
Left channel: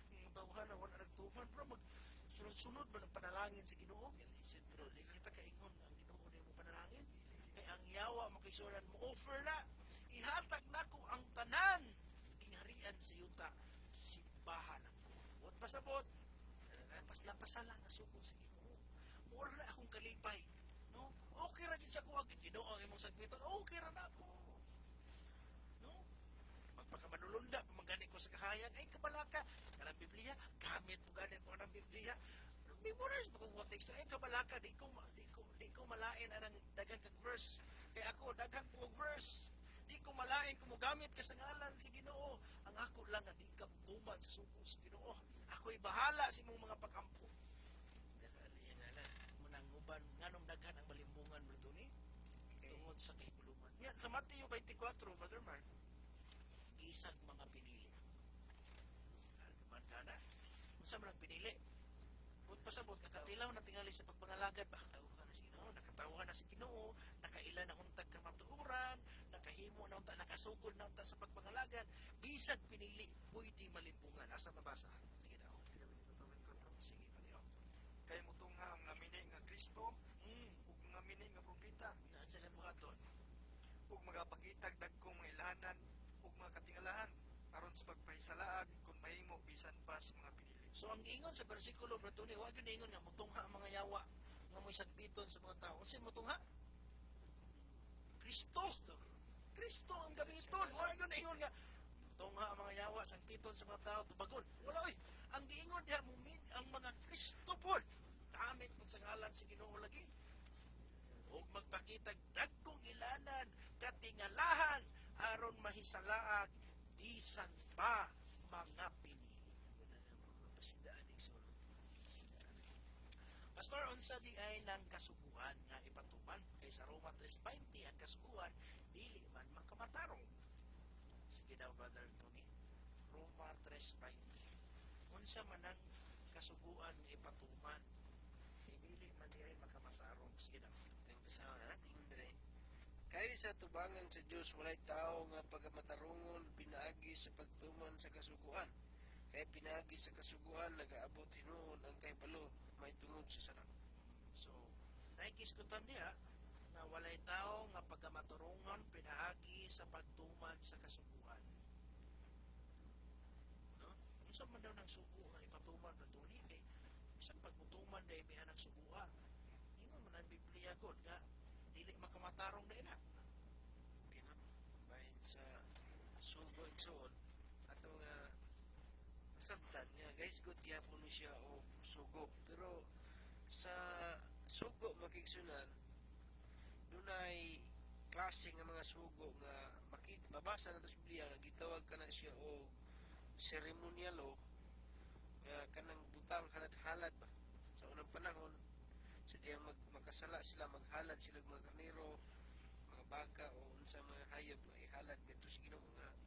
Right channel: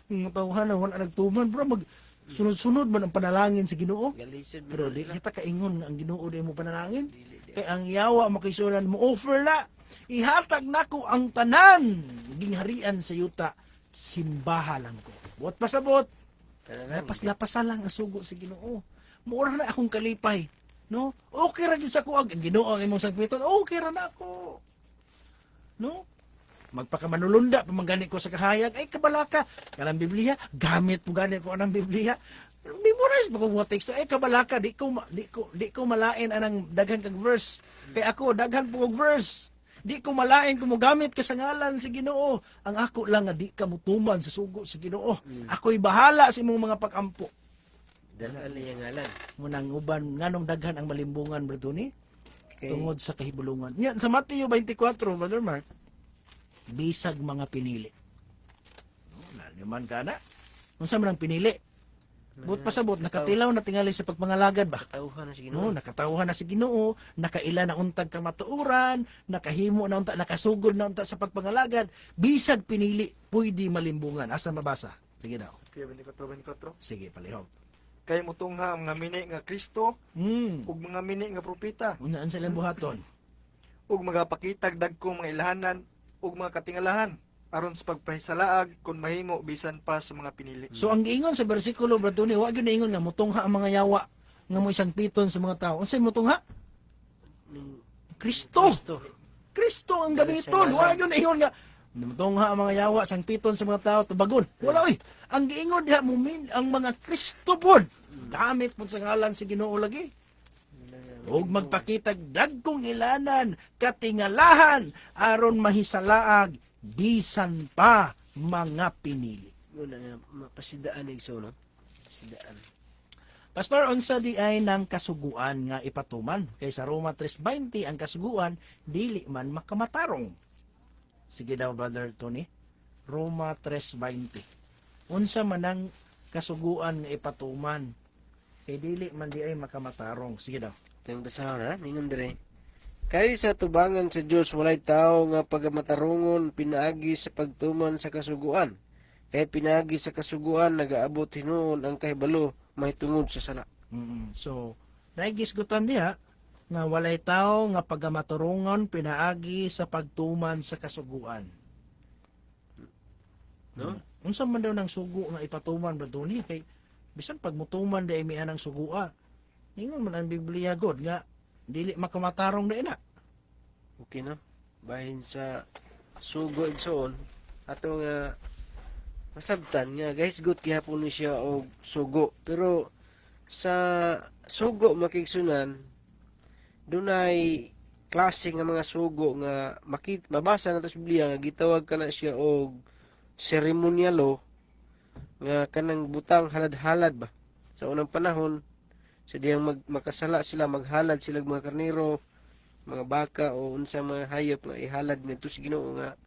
mga tawhan wala nagtuman bro mag sunod-sunod man ang panalangin sa Ginoo. Galisod Pero di kita kaingon nga ang Ginoo di mo panalangin. Kay ang yawa makisunan mo offer na. Ihatag nako ang tanan gingharian sa yuta. Simbaha lang ko. Buot pasabot. Lapas-lapasan lang ang sugo sa Ginoo. Mura na akong kalipay. No? Okay ra gyud sa kuag ang Ginoo ang imong sangpiton. Okay ra na ako. No? Magpakamanulunda pamanggani ko sa kahayag ay kabalaka kanang Biblia gamit mo gani ko anang Biblia memorize mo ko mga teksto ay kabalaka di ko malain anang daghan kag verse kay ako daghan po kog verse di ko malain kung mo gamit ka sa ngalan sa Ginoo ang ako lang nga di ka mutuman sa sugo sa Ginoo ako'y bahala sa imong mga pag-ampo Dala niya ngalan. munang uban nganong daghan ang malimbungan bro ni Kay tungod sa kahibulungan nya sa Mateo 24 brother Mark bisag mga pinili. Naman ka na. Kung saan man ang pinili. But pasabot, nakatilaw na tingali sa pagpangalagad ba? tauhan na si No, Ginoo. nakatawhan na si Ginoo, nakaila na untag kamatuuran, nakahimo na unta, nakasugod na unta sa pagpangalagad, bisag pinili, pwede malimbungan. Asa mabasa? Sige daw. Kaya 24. Sige, palihog. Kay mutungha ang mga mini nga Kristo ug mga mini nga propeta Unaan sa ilang buhaton. ug magapakitag dagkong mga ilahanan ug mga katingalahan aron sa pagpahisalaag kung mahimo bisan pa sa mga pinili. So ang giingon sa bersikulo Brad Tony, wa gyud ingon nga mutungha ang mga yawa nga mo isang piton sa mga tao. Unsay mutungha? Kristo. Kristo ang gamiton. Wa gyud ingon nga mutungha ang mga yawa sang piton sa mga tao tubagon. Wala oy. Ang giingon diha ang mga Kristo pod. Damit pod sa ngalan si Ginoo lagi. Ug magpakitag dagkong ilanan katingalahan aron mahisalaag bisan pa mga pinili. Muna nga mapasidaan ig so no. Pasidaan. Pastor, unsa di ay ng kasuguan nga ipatuman kay sa Roma 3:20 ang kasuguan dili man makamatarong. Sige daw brother Tony. Roma 3:20. Unsa man ang kasuguan nga ipatuman kay dili man di ay makamatarong. Sige daw. Tayong basahon ha, ningon dire. Kay sa tubangan sa Dios walay tao nga pagamatarungon pinaagi sa pagtuman sa kasuguan. Kay pinaagi sa kasuguan nagaabot hinuon ang kahibalo mahitungod sa sala. So, naigisgutan diha nga walay tao nga pagamaturungon pinaagi sa pagtuman sa kasuguan. No? Unsa man daw ng sugo nga ipatuman ba doon kay bisan pagmutuman di ay mian ang sugua. Ingon man ang Biblia God nga dili makamatarong na ina. Okay no? Bahin sa sugo igsoon ato nga masabtan nga guys good gihapon ni siya og sugo pero sa sugo makigsunan dunay klase nga mga sugo nga mabasa nato sa Biblia nga gitawag kana siya og seremonyalo nga kanang butang halad-halad ba sa unang panahon sa diyang makasala sila maghalad sila mga karnero mga baka o unsa mga hayop nga ihalad ngadto sa Ginoo nga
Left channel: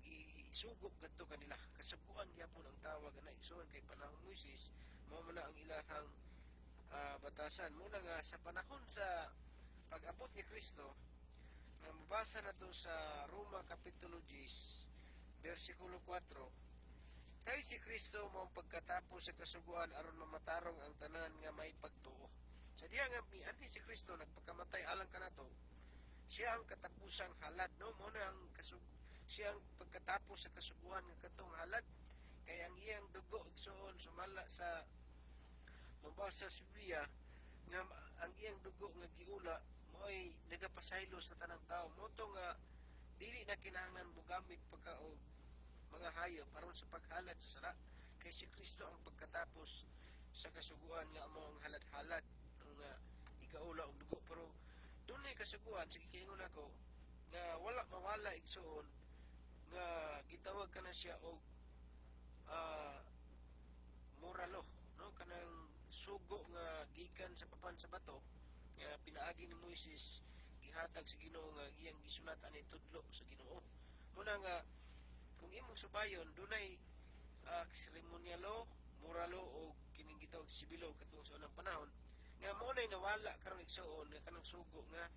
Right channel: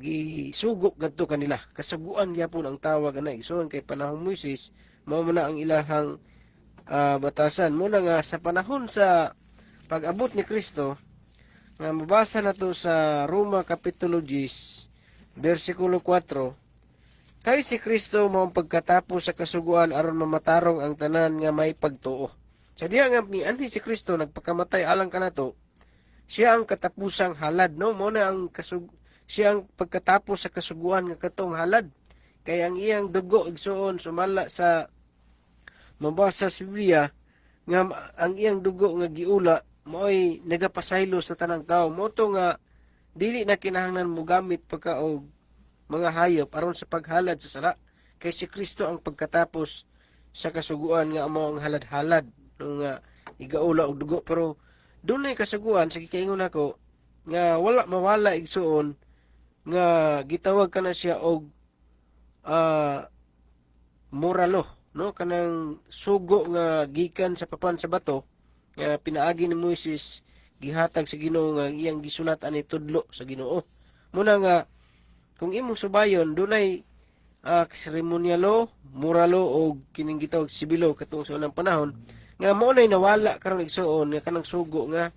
gisugo gadto kanila kasaguan gyapon ang tawag ana igsoon kay panahon Moises mao man ang ilahang batasan muna nga sa panahon sa pag-abot ni Kristo nga mabasa nato sa Roma kapitulo 10 bersikulo 4 kay si Kristo mao pagkatapos sa kasuguan aron mamatarong ang tanan nga may pagtuo. Sa diha nga mianhi si Kristo nagpakamatay alang kanato, siya ang katapusang halad no mo na ang siya ang pagkatapos sa kasuguan nga katong halad. Kay ang iyang dugo igsuon sumala sa mabasa sa Biblia nga ang iyang dugo nga giula mo'y nagapasaylo sa tanang tao. Moto nga dili na kinahanglan mo gamit pagkaog mga hayop aron sa paghalad sa sala. Kay si Kristo ang pagkatapos sa kasuguan nga amo ang halad-halad nga igaula og dugo. Pero dunay kasuguan sa gikaingon nako nga wala mawala igsuon nga gitawag kana siya og moralo, no, kanang sugo nga gikan sa papan sa bato nga pinaagi ni Moises gihatag sa Ginoo nga iyang gisulat ani tudlo sa Ginoo. Muna nga kung imong subayon dunay seremonyalo, moralo o kining gitawag sibilo katong sa unang panahon nga mo nay nawala karon igsuon nga kanang sugo nga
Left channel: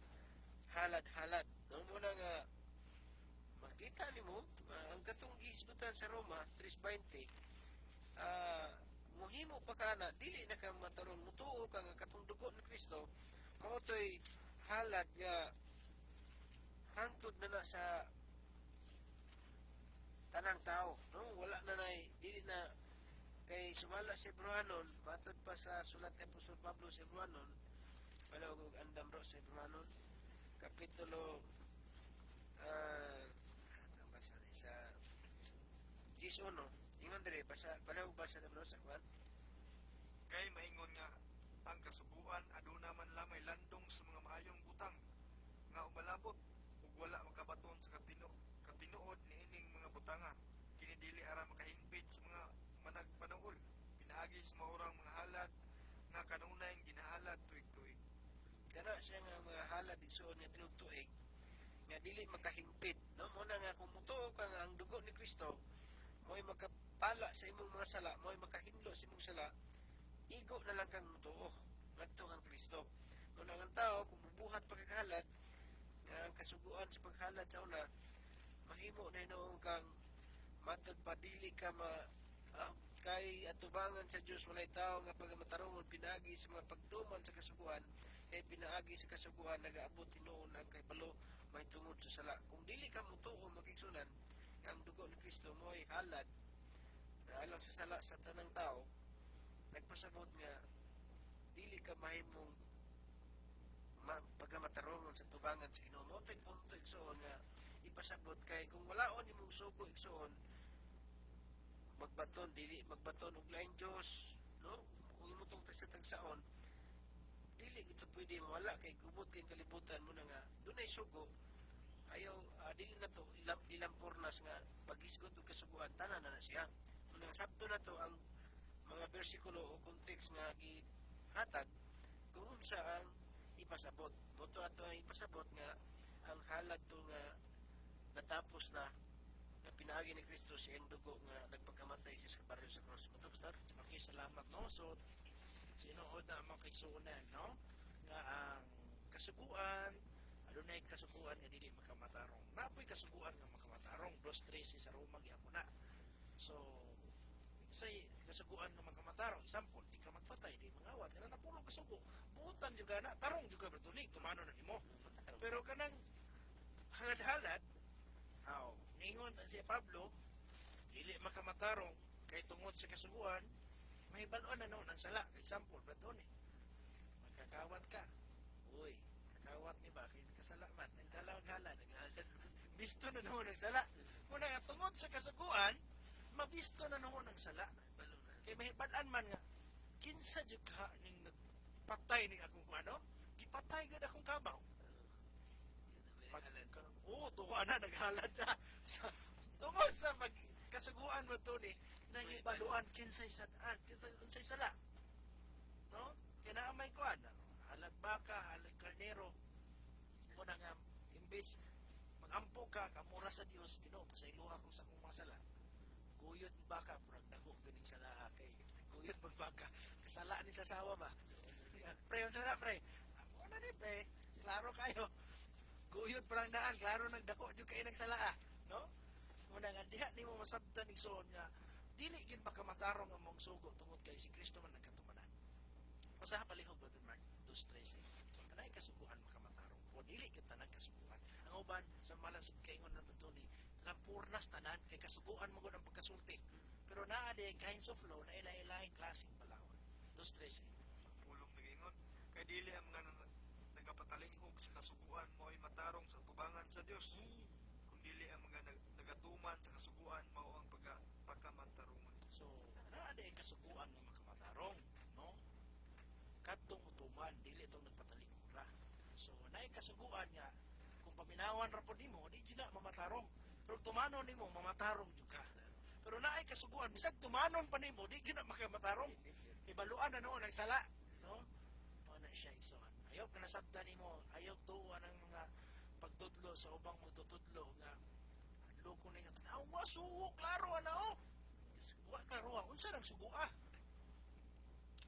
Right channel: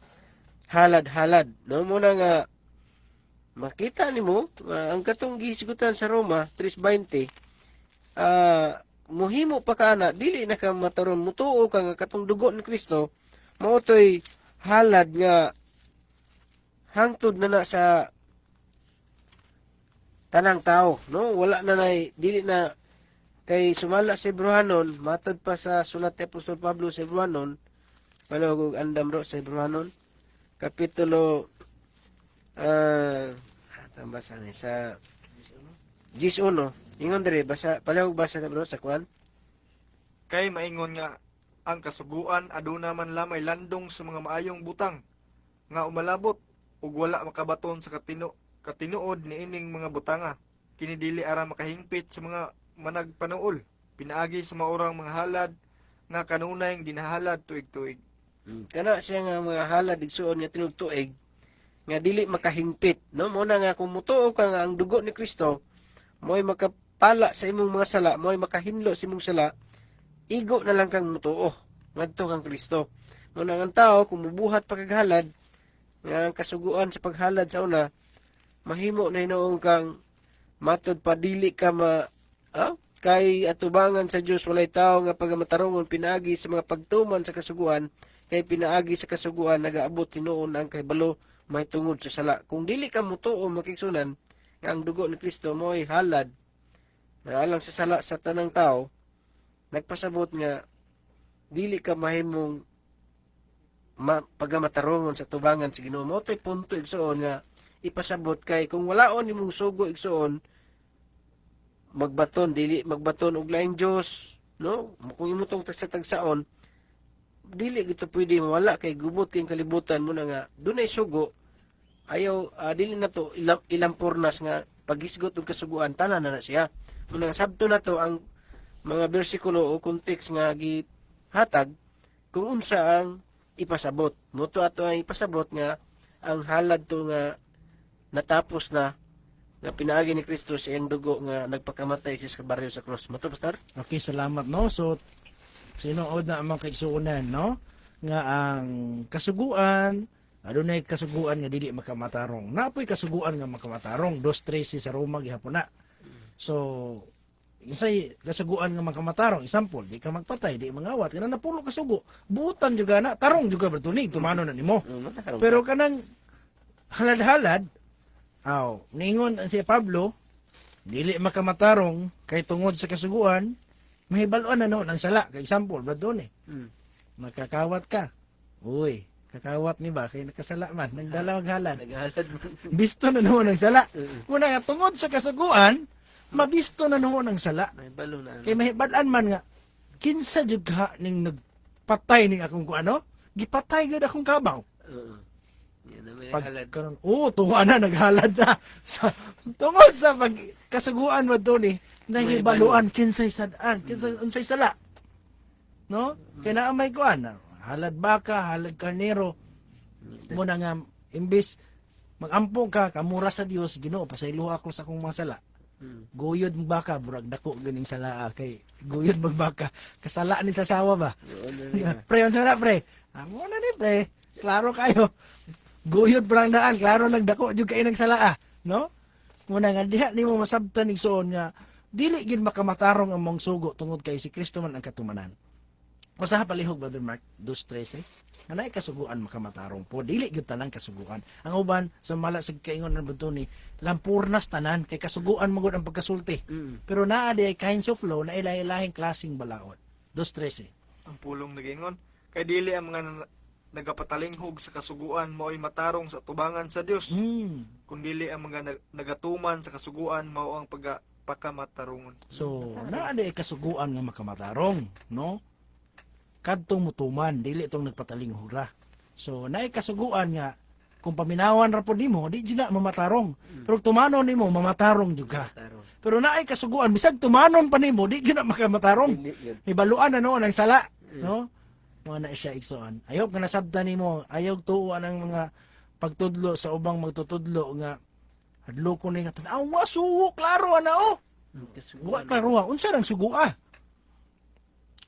halad-halad, no. Muna nga makita nimo ang katong gisigutan sa Roma 3:20 mohimo pa kana dili na ka mataron mutuo ka nga katong dugo ni Kristo mao toy halad nga hangtod na sa tanang tao, no. Wala na dili na kay sumala sa Hebrewanon matod pa sa sulat ni Apostol Pablo sa Hebrewanon palawag og andam ro sa Hebrewanon kapitulo tambasa ni sa 11 ingon diri basa palawag basa ta bro sa kuan. Kay maingon nga ang kasuguan aduna man lamay landong sa mga maayong butang nga umalabot ug wala makabaton sa katinuod niining mga butanga. Kini dili ara makahingpit sa mga managpanuol. Pinaagi sa maurang mga halad nga kanunay ginahalad tuig-tuig. Kana siya nga mga halad igsuon nga tinugtuig nga dili makahingpit, no. Muna nga kung mutuo ka nga ang dugo ni Kristo mo'y makapala sa imong mga sala, mo'y makahinlo sa imong sala, igo na lang kang mutuo ngadto kang Kristo. Muna nga ang tao kung mubuhat pagkaghalad nga ang kasuguan sa paghalad sa una mahimo na hinoong kang matod pa dili ka kay atubangan sa Dios walay tao nga pagamatarungon pinaagi sa mga pagtuman sa kasuguan kay pinaagi sa kasuguan nagaabot tinuon ang kahibalo may tungod sa sala. Kung dili ka mutuo makigsunan nga ang dugo ni Kristo mo'y halad na alang sa sala sa tanang tao, nagpasabot nga dili ka mahimong pagamatarungon sa tubangan sa Ginoo. Mo tay punto igsuon nga ipasabot kay kung walaon nimong sugo igsuon magbaton dili magbaton og laing Dios, no. Kung imo tong tagsa-tagsaon dili gito pwede mawala kay gubot king kalibutan mo na nga dunay sugo ayaw dili na to ilang pornas nga paghisgot og kasuguan tanan na siya. Muna nga sabto na to ang mga bersikulo o context nga gihatag kung unsa ang ipasabot. Moto ato ang ipasabot nga ang halad to nga natapos na nga pinaagi ni Kristo sa iyang dugo nga nagpakamatay sa baryo sa cross. Moto pastor? Okay, salamat, no. So sinuod na among kaigsuonan, no, nga ang kasuguan adunay kasuguan nga dili makamatarong. Napoy kasuguan nga makamatarong 2:13 sa Roma gihapon na. So isay kasuguan nga makamatarong, example, di ka magpatay, di mangawat, kana napulo kasugo, buutan juga na, tarong juga bertunig, tumano na nimo. Pero kanang halad-halad, ningon si Pablo, dili makamatarong kay tungod sa kasuguan, mahibaluan na no ng sala. Kay example, bradon makakawat ka. Uy, kakawat ni ba kay nakasala man, nagdalawag halad. Naghalad mo. Bisto na no ng sala. Muna nga tungod sa kasuguan, mabisto na no ng sala. Mahibalo na. Kay mahibalan man nga kinsa jud ka ning nagpatay ning akong kuano? Gipatay gud akong kabaw. Yan na may Pag halad. karon, tuwa na naghalad na. Tungod sa kasuguan mo doon nahibaluan kinsay sadaan, kinsay unsay sala. No? Kaya naamay kuan, halad baka, halad karnero. Muna nga imbis magampo ka kamura sa Dios, Ginoo pasaylo ako sa akong mga sala. Guyod magbaka, burag dako ganing sala kay guyod magbaka. Kasala ni sa sawa ba? Pre, unsa na pre? Amo na ni pre. Klaro kayo. Guyod brang daan, klaro nagdako jud kay nang sala, no? Muna nga diha nimo masabtan igsoon nga dili gid makamatarong ang mong sugo tungod kay si Kristo man ang katumanan. Usaha palihog Brother Mark 2:13. Anay kasuguan makamatarong po, dili gyud tanan kasuguan. Ang uban sa mala sig kaingon ng bunto ni lampurnas tanan kay kasuguan magud ang pagkasulti. Pero naa di ay kinds of law na ilahi-lahing klaseng balaod. 2:13. Ang pulong nagingon Kay dili ang mga nagapatalinghog sa kasuguan mao'y matarong sa tubangan sa Dios, kundili ang mga nagatuman sa kasuguan mao ang pagpakamatarungon. So, naa di kasuguan nga makamatarong, no? Kadtong mutuman, dili itong nagpatalinghog ra. So, naay kasuguan nga kung paminawan ra pod nimo, di jud na mamatarong. Pero tumanon nimo mamatarong jud ka. Tarong. Pero naay kasuguan bisag tumanon pa nimo, di jud na makamatarong. Dili yun. Ibaluan na no ng sala, no? Mo na siya igsoon. Ayog nga nasabtan nimo, ayog tuuan ang mga pagtudlo sa ubang magtutudlo nga hadlo ko ni nga tan-aw sugo klaro ana oh. Wa Kasuguan. klaro unsa nang sugua?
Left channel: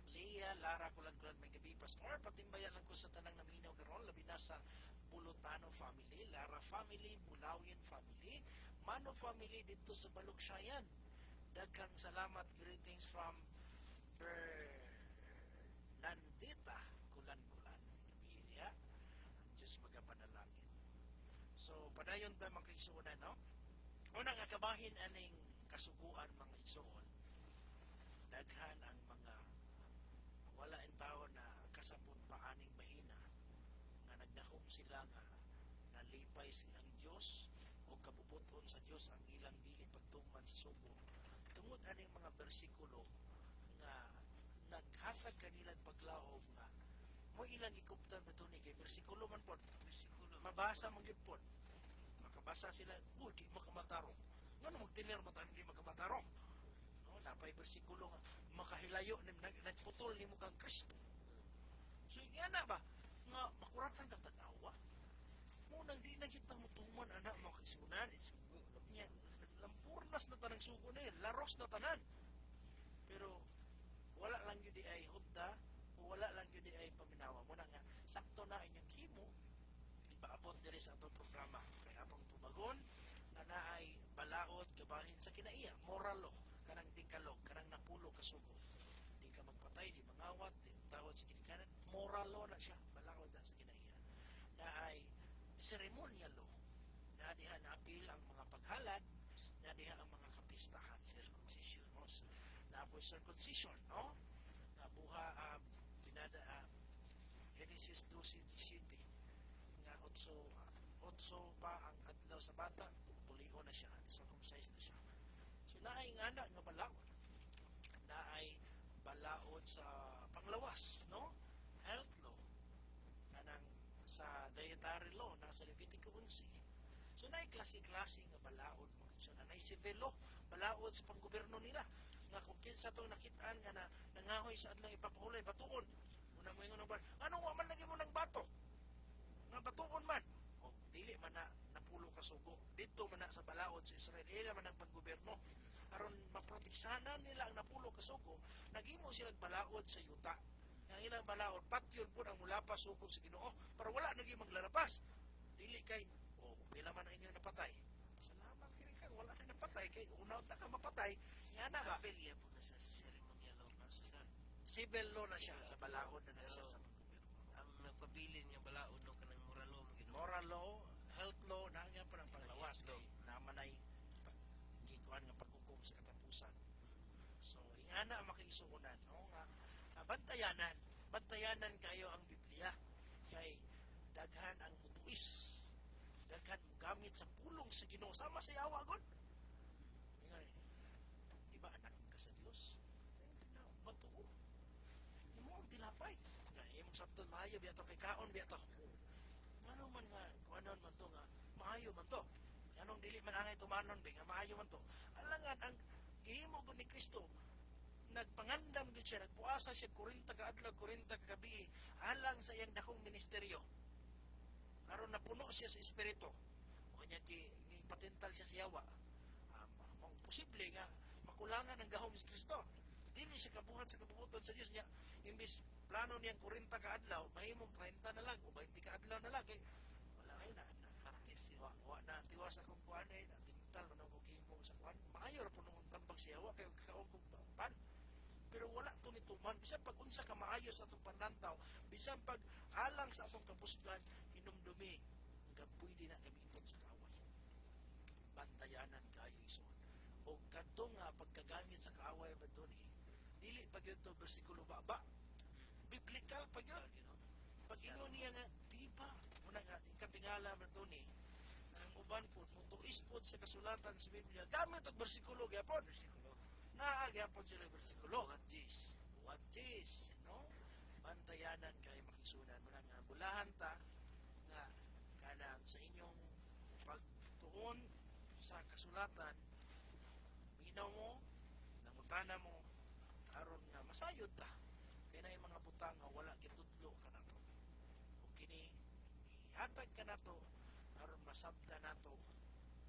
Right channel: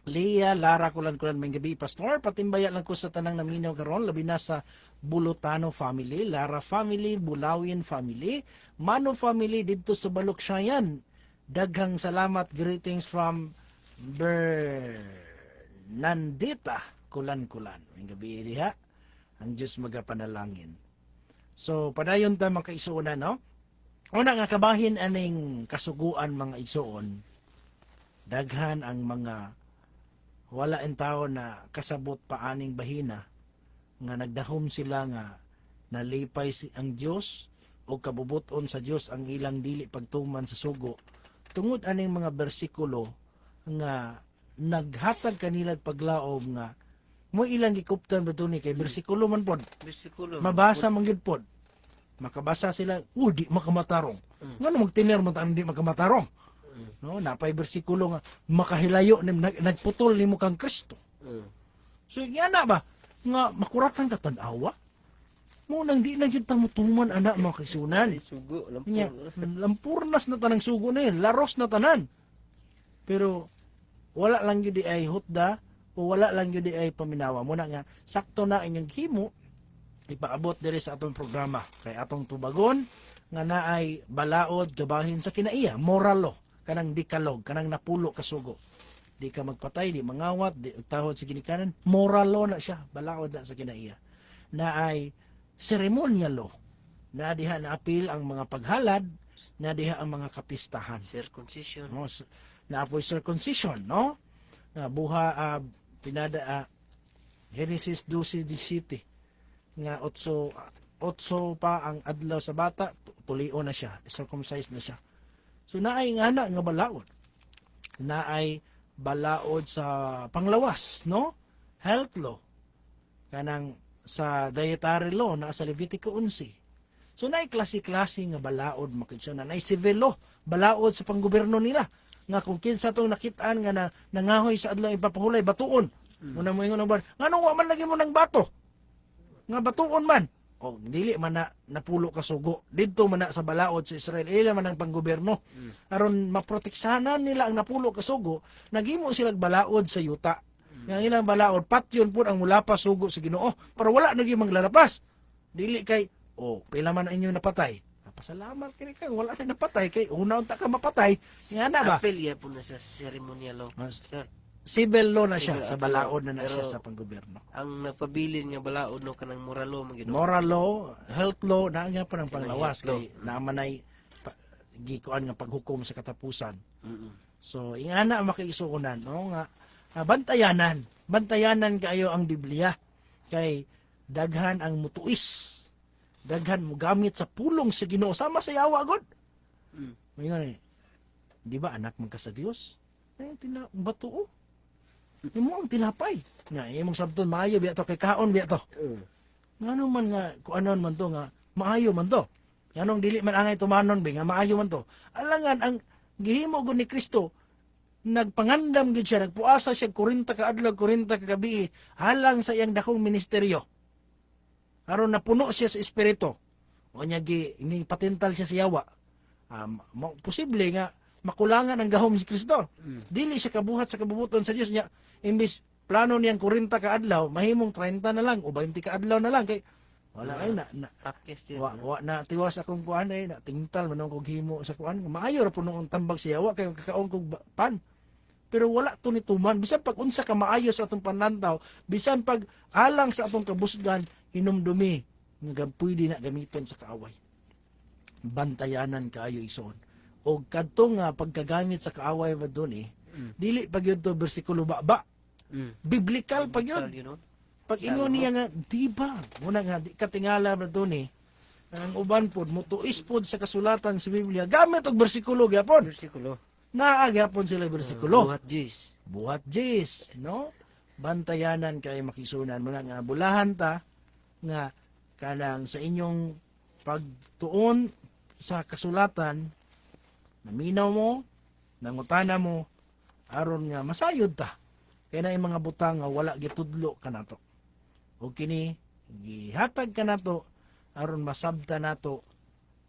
Leah, Lara, kulan may gabi, Pastor. Patimbaya lang ko sa tanang naminaw karon, labi na sa Bulutano family, Lara family, Bulawin family, Mano family dito sa Balukshayan. Daghang salamat, greetings from Bernandita, kulan. May gabi diha. Ang Diyos magapanalangin. So, padayon ta mga kaisuonan, no? Una nga kabahin aning kasuguan mga isuon, daghan ang mga wala en tao na kasabot pa aning bahina nga nagdahom sila nga nalipay ang Dios o kabubuton sa Dios ang ilang dili pagtuman sa sugo tungod aning mga bersikulo nga naghatag kanila paglaom nga mo ilang gikuptan ba ni kay bersikulo man pod Bersikulo. mabasa man gyud pod makabasa sila di makamatarong ngano magtiner man ta di makamatarong no napay bersikulo nga makahilayo nim nagputol nimo kang Kristo. So yana ba nga makuratan ka tan-awa mo nang di na gyud ta mutuman ana mga kaisunan. Sugo. Nya Lampur. lampurnas na tanang sugo na yun, laros na tanan. Pero wala lang gyud di ay hutda o wala lang gyud di ay paminawa mo na nga sakto na inyong himo ipaabot diri sa atong programa kay atong tubagon nga naay balaod gabahin sa kinaiya moral law kanang dikalog, kanang napulo kasugo. Di ka magpatay, di mangawat, di tahod sa ginikanan. Moral law na siya, balaod na sa kinaiya. Na ay ceremonial law. Na diha na apil ang mga paghalad, na diha ang mga kapistahan. Circumcision. No? Na apoy circumcision, no? Na buha, Genesis 12:17. Nga 8 pa ang adlaw sa bata, tulio na siya, circumcised na siya. So naay nga nga balaod. Naay balaod sa panglawas, no? Health law. Kanang sa dietary law na sa Levitico 11. So naay klase-klase nga balaod makitsyon na naay civil law, balaod sa panggobyerno nila. Nga kung kinsa tong nakitaan nga nangahoy sa adlaw ipapahulay batuon. Muna mo ingon ba? Nganong wa man lagi mo ng bato? Nga batuon man. O dili man na napulo ka sugo didto man na sa balaod sa Israel ila man ang panggobyerno aron maproteksahanan nila ang napulo ka sugo naghimo sila balaod sa yuta nga ilang balaod patyon pud ang mulapas sugo sa Ginoo para wala nagi manglalapas dili kay pila man ang inyo napatay pasalamat kini kay wala na napatay kay una unta ka mapatay nga na ba Apel po na sa ceremonial law. Sir, civil law na siya Civil sa at balaod na law. siya Pero sa panggobyerno ang nagpabilin nga balaod no kanang moral law man gid. moral law, health law, na nga pa ng panglawas Health law. kay naman ay gikuan nga paghukom sa katapusan. Mm-mm. So ingana ang makiisuunan no nga bantayanan kayo ang Biblia kay daghan ang mutuis. Daghan mo gamit sa pulong sa Ginoo sama sa yawa god. Mayon di ba anak man ka sa Dios? Bato imo ang tinapay. Nga imong sabton maayo biya to kay kaon biya to. Ngano man nga kuanon man to nga maayo man to. Nganong dili man angay tumanon be nga maayo man to. Alangan ang gihimo gud ni Kristo nagpangandam gid siya nagpuasa siya 40 ka adlaw 40 ka gabi halang sa iyang dakong ministeryo. Aron napuno siya sa espiritu. O nya ni patental siya sa yawa. Posible nga makulangan ang gahom si Kristo. Dili siya kabuhat sa kabubuton sa Dios niya. Imbis plano niyang 40 ka adlaw, mahimong 30 na lang o 20 ka adlaw na lang kay wala ay Pakis yun. wa na tiwas akong kuan ay na tingtal man kog himo sa kuan. Maayo ra puno ang tambag sa yawa kay kakaon kog pan. Pero wala to ni tuman bisan pag unsa ka maayo sa atong panlantaw, bisan pag alang sa atong kabusgan hinumdumi nga pwede na gamiton sa kaaway. Bantayanan kaayo ison. O kadto nga pagkagamit sa kaaway ba dili pag yun to bersikulo ba Biblical pag yun. You know? Pag ingon niya nga, di ba? Muna nga, di katingala ba ito ni? Ang uban pod, mutuis pod sa kasulatan sa Biblia. Gamit og bersikulo gyapon. Versikulo. Naa gyapon sila bersikulo. Buhat Jis. Buhat jis, no? Bantayanan kay makisunan mo nga bulahan ta nga kanang sa inyong pagtuon sa kasulatan naminaw mo, nangutana mo aron nga masayod ta. Kay na mga butang nga wala gitudlo kanato. O kini gihatag kanato aron masabta nato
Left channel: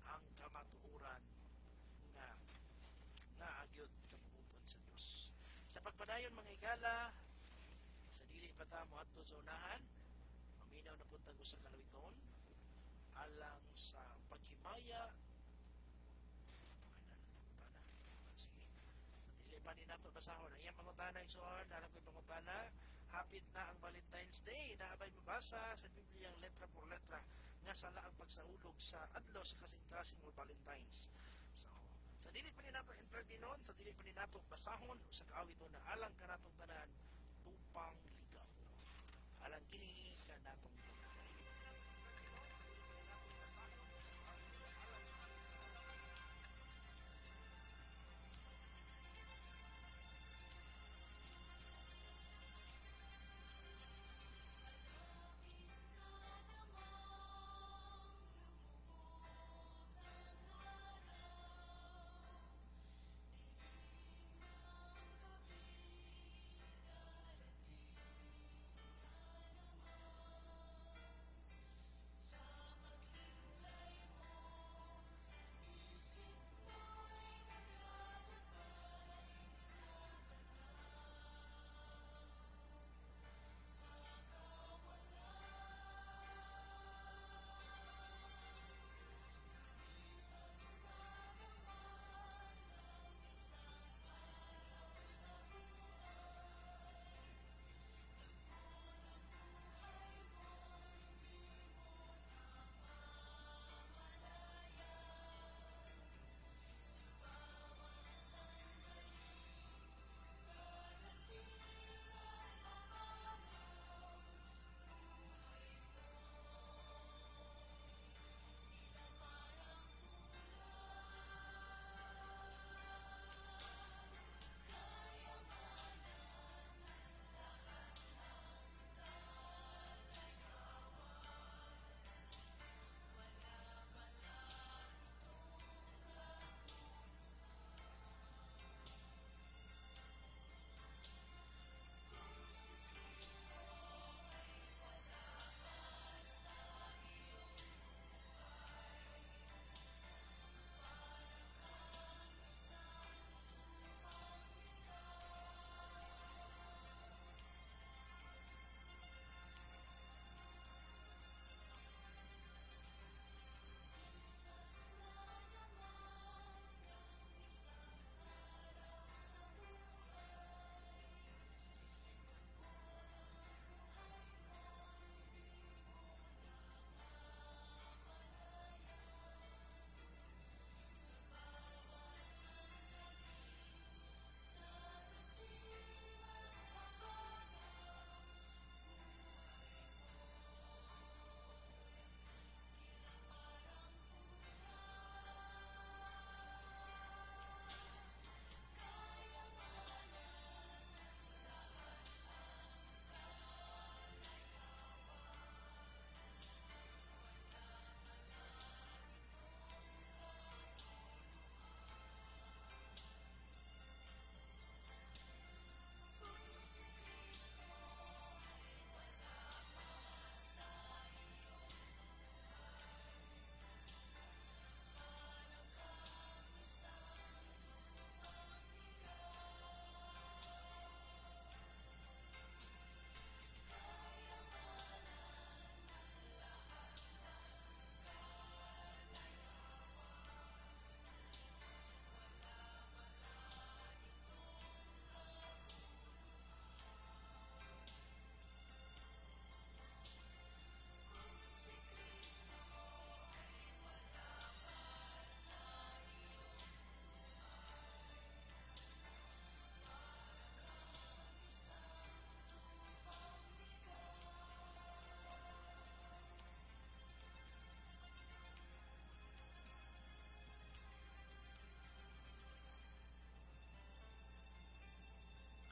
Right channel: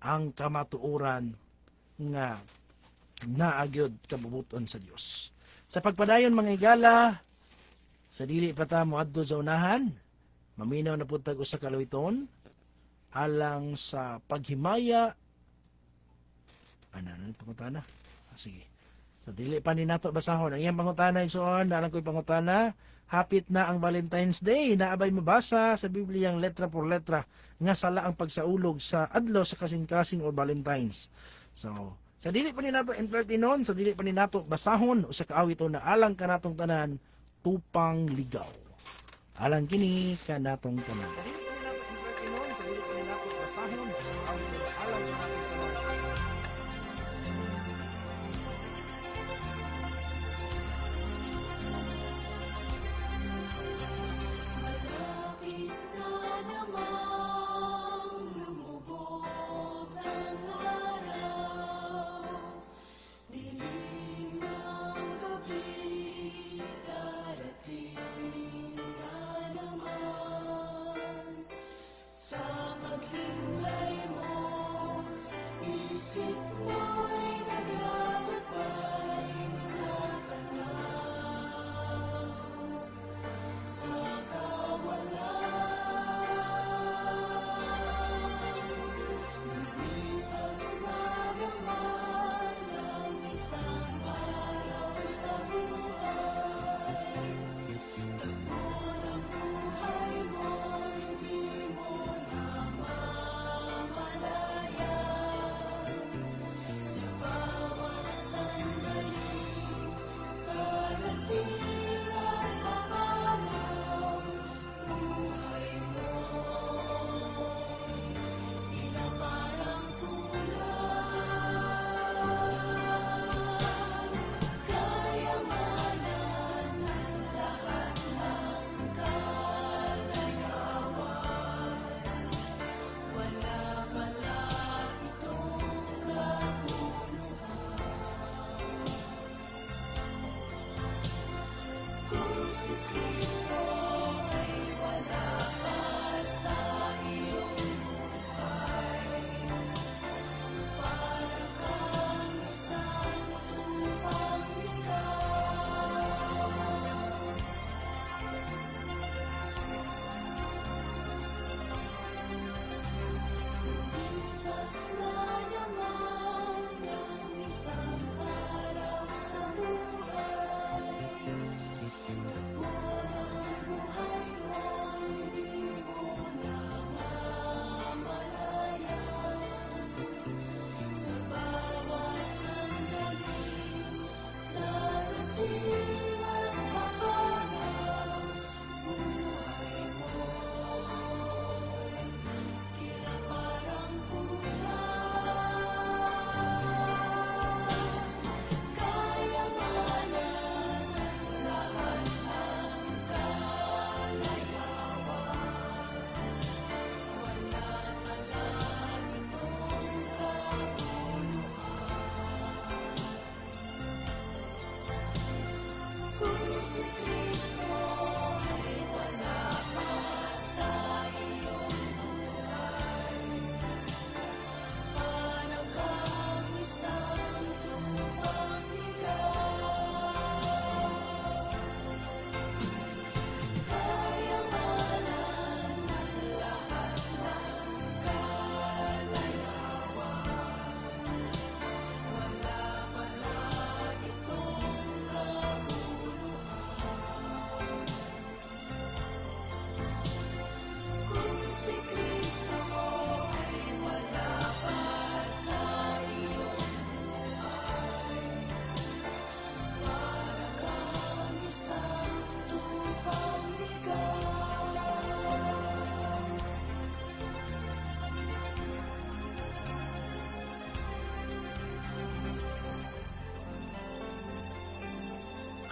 ang kamatuoran nga naagyod kabubuton sa Dios. Sa pagpadayon mga igala, sa dili pa ta moadto sa unahan, maminaw na pud tag usa ka luwiton alang sa paghimaya ano pangutana. Sige. Sa dili pa ni nato basahon ang iyang pangutana igsoon, alang ko'y pangutana, hapit na ang Valentine's Day, naabay mabasa sa Biblia ang letra por letra nga sala ang pagsaulog sa adlaw sa kasing-kasing o Valentine's. So, sa dili pa ni nato entertainon, sa dili pa ni nato basahon usa ka awit na alang kanatong tanan tupang ligaw. Alang kini kanatong tanan. Sa dili pa ni nato entertainon, sa dili pa ni nato basahon usa ka awit na alang kanatong tanan. Malapit na namang lumubog ang araw, dilim ng gabi, darating na naman.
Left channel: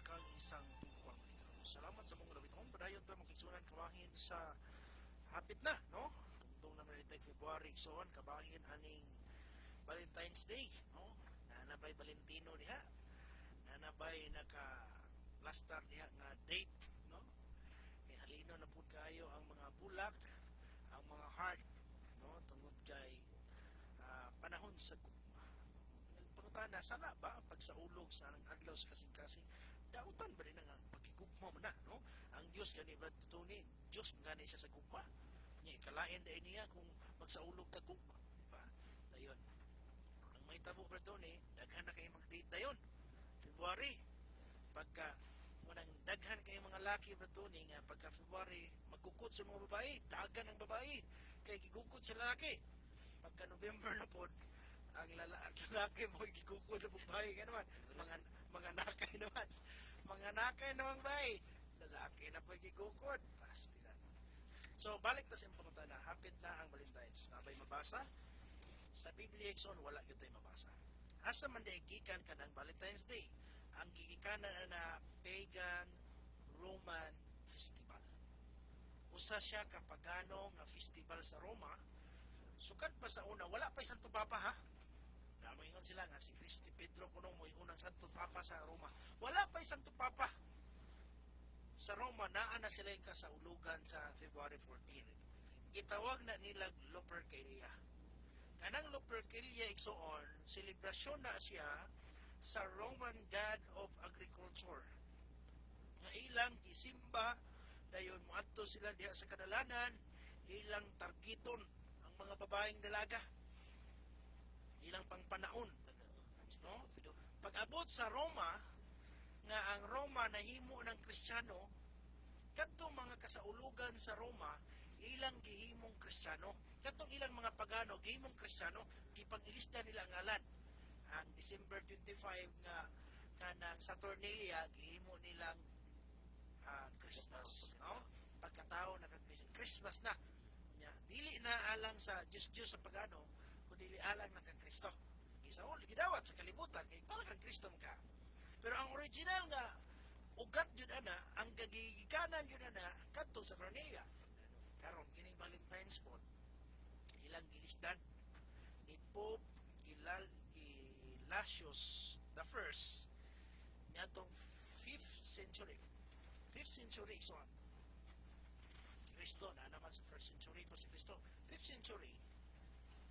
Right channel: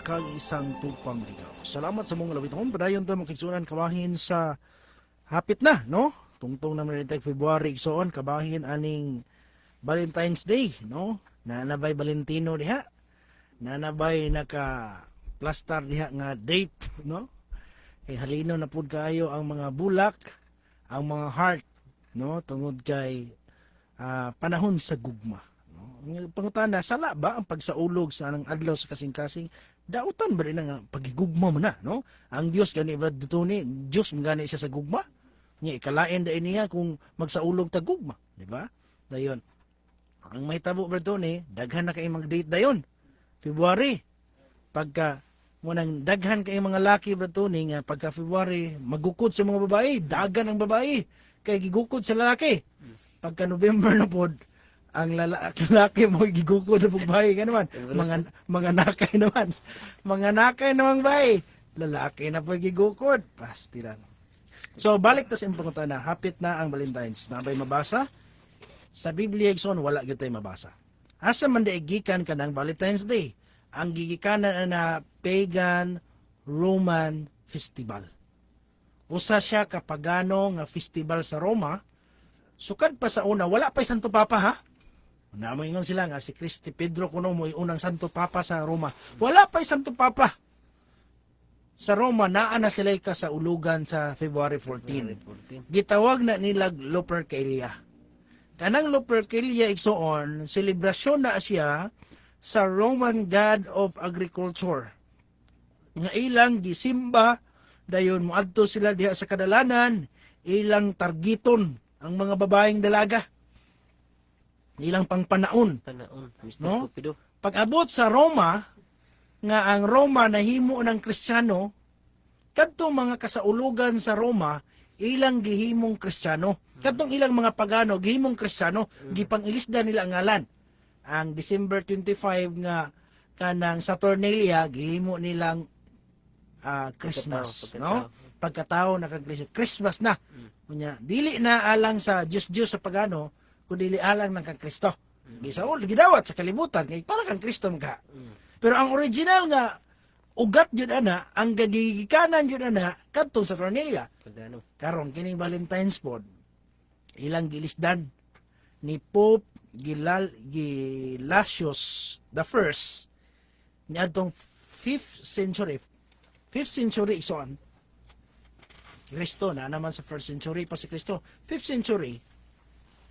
kag isang tupang ligaw. Salamat sa mga labiton. Padayon to makigsunan kabahin sa hapit na, no? Tungtong na rin February igsoon kabahin aning Valentine's Day, no? Nanabay Valentino diha. Nanabay naka plaster diha nga date, no? Kay halino na pud kaayo ang mga bulak, ang mga heart, no? Tungod kay panahon sa gugma. No? Pangutana, sala ba ang pagsaulog sa anang adlaw sa kasing-kasing? Dautan ba rin ang pagigugma mo na, no? Ang Dios gani Brad Dutoni, Dios gani siya sa gugma. Nya ikalain da niya kung magsaulog ta gugma, di ba? Dayon. Ang may tabo Brad Dutoni, daghan na kay mag-date dayon. February. Pagka munang daghan kay mga laki Brad Dutoni nga pagka February magukod sa mga babae, dagan ang babae kay gigukod sa lalaki. Pagka November na pod, ang lalaki mo gigukod na babae ka naman. Mga nakay naman. Mga nakay naman babae. Lalaki na po gigukod. Pasti lang. So, balik ta sa imong na hapit na ang Valentine's. Nabay mabasa? Sa Biblia, igsoon, wala gyud tay mabasa. Asa man gikan ka ng Valentine's Day? Ang gigikanan na pagan Roman festival. Usa siya kapagano nga festival sa Roma. Sukad pa sa una, wala pa Santo Papa ha? Namoingon sila nga si Cristi Pedro kuno mo unang Santo Papa sa Roma. Wala pa Santo Papa. Sa Roma naa na sila ka sa ulugan sa February 14. Gitawag na nila Lupercalia. Kanang Lupercalia igsoon, selebrasyon na siya sa Roman God of Agriculture. Nga ilang gisimba dayon moadto sila diha sa kadalanan, ilang targiton ang mga babaeng dalaga. Ilang pangpanaon. Panaon, Mr. No? Cupido. Pag-abot sa Roma, nga ang Roma nahimo ng Kristiyano, kadtong mga kasaulugan sa Roma, ilang gihimong Kristiyano. Kadtong ilang mga pagano, gihimong Kristiyano, gipangilisda nila ang ngalan. Ang December 25 nga kanang Saturnalia, gihimo nilang Christmas. No? Pagkatao na Christmas na. Kunya, dili na alang sa Diyos sa pagano, kundi dili alang ng kang Kristo. Gisaol, gidawat sa kalibutan, kay para kang Kristo ka. Pero ang original nga, ugat yun ana, ang gagigikanan yun ana, kadtong sa Cornelia. Pagano. Karon kining Valentine's pod, ilang gilisdan ni Pope Gelasius the First, ni adtong 5th century ison, Kristo na naman sa 1st century pa si Kristo. 5th century,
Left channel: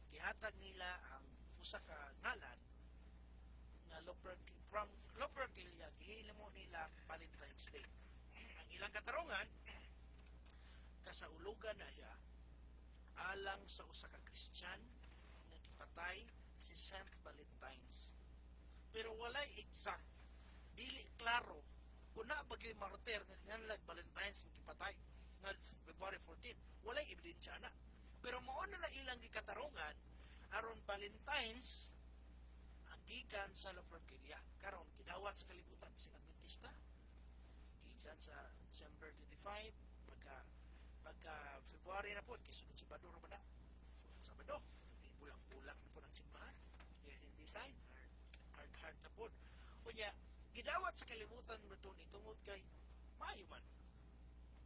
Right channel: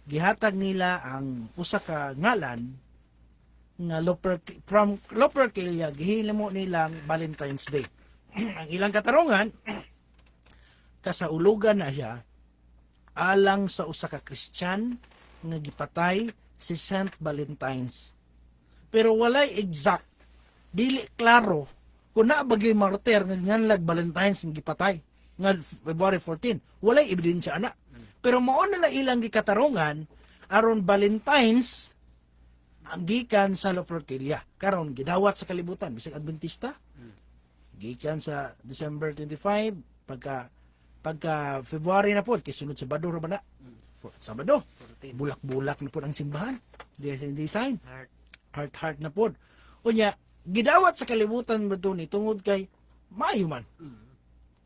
gihatag nila ang usa ka ngalan nga from Lupercalia, gihimo nilang Valentine's Day. Ang ilang katarungan, kasaulugan na siya alang sa usa ka Christian nga gipatay si Saint Valentine's. Pero walay exact, dili klaro kung na bagay martir nga nganlag Valentine's nga gipatay nga February 14. Walay ebidensya ana. Pero mao na ilang gikatarungan aron Valentine's ang gikan sa Lupercalia. Karon gidawat sa kalibutan bisag Adventista. Gikan sa December 25 pagka February na pod kay sunod Sabado ra ba na? Sabado. Bulak-bulak na pod ang simbahan. Design. Heart na pod. Unya gidawat sa kalibutan ba ni tungod kay maayo man.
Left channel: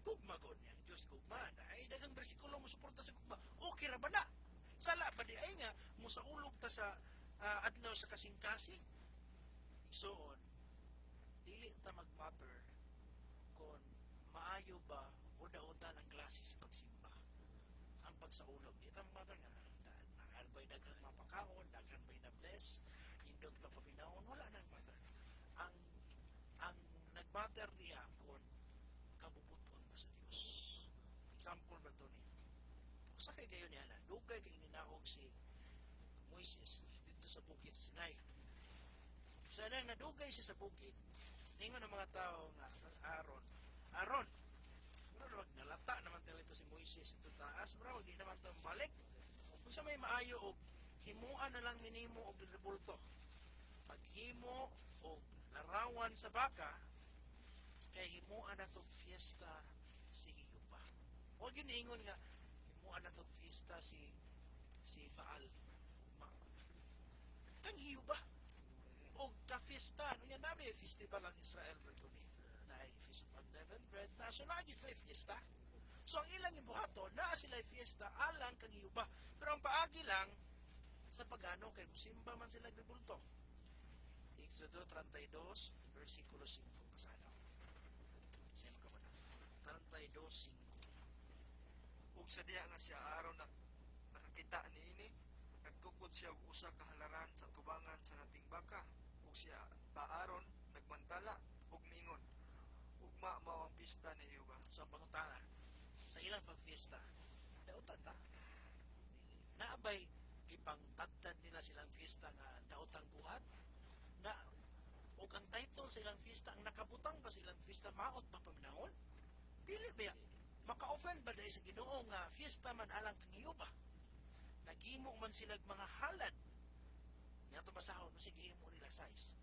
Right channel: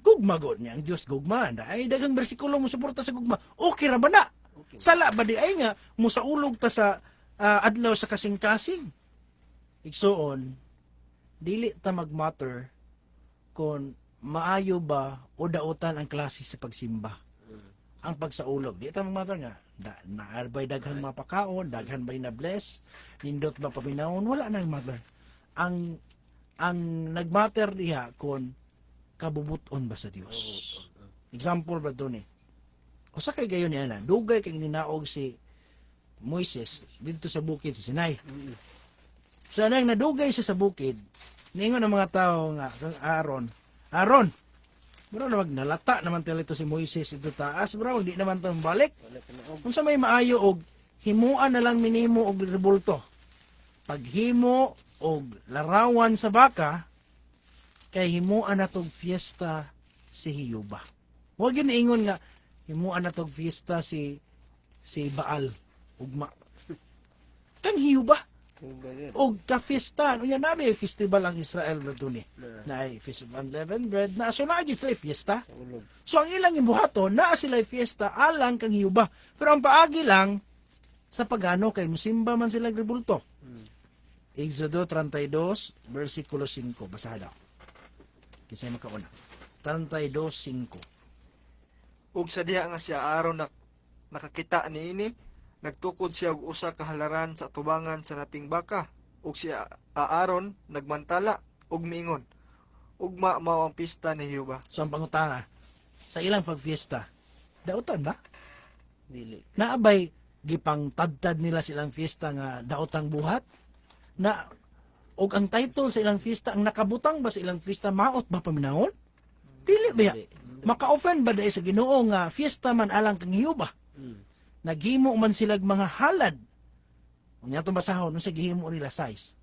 Gugma god niya ang Dios gugma. Ay daghang bersikulo mo suporta sa gugma. Okay ra ba na? Sala ba di ay nga musaulog ta sa adlaw sa kasing-kasing. Igsoon, dili ta magmatter kung maayo ba o dautan ang klase sa pagsimba. Ang pagsaulog, di ta magmatter nga. Naarbay daghang mapakaon, daghan ba'y na bless, nindot ba paminawon, wala nang matter. Ang nagmatter diha kung kabubuton ba sa Dios. Example ba doon usa kay gayon niya na, dugay kay ninaog si Moises dito sa bukid sa Sinai. So nang nadugay siya sa bukid, ningon ang mga tao nga kang Aaron, bro na magnalata naman ito si Moises ito taas, bro, hindi naman to balik. Kung sa may maayo og himuan na lang minimo og rebulto. Paghimo og larawan sa baka, kay himuan na tong fiesta si Hiyuba. Huwag yun ingon nga, himuan na tong fiesta si Baal, ugma. Kang Hiyuba, og ka-fiesta. Unya nabi festival ang Israel Bretuni. Na ay festival of unleavened bread na so naa gyud sila fiesta. So ang ilang gibuhaton naa sila fiesta alang kang hiyuba. Pero ang paagi lang sa pagano kay musimba man sila rebulto. Exodo 32 versikulo 5 basaha daw. Kisay makauna. 32:5. Ug sa diha nga siya Aaron nakakita niini, nagtukod siya og usa ka halaran sa tubangan sa nating baka. Ug si Aaron nagmantala ug miingon, ugma mao ang pista ni Jehova. So ang pangutana sa ilang pagfiesta, dautan ba? Dili. Naabay gipang tadtad nila silang fiesta nga daotang buhat na og ang title sa ilang fiesta ang nakabutang ba sa ilang fiesta maot ba paminahon? Dili ba? Maka-offend ba dahil sa Ginoo nga fiesta man alang kang hiyuba? Naghimo man sila mga halad. Unya to basahon no sa gihimo nila size.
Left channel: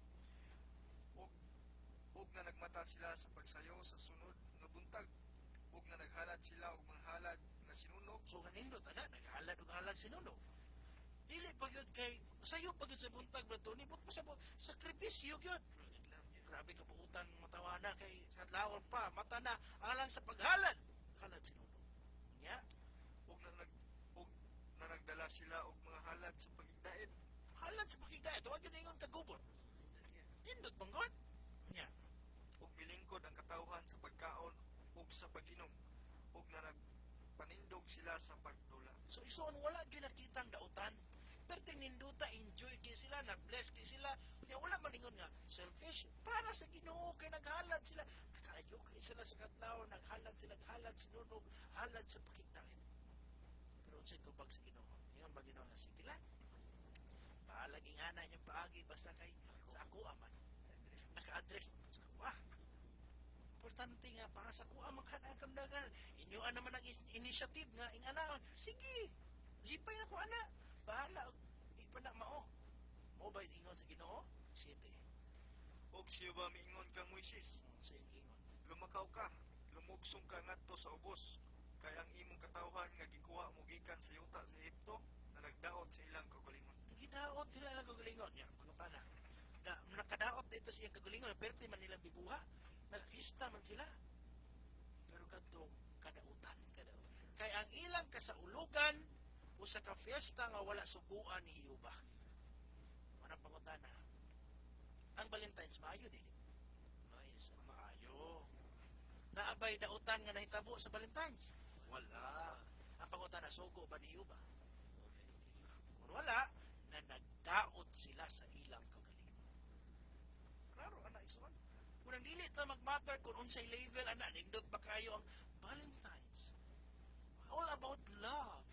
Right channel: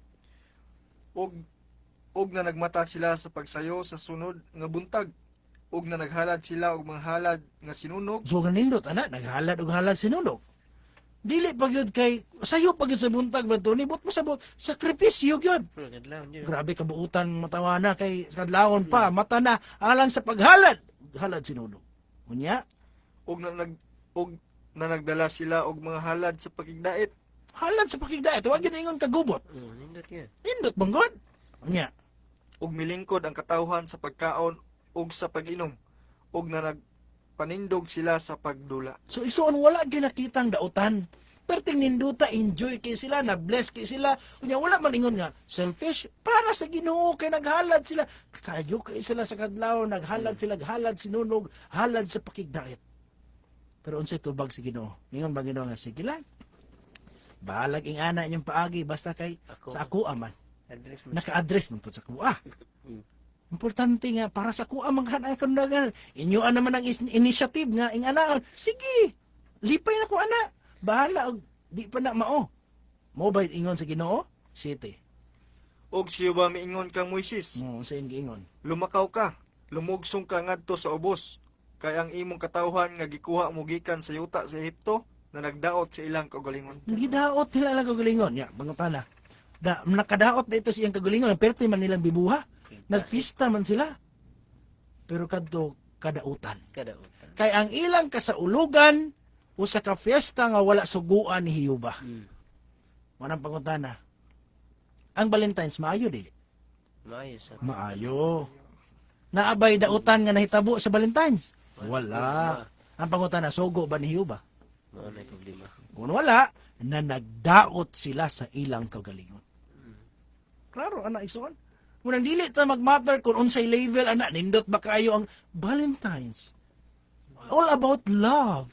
Og na nagmata sila sa pagsayo sa sunod nga buntag. Og na naghalad sila og mga halad nga sinunog. So ganindot ana naghalad og halad sinunog. Dili pa gyud kay sayo pa gyud sa buntag ba to nibot mo sa sakripisyo gyud. Grabe kabuutan matawana kay kadlawon pa mata na alang sa paghalad halad sinunog. Unya Og na nagdala sila og mga halad sa pagigdait. halad sa pakigdait wa gyud ingon kagubot. Nindot yan. Indot banggod. Unya Og milingkod ang katawhan sa pagkaon ug sa pag-inom. Og na nagpanindog sila sa pagdula. so isuon wala gyud nakitang dautan. Perting ninduta enjoy kay sila na bless kay sila. Unya wala man ingon nga selfish para sa Ginoo kay naghalad sila. Sayo kay sila sa kadlaw naghalad sila halad sinunog halad sa pakigdait. Pero unsay tubag si Ginoo? Ingon ba Ginoo nga sige lang. Balag ing ana inyong paagi basta kay sa ako aman. Address mo. Naka-address man po sa kuha. Importante nga para sa kuha manghanay kandagan. Inyo naman ang initiative nga ing ana. Sige. Lipay na ko ana. Bahala og di pa na mao. Mobile ingon sa Ginoo. City. Og si Jehova miingon kang Moises, Sa ingon. lumakaw ka, lumugsong ka ngadto sa ubos. Kay ang imong katawhan nga gikuha mo gikan sa yuta sa Ehipto na nagdaot sa ilang kaugalingon. Gidaot nila lang kagalingon. Ya, bangutana. Nakadaot na ito siyang kagalingon. Pero man nilang bibuha. Nagfista man sila. Pero kadto kadautan. Kadautan. Kay ang ilang kasaulugan usa ka fiesta nga wala suguan ni Hiyuba. Manang pangutana. Ang Valentine's maayo dili. Maayo sa. Maayo. Naabay dautan nga nahitabo sa Valentine's. Wala. Ang pangutana sugo ba ni Hiyuba? Mao na problema. Kung wala, na nagdaot sila sa ilang kagalingon. Klaro, ana isuon. Munang dili ta magmatter kung unsay level ana nindot ba kayo ang Valentine's. All about love.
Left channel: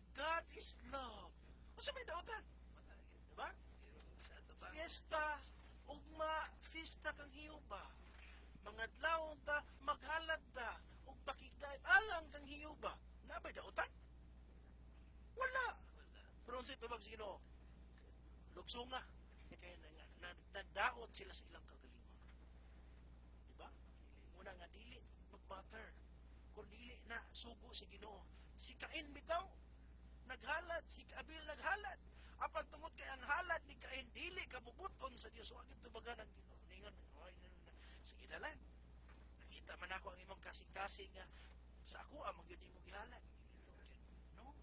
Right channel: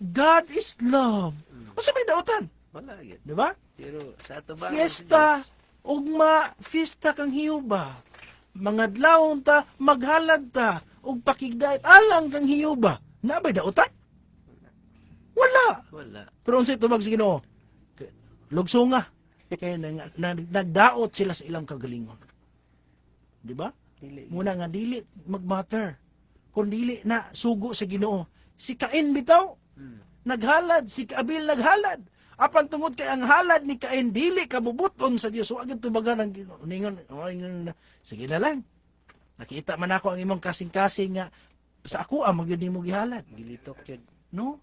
God is love. Unsa may daotan? Wala gyud. Di ba? Pero sa ato ba? Fiesta, ugma, fiesta kang hiyuba. Mga adlawon ta, maghalad ta, ug pakigdait alang kang hiyuba. Nabay daotan? Wala. Wala. Pero unsay tubag sa Ginoo? Lugsunga. Kaya nagdaot sila sa ilang kagalingon. Di ba? Dili. Muna nga dili magmatter. Kung dili na sugo sa Ginoo. Si Cain bitaw naghalad, si Abil naghalad. Apan tungod kay ang halad ni Cain dili kabubuton sa Dios. Wa gyud tubagan ang Ginoo. Ningon, sige na lang. Nakita man ako ang imong kasing-kasing nga sa ako ang magyud nimo gihalad. Gilitok yun. No?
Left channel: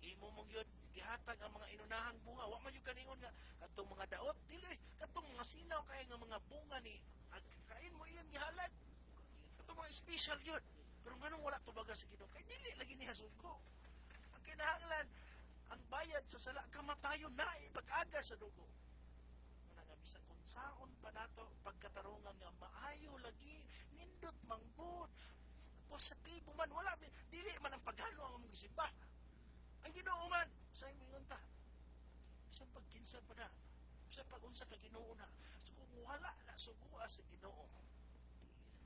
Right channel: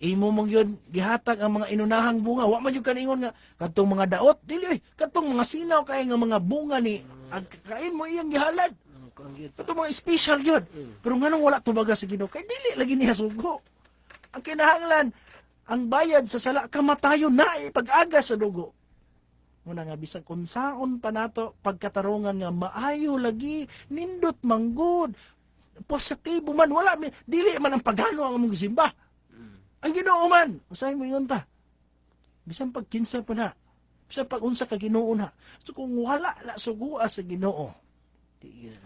Imo mong yun gihatag ang mga inunahang bunga. Wa man yun kaningon nga kadtong mga daot dili kadtong mga sinaw kay nga mga bunga ni Cain mo iyang gihalad. Kuang gyud. Ito mga special yun. Pero nganong wala tubaga sa Ginoo kay dili lagi niya sugo. Ang kinahanglan ang bayad sa sala kamatayon na pag-aga sa dugo. Muna nga bisag unsaon pa nato pagkatarungan nga maayo lagi nindot manggod positibo man wala dili man ang pagano ang among simba. Ang Ginoo man usay mo yun ta. Bisan pag kinsa pa na. Bisan pag unsa ka Ginoo na. So kung wala na sugua sa Ginoo.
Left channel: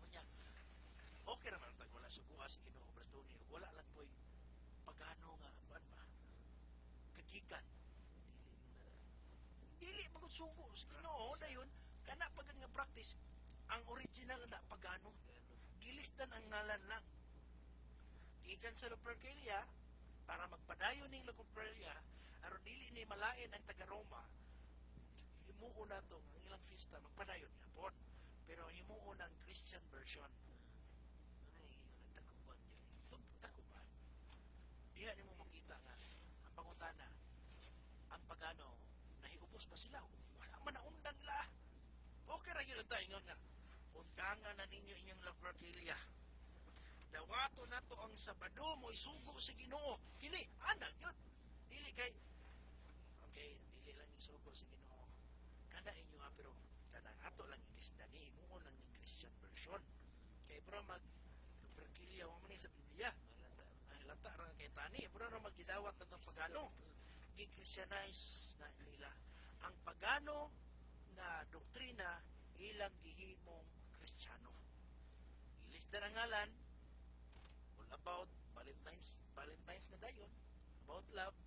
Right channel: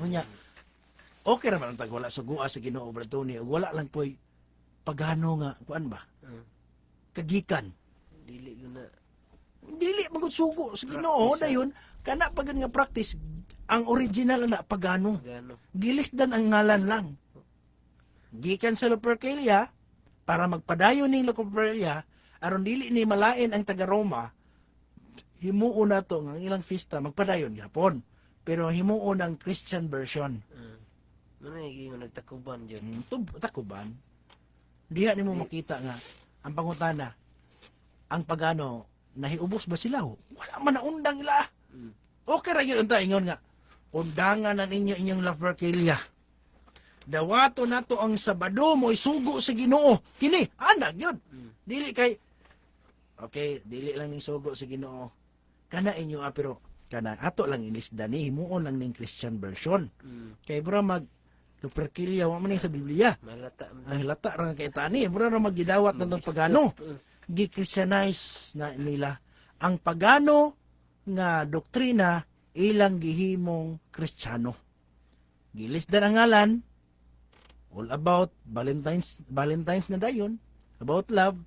Unya. Okay ra man ang tag wala sugua sa Ginoo Bratoni. Wala lang po'y pagano nga kuan ba? Kagikan. Dili yun na. Dili magud sugo sa Ginoo dayon kana pagad nga practice ang original na pagano. Gano. Gilisdan ang ngalan lang. Gikan sa Lupercalia para magpadayon ning Lupercalia aron dili ni malain ang taga Roma. himuon na to ang ilang fiesta magpadayon gyapon. Pero himuon ang Christian version. Ano yung nagtakuban dyan? Takuban. Diha nimo makita nga ang pangutana, ang pagano nahiubos ba sila? Wala man na undang ila. Okay ra yun ta ingon nga. Undangan na ninyo inyong laperkilya. Dawato na to ang Sabado mo isugo sa Ginoo. Kini, anak yun. Dili kay okay, dili lang ning sugo sa Ginoo. Kana inyo pero kana ato lang ilisda ni himuon lang ning Christian version. Kay bro mag laperkilya wa man ni sa Biblia. Malata. Ang hilata ra kay tani, bro ra magidawat na tong pagano. Gi-Christianize na nila ang pagano nga doktrina ilang gihimong Kristiyano. Gilisdan ang ngalan all about Valentine's na dayon, about love,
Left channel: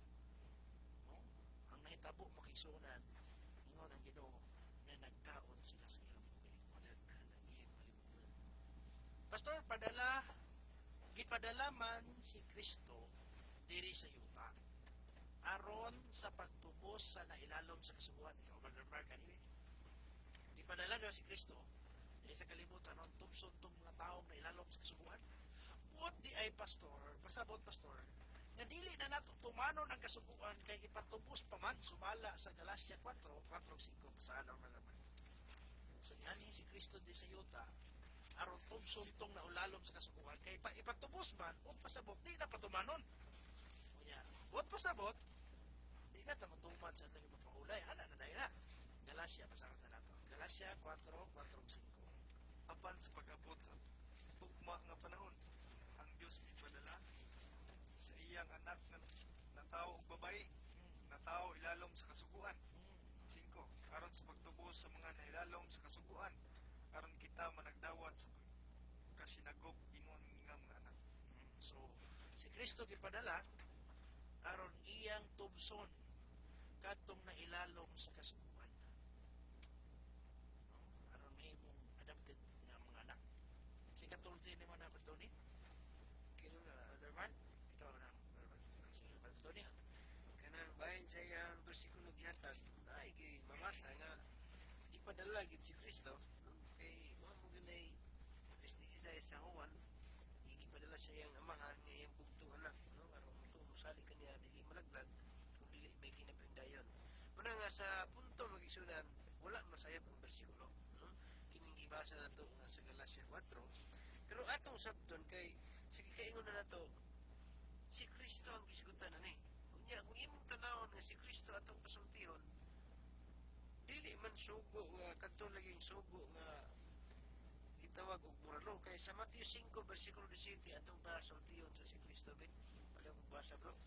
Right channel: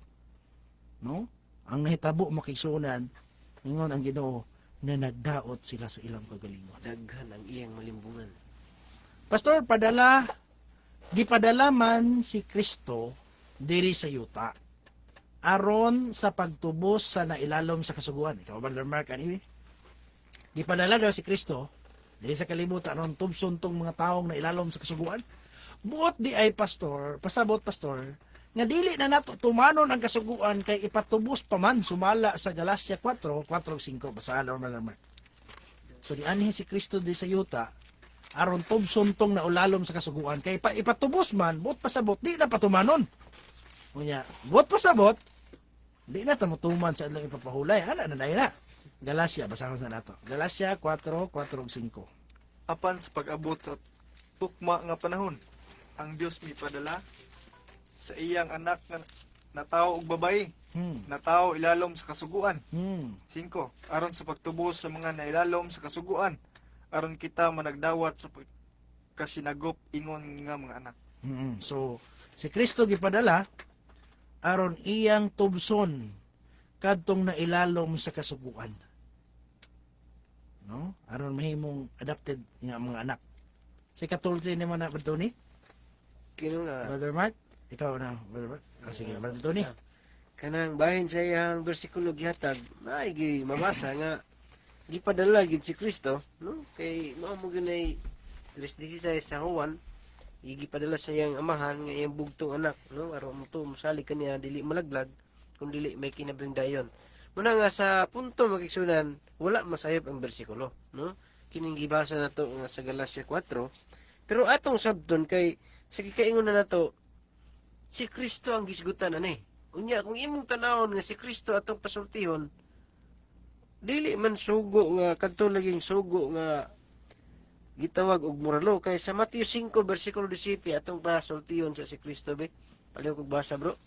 no? Ang nahitabo makisunan ingon ang Ginoo na nagdaot sila sa ilang kagalingon. Daghan ang iyang malimbungan. Pastor, gipadala man si Kristo diri sa yuta aron sa pagtubos sa nailalom sa kasuguan. Ikaw, Brother Mark, anyway? Gipadala daw si Kristo diri sa kalibutan aron tubson tong mga taong nailalom sa kasuguan. Buot di ay pastor, pasabot pastor, nga dili na nato tumanon ang kasuguan kay ipatubos pa man sumala sa Galacia 4:4-5 basahan Brother Mark. So di anhi si Kristo di sa yuta aron tubson tong naulalom sa kasuguan kay ipatubos man buot pasabot di na patumanon. Unya, buot pasabot di na ta motuman sa ilang ipapahulay. Ana na na. Galacia basahan na nato. Galacia 4:4-5. Apan sa pag-abot sa tukma nga panahon, ang Dios mipadala sa iyang anak nga natao og babayi, natao ilalom sa kasuguan. 5. Aron sa pagtubos sa mga nailalom sa kasuguan, aron kita managdawat sa kasinagop ingon nga mga anak. So, si Kristo gipadala aron iyang tubson kadtong nailalom sa kasuguan. No? Aron mahimong adopted nga mga anak. Si katulti ni man na Brother Tony? Kino nga, Brother Mark? Ikaw na, Brother Mark? Sige, Brother Tony. kanang bahin sa iyang bersikulo gihatag, ay mabasa nga, gipadala gyud si Kristo, no? Kay mao mo ginay 3:16 sa Juan, gipadala sa iyang amahan nga iyang bugtong anak, no? Aron mo to musali kaniya dili malaglag kung dili may kinabringdayon. Muna nga sa punto makigsunan, wala masayop ang bersikulo, no? Kining gibasa nato nga sa Galacia 4. Pero atong sabton kay sa gikaingon na nato, si Kristo ang gisgutan ani. Unya kung imong tanawon nga si Kristo atong pasultihon, dili man sugo nga kadto laging sugo nga gitawag og moralo kay sa Mateo 5 bersikulo 17 atong pasultihon sa si Kristo be. Paliw kog basa bro.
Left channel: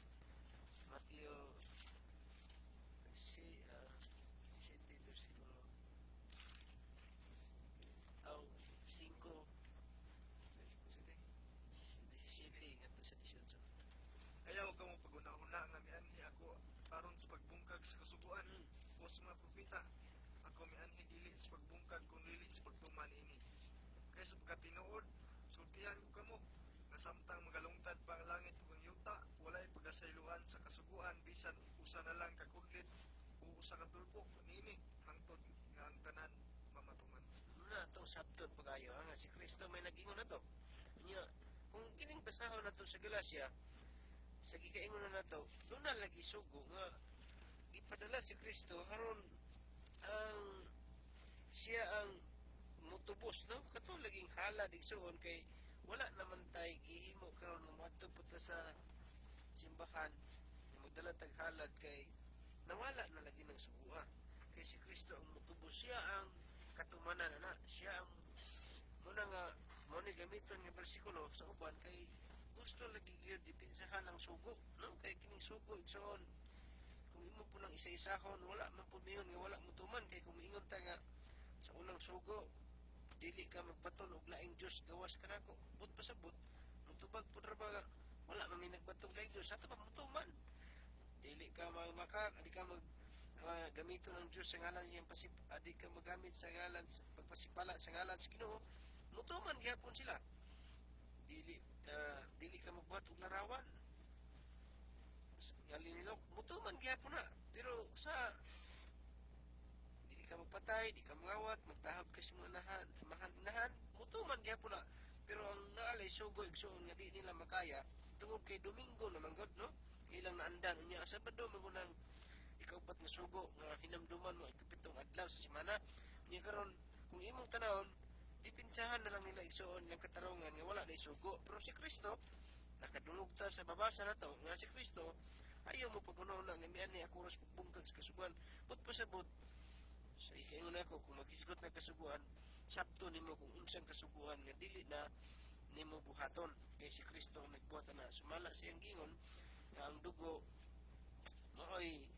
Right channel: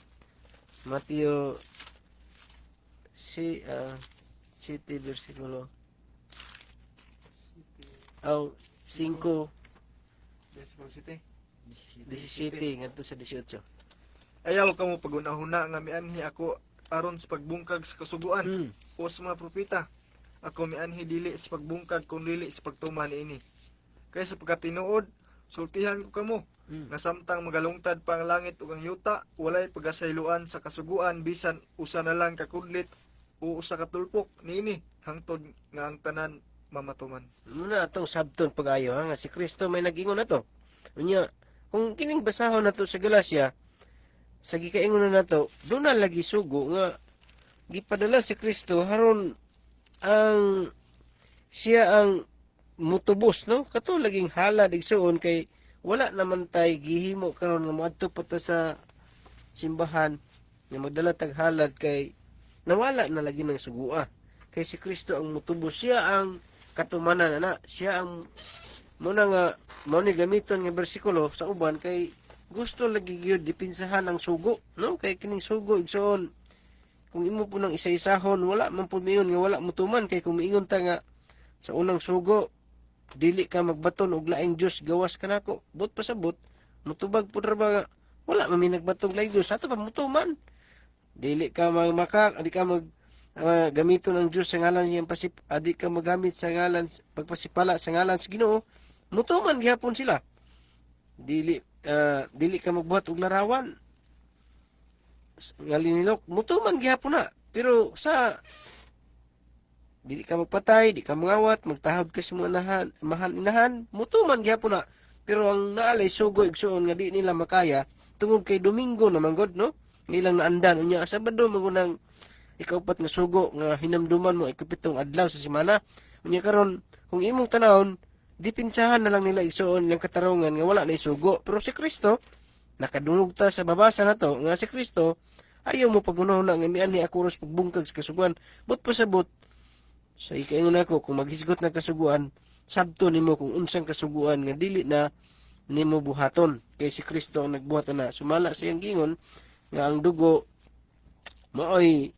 Mateo 7 bersikulo 5 17 ngadto sa 18. Ayaw ka mo pagunahuna nga mianhi ako aron sa pagbungkag sa kasuguan o sa mga propeta. Ako mianhi dili sa pagbungkag kung dili sa pagtuman ini. Kaya sa pagkatinuod, sultihan ko kamo nga samtang magalungtad pa ang langit ug ang yuta, walay pagasayloan sa kasuguan bisan usa na lang kakudlit o usa ka tulpok niini hangtod nga ang tanan mamatuman. Muna atong sabton pag-ayo nga si Kristo may nag-ingon nato. Unya kung kining basahon nato sa Galacia, sa gikaingon na nato, doon na lagi sugo nga gipadala si Kristo haron ang siya ang mutubos, no? Kato laging halad igsuon kay wala naman tay gihimo karon nga moadto pa ta sa simbahan nga magdala tag halad kay nawala na lagi ng sugua. Kay si Kristo ang mutubos, siya ang katumanan ana, siya ang muna nga mao ni gamiton nga bersikulo sa uban kay gusto lagi gyud dipinsahan ang sugo, no? Kay kining sugo igsoon kung imo po nang isa-isahon wala man pud miingon nga wala mutuman kay kung miingon ta nga sa unang sugo dili ka magbaton og laing Dios gawas kanako but pasabot mutubag pud ra ba nga wala man mi nagbatong laing Dios ato pa mutuman dili ka magmakak adi ka mag gamiton ang Dios sa ngalan niyang adi ka magamit sa ngalan pagpasipala sa ngalan sa Ginoo mutuman gihapon sila dili ka magbuhat og larawan nga linilok mutuman gihapon na pero sa dili ka magpatay, di ka mangawat, magtahod ka sa mga inahan, mutuman gyapon na. Pero ang naalay sugo igsuon nga di nila makaya tungod kay Domingo naman god, no? Ilang naandan unya Sabado magunang ikaupat nga sugo nga hinamduman mo ikapitong adlaw sa semana. Unya karon kung imong tanawon, dipinsahan na lang nila igsuon ilang katarungan nga wala na isugo. Pero si Kristo nakadungog ta sa babasa na to nga si Kristo ayaw mo pagunahon na nga mian ni akuros pagbungkag sa kasuguan. But pasabot sa ikaingon ako kung maghisgot na kasuguan, sabto nimo kung unsang kasuguan nga dili na nimo buhaton. Kay si Kristo ang nagbuhat na sumala sa iyang gingon nga ang dugo maoy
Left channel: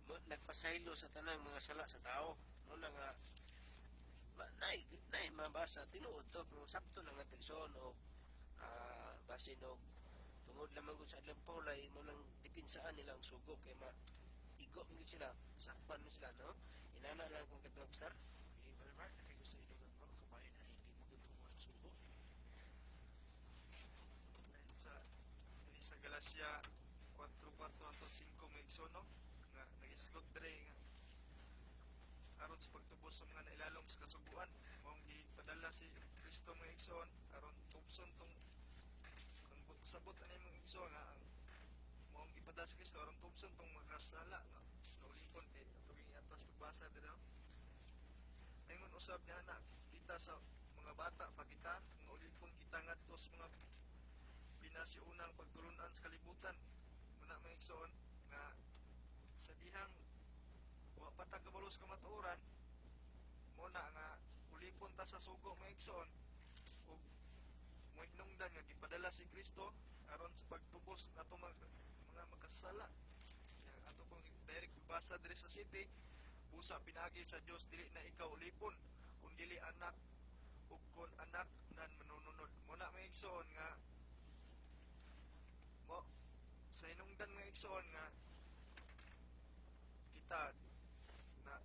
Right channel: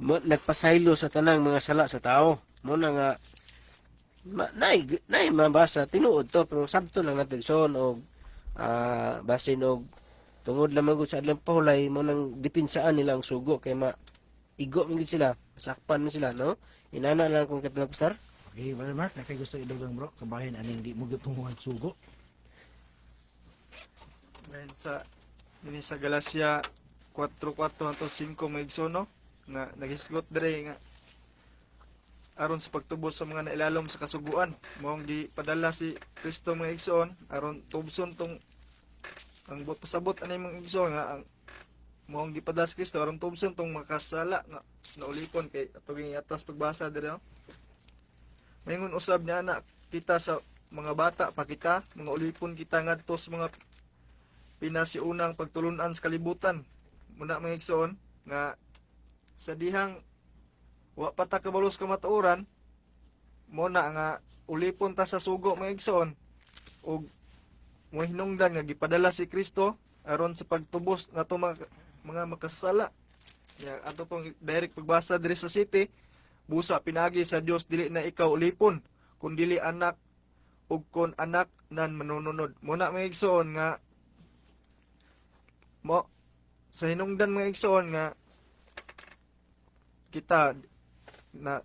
nagpasaylo sa tanang mga sala sa tao. Mo na nga nay mabasa tinuod to pero sabto lang natin son og basin og tungod lamang gud sa adlang pahulay mo nang dipinsaan nila ang sugo kay igo man gid sila, sakpan man sila, no? Inana lang kung katulad pastor. Okay, Brother Mark, nakay gusto idugang bro, kabahin aning di mo gitunguhan sugo. Ngayon sa Galacia 4:4 hangtod 5 maigsoon, no? Nga nagisgot dire nga aron sa pagtubos sa mga nailalom sa kasuguan, moong gipadala si Kristo mga igsoon aron tubson tong ang pasabot ani mga igsoon nga ang moong gipadala si Kristo aron tubson tong makasala nga naulipon kay atong atas pagbasa dire, no? Mayingon usab niya na kita sa mga bata pa kita, mga ulipon kita ngadto sa mga pinasiunang pagtulunan sa kalibutan. Muna mga igsoon nga sa dihang wa pa ta kabalos ka matuoran mo na nga ulipon ta sa sugo mga igsoon ug mo hinungdan nga gipadala si Kristo aron sa pagtubos nato mga makasala. Ya ato pong direct pagbasa diri sa city, busa pinagi sa Dios dili na ikaw ulipon kun dili anak ug kon anak nan manununod. Mo na mga igsoon nga mo sa hinungdan mga igsoon nga kita na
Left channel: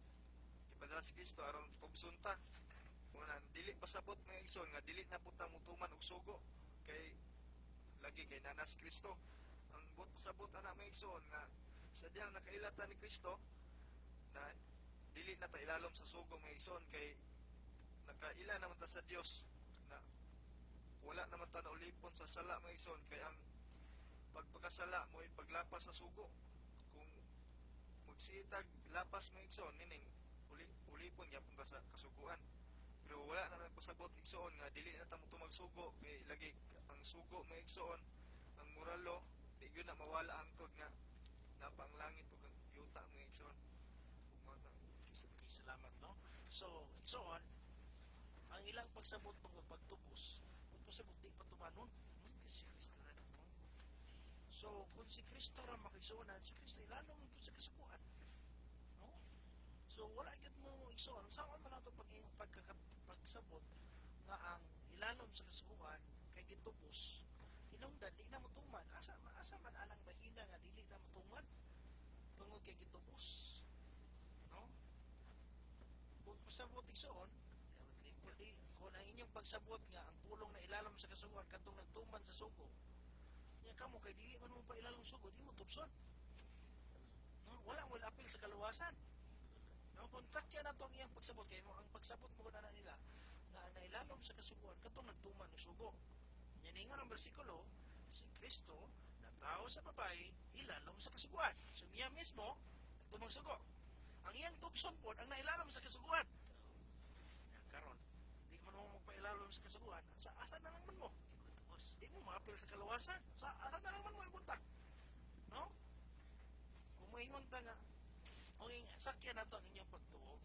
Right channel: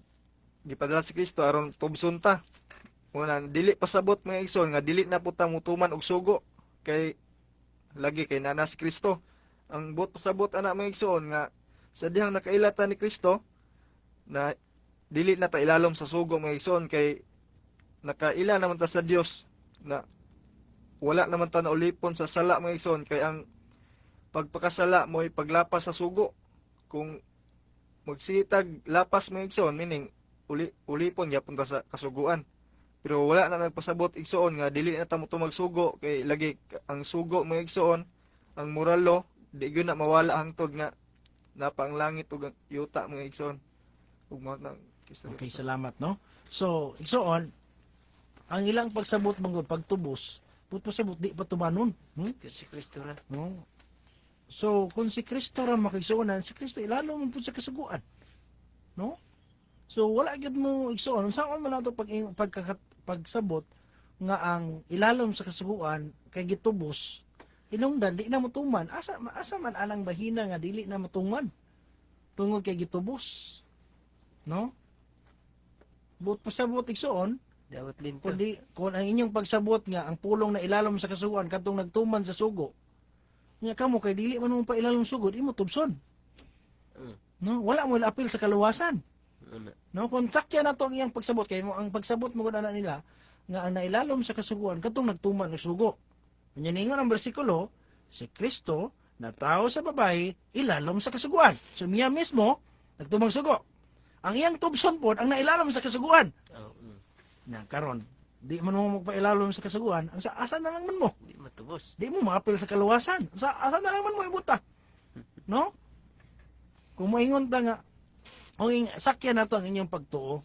gipadala si Kristo aron tubson ta. Muna dili pasabot mga igsoon nga dili na puta mutuman og sugo kay lagi kay nana si Kristo. Ang buot pasabot ana mga igsoon nga sa dihang nakailata ni Kristo na dili na ta ilalom sa sugo mga igsoon kay nakaila naman ta sa Dios na wala naman ta naulipon sa sala mga igsoon kay ang pagpakasala mo'y paglapas sa sugo. Kung magsitag lapas mga igsoon meaning ulipon gyapon ta sa kasuguan. Pero wala na nagpasabot igsoon nga dili na ta mo magsugo kay lagi ang sugo mga igsoon ang moralo di gyud na mawala hangtod nga napang langit ug yuta mga igsoon. Ug mo nang Okay, salamat, no? So, igsoon, ang ilang pagsabot mong pagtubos, pasabot di pa tumanon. Si Kristo ra. No? So, kung si Kristo ra makigsuonan, si Kristo ilalo mo po sa kasuguan. No? So, wala gyud mo igsuon. Saan man nato pagsabot nga ang ilalom sa kasuguan kay gitubos, inungdan di na motuman. Asa man anang bahina nga dili na motungan. Tungod kay gitubos. No? But pasabot igsuon, Dawat linta. kundi kung ang inyong pagsabot nga ang pulong na ilalom sa kasuguan kadtong nagtuman sa sugo. Nya kamo kay dili man mo pa ilalom sugod, imo tubson. No, wala mo apil sa kaluwasan. No, kung takya na to ang iyang pagsabot kay mo ang pagsabot mo gud nila nga ang nailalom sa kasuguan kadtong nagtuman og sugo. Nya ningon ang bersikulo, si Kristo na tao sa babae ilalom sa kasuguan. So miya mismo nagtumang sugo. Ang iyang tubson pod ang nailalom sa kasuguan. Na karon, di man mo magpailalom sa kasuguan, ang asa na lang man mo. Di matubos. Di mo maapil sa kaluwasan. Asa na lang man mo ibuta. No? Kung moingon ta nga, kung sakyan na to ang inyong pagtuo,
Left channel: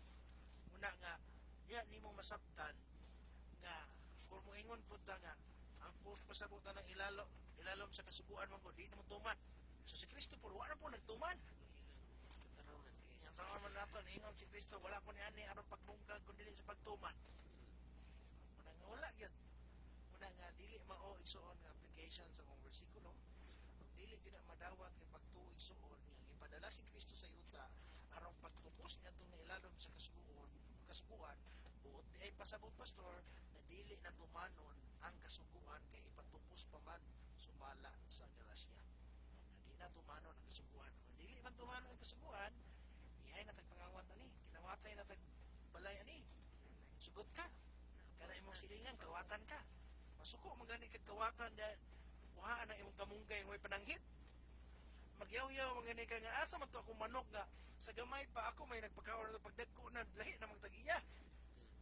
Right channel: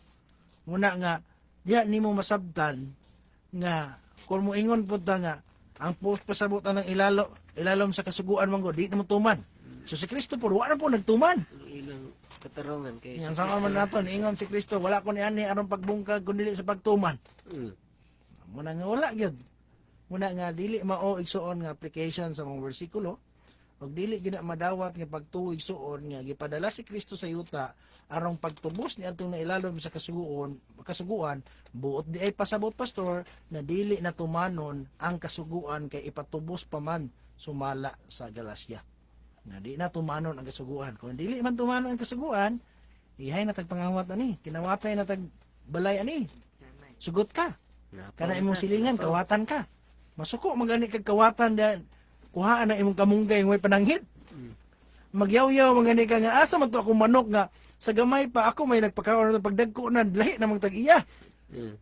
muna nga, diya ni mo masabtan nga, kung moingon po ta nga, ang pasabutan ng ilalom sa kasuguan manggo, di na mo tuman. So si Kristo po, wala po nagtuman. Ilang katarungan kay Yan sa man nato, ingon si Kristo, wala ko ni ani aron pagbungkag kundi sa pagtuman. Muna nga wala gyud. Muna nga dili mao igsuon nga application sa mga bersikulo. Ug dili gina madawat nga pagtuo igsuon nga gipadala si Kristo sa yuta aron pagtubos ni atong nailalom sa kasuguan buot di ay pasabot pastor na dili na tumanon ang kasuguan kay ipatubos pa man sumala sa Galacia. Na di na tumanon ang kasuguan. Kung dili man tumanon ang kasuguan, Ihay na tagpangawat ani, kinawatay na tag balay ani. Sugot ka. Kana imong silingan kawatan ka. Masuko magani kag kawatan da kuhaan na imong kamunggay way pananghid. Magyaw-yaw magani ka nga asa man to ako manok nga sa gamay pa ako may nagpakaon na pagdagko na lahi namang tag-iya.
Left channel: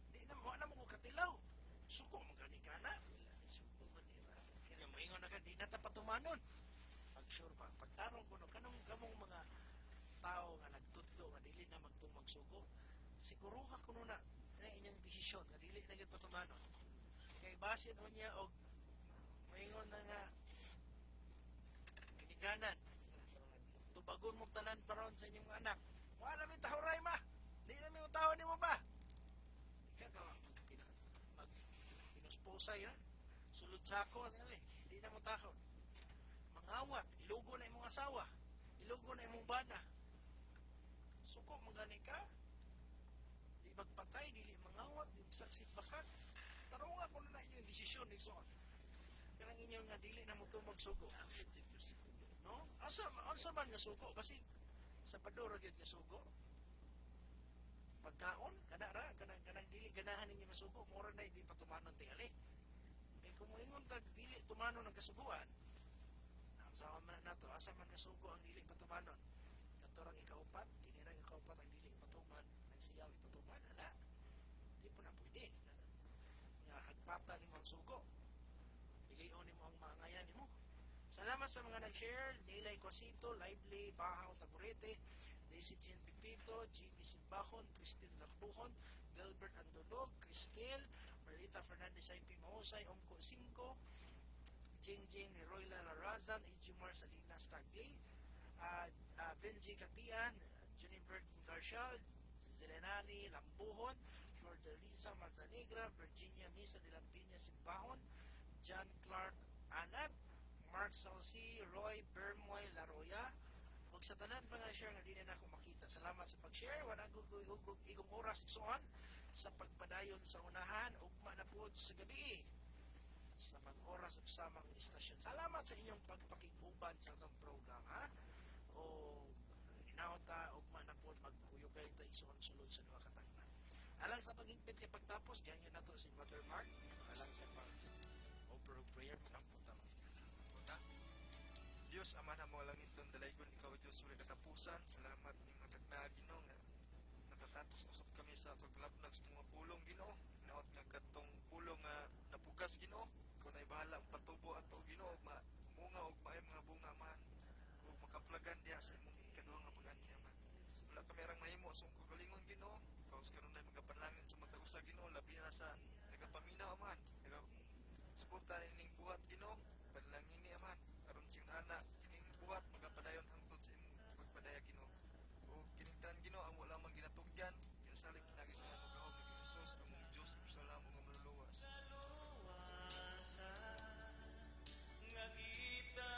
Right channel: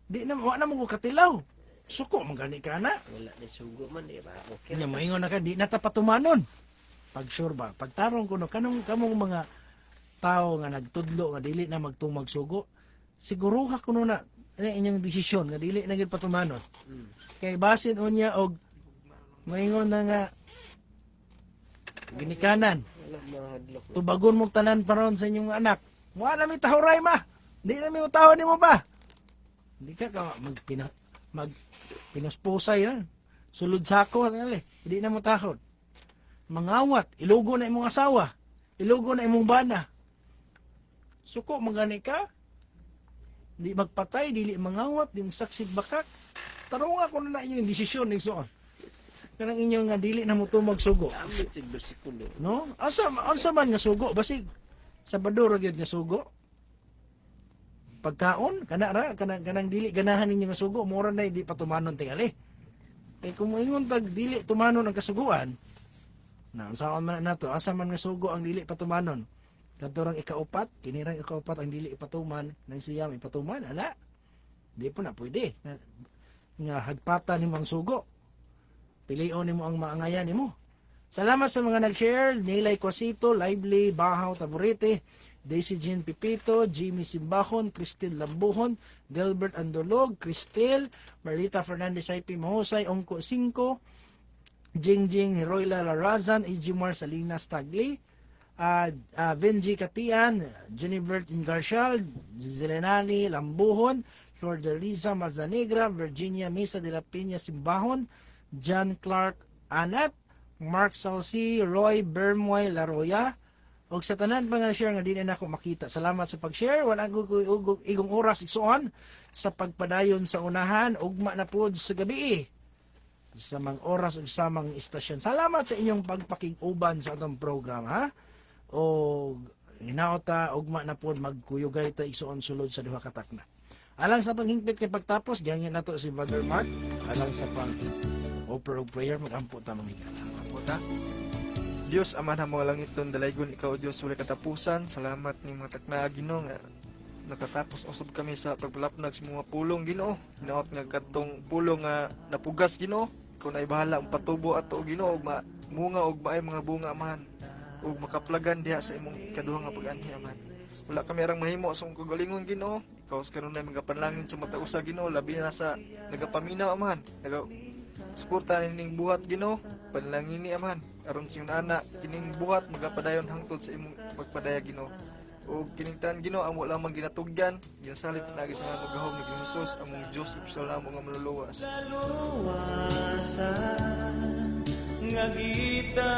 Di na wa na mo ko katilaw. Suko magani ka na. Wala ni sugo man di ba? Okay. Kanya moingon na ka di na ta patumanon. Pag sure ba, pagtarong kuno kanong kamong mga tao nga nagtudlo nga dili na magtumag sugo, siguruha kuno na inyong desisyon nga dili na gid patumanon. Kay basin unya og moingon na nga ginikanan. Wala mahadlok. Tubagon mo tanan paron sa inyong anak. Wala mi tahuray ma. Di na mi utaw nimo ba? Di ka mag pinaspusay na. Sulod sako ali. Di na mo tahod. Mangawat, ilugo na imong asawa. Ilugo na imong bana. Suko magani ka. Di magpatay, dili mangawat, di saksig bakak. Tarong ako na inyong desisyon ning suon. Kanang inyong nga dili na mo tumag sugo. Amit sa bersikulo. No? Asa man nga sugo basig Sabado ra gyud nga sugo. Pagkaon kanang dili ganahan ninyo nga sugo, mura na di patumanon tingali. Kay kung moingon tag dili tumanon ang kasuguan, na unsaon man nato, asa man nga sugo ang dili patumanon. Kadto rang ikaupat, kinirang ikaupat ang dili ipatuman, nang siyam ipatuman, ala. Di po na pwede. Nga hagpata nimo ang sugo. Pilion nimo ang maangayan nimo. Salamat sa mga nag-share, Nilay Cosito, Lively, Bahaw Taburete, Daisy Jean Pipito, Jimmy Simbahon, Cristel Lambuhon, Gilbert Andolog, Cristel, Marlita Fernandez IP Mahusay, Ongko 5, Jingjing Heroyla Larazan, Ejimar Salinas Tagli, Benji Katian, Jennifer Ingarcial, Zelenani Lambuhon, Flordeliza Marzanegra, Virginia Mesa de la Peña Simbahon, John Clark Anat, Mark Salsi, Roy Bermoy Laroya, og sa tanan pa nga share nga di na ako makita. Salamat sa pag-share. Wala ko igong oras igsuon sa pagpadayon sa unahan. Ugma na po sa gabi sa mga oras ug sa mga istasyon. Salamat sa inyong pagpakig-uban sa atong program, ha? O hinaota ugma na po magkuyugay ta igsuon sulod sa duha ka takna. Alang sa atong hingpit kay pagtapos, gihangin nato si Brother Mark. Alang sa pang offer of prayer, mag-ampo ta mamigala. Puta. Dios ama na mga langit don dalaygon ikaw Dios wala katapusan. Salamat ni mga takna Ginoo nga nakatapos usab kami sa pagpalapnag sa mga pulong Ginoo. Hinaot nga kadtong pulong nga napugas Ginoo. Ikaw na ibahala ang patubo ato Ginoo ug munga og maay mga bunga man ug makaplagan diha sa imong ikaduha nga pag-anhi man. Wala kami arang mahimo sa imong kagalingon Ginoo. Ikaw sa karon na mga panlangin sa matausa Ginoo labi na sa nagapaminaw man. Suporta ning buhat Ginoo. Panlangin ni aman aron sing anak kining buhat magapadayon hangtod sa imong pagpadaya Ginoo. O kiningtan Ginoo amo lamang ginatugyan, ginasalit pinagi sa nga magahom ni Jesus among Dios ug sa lamang nga manluluwas. Nga kita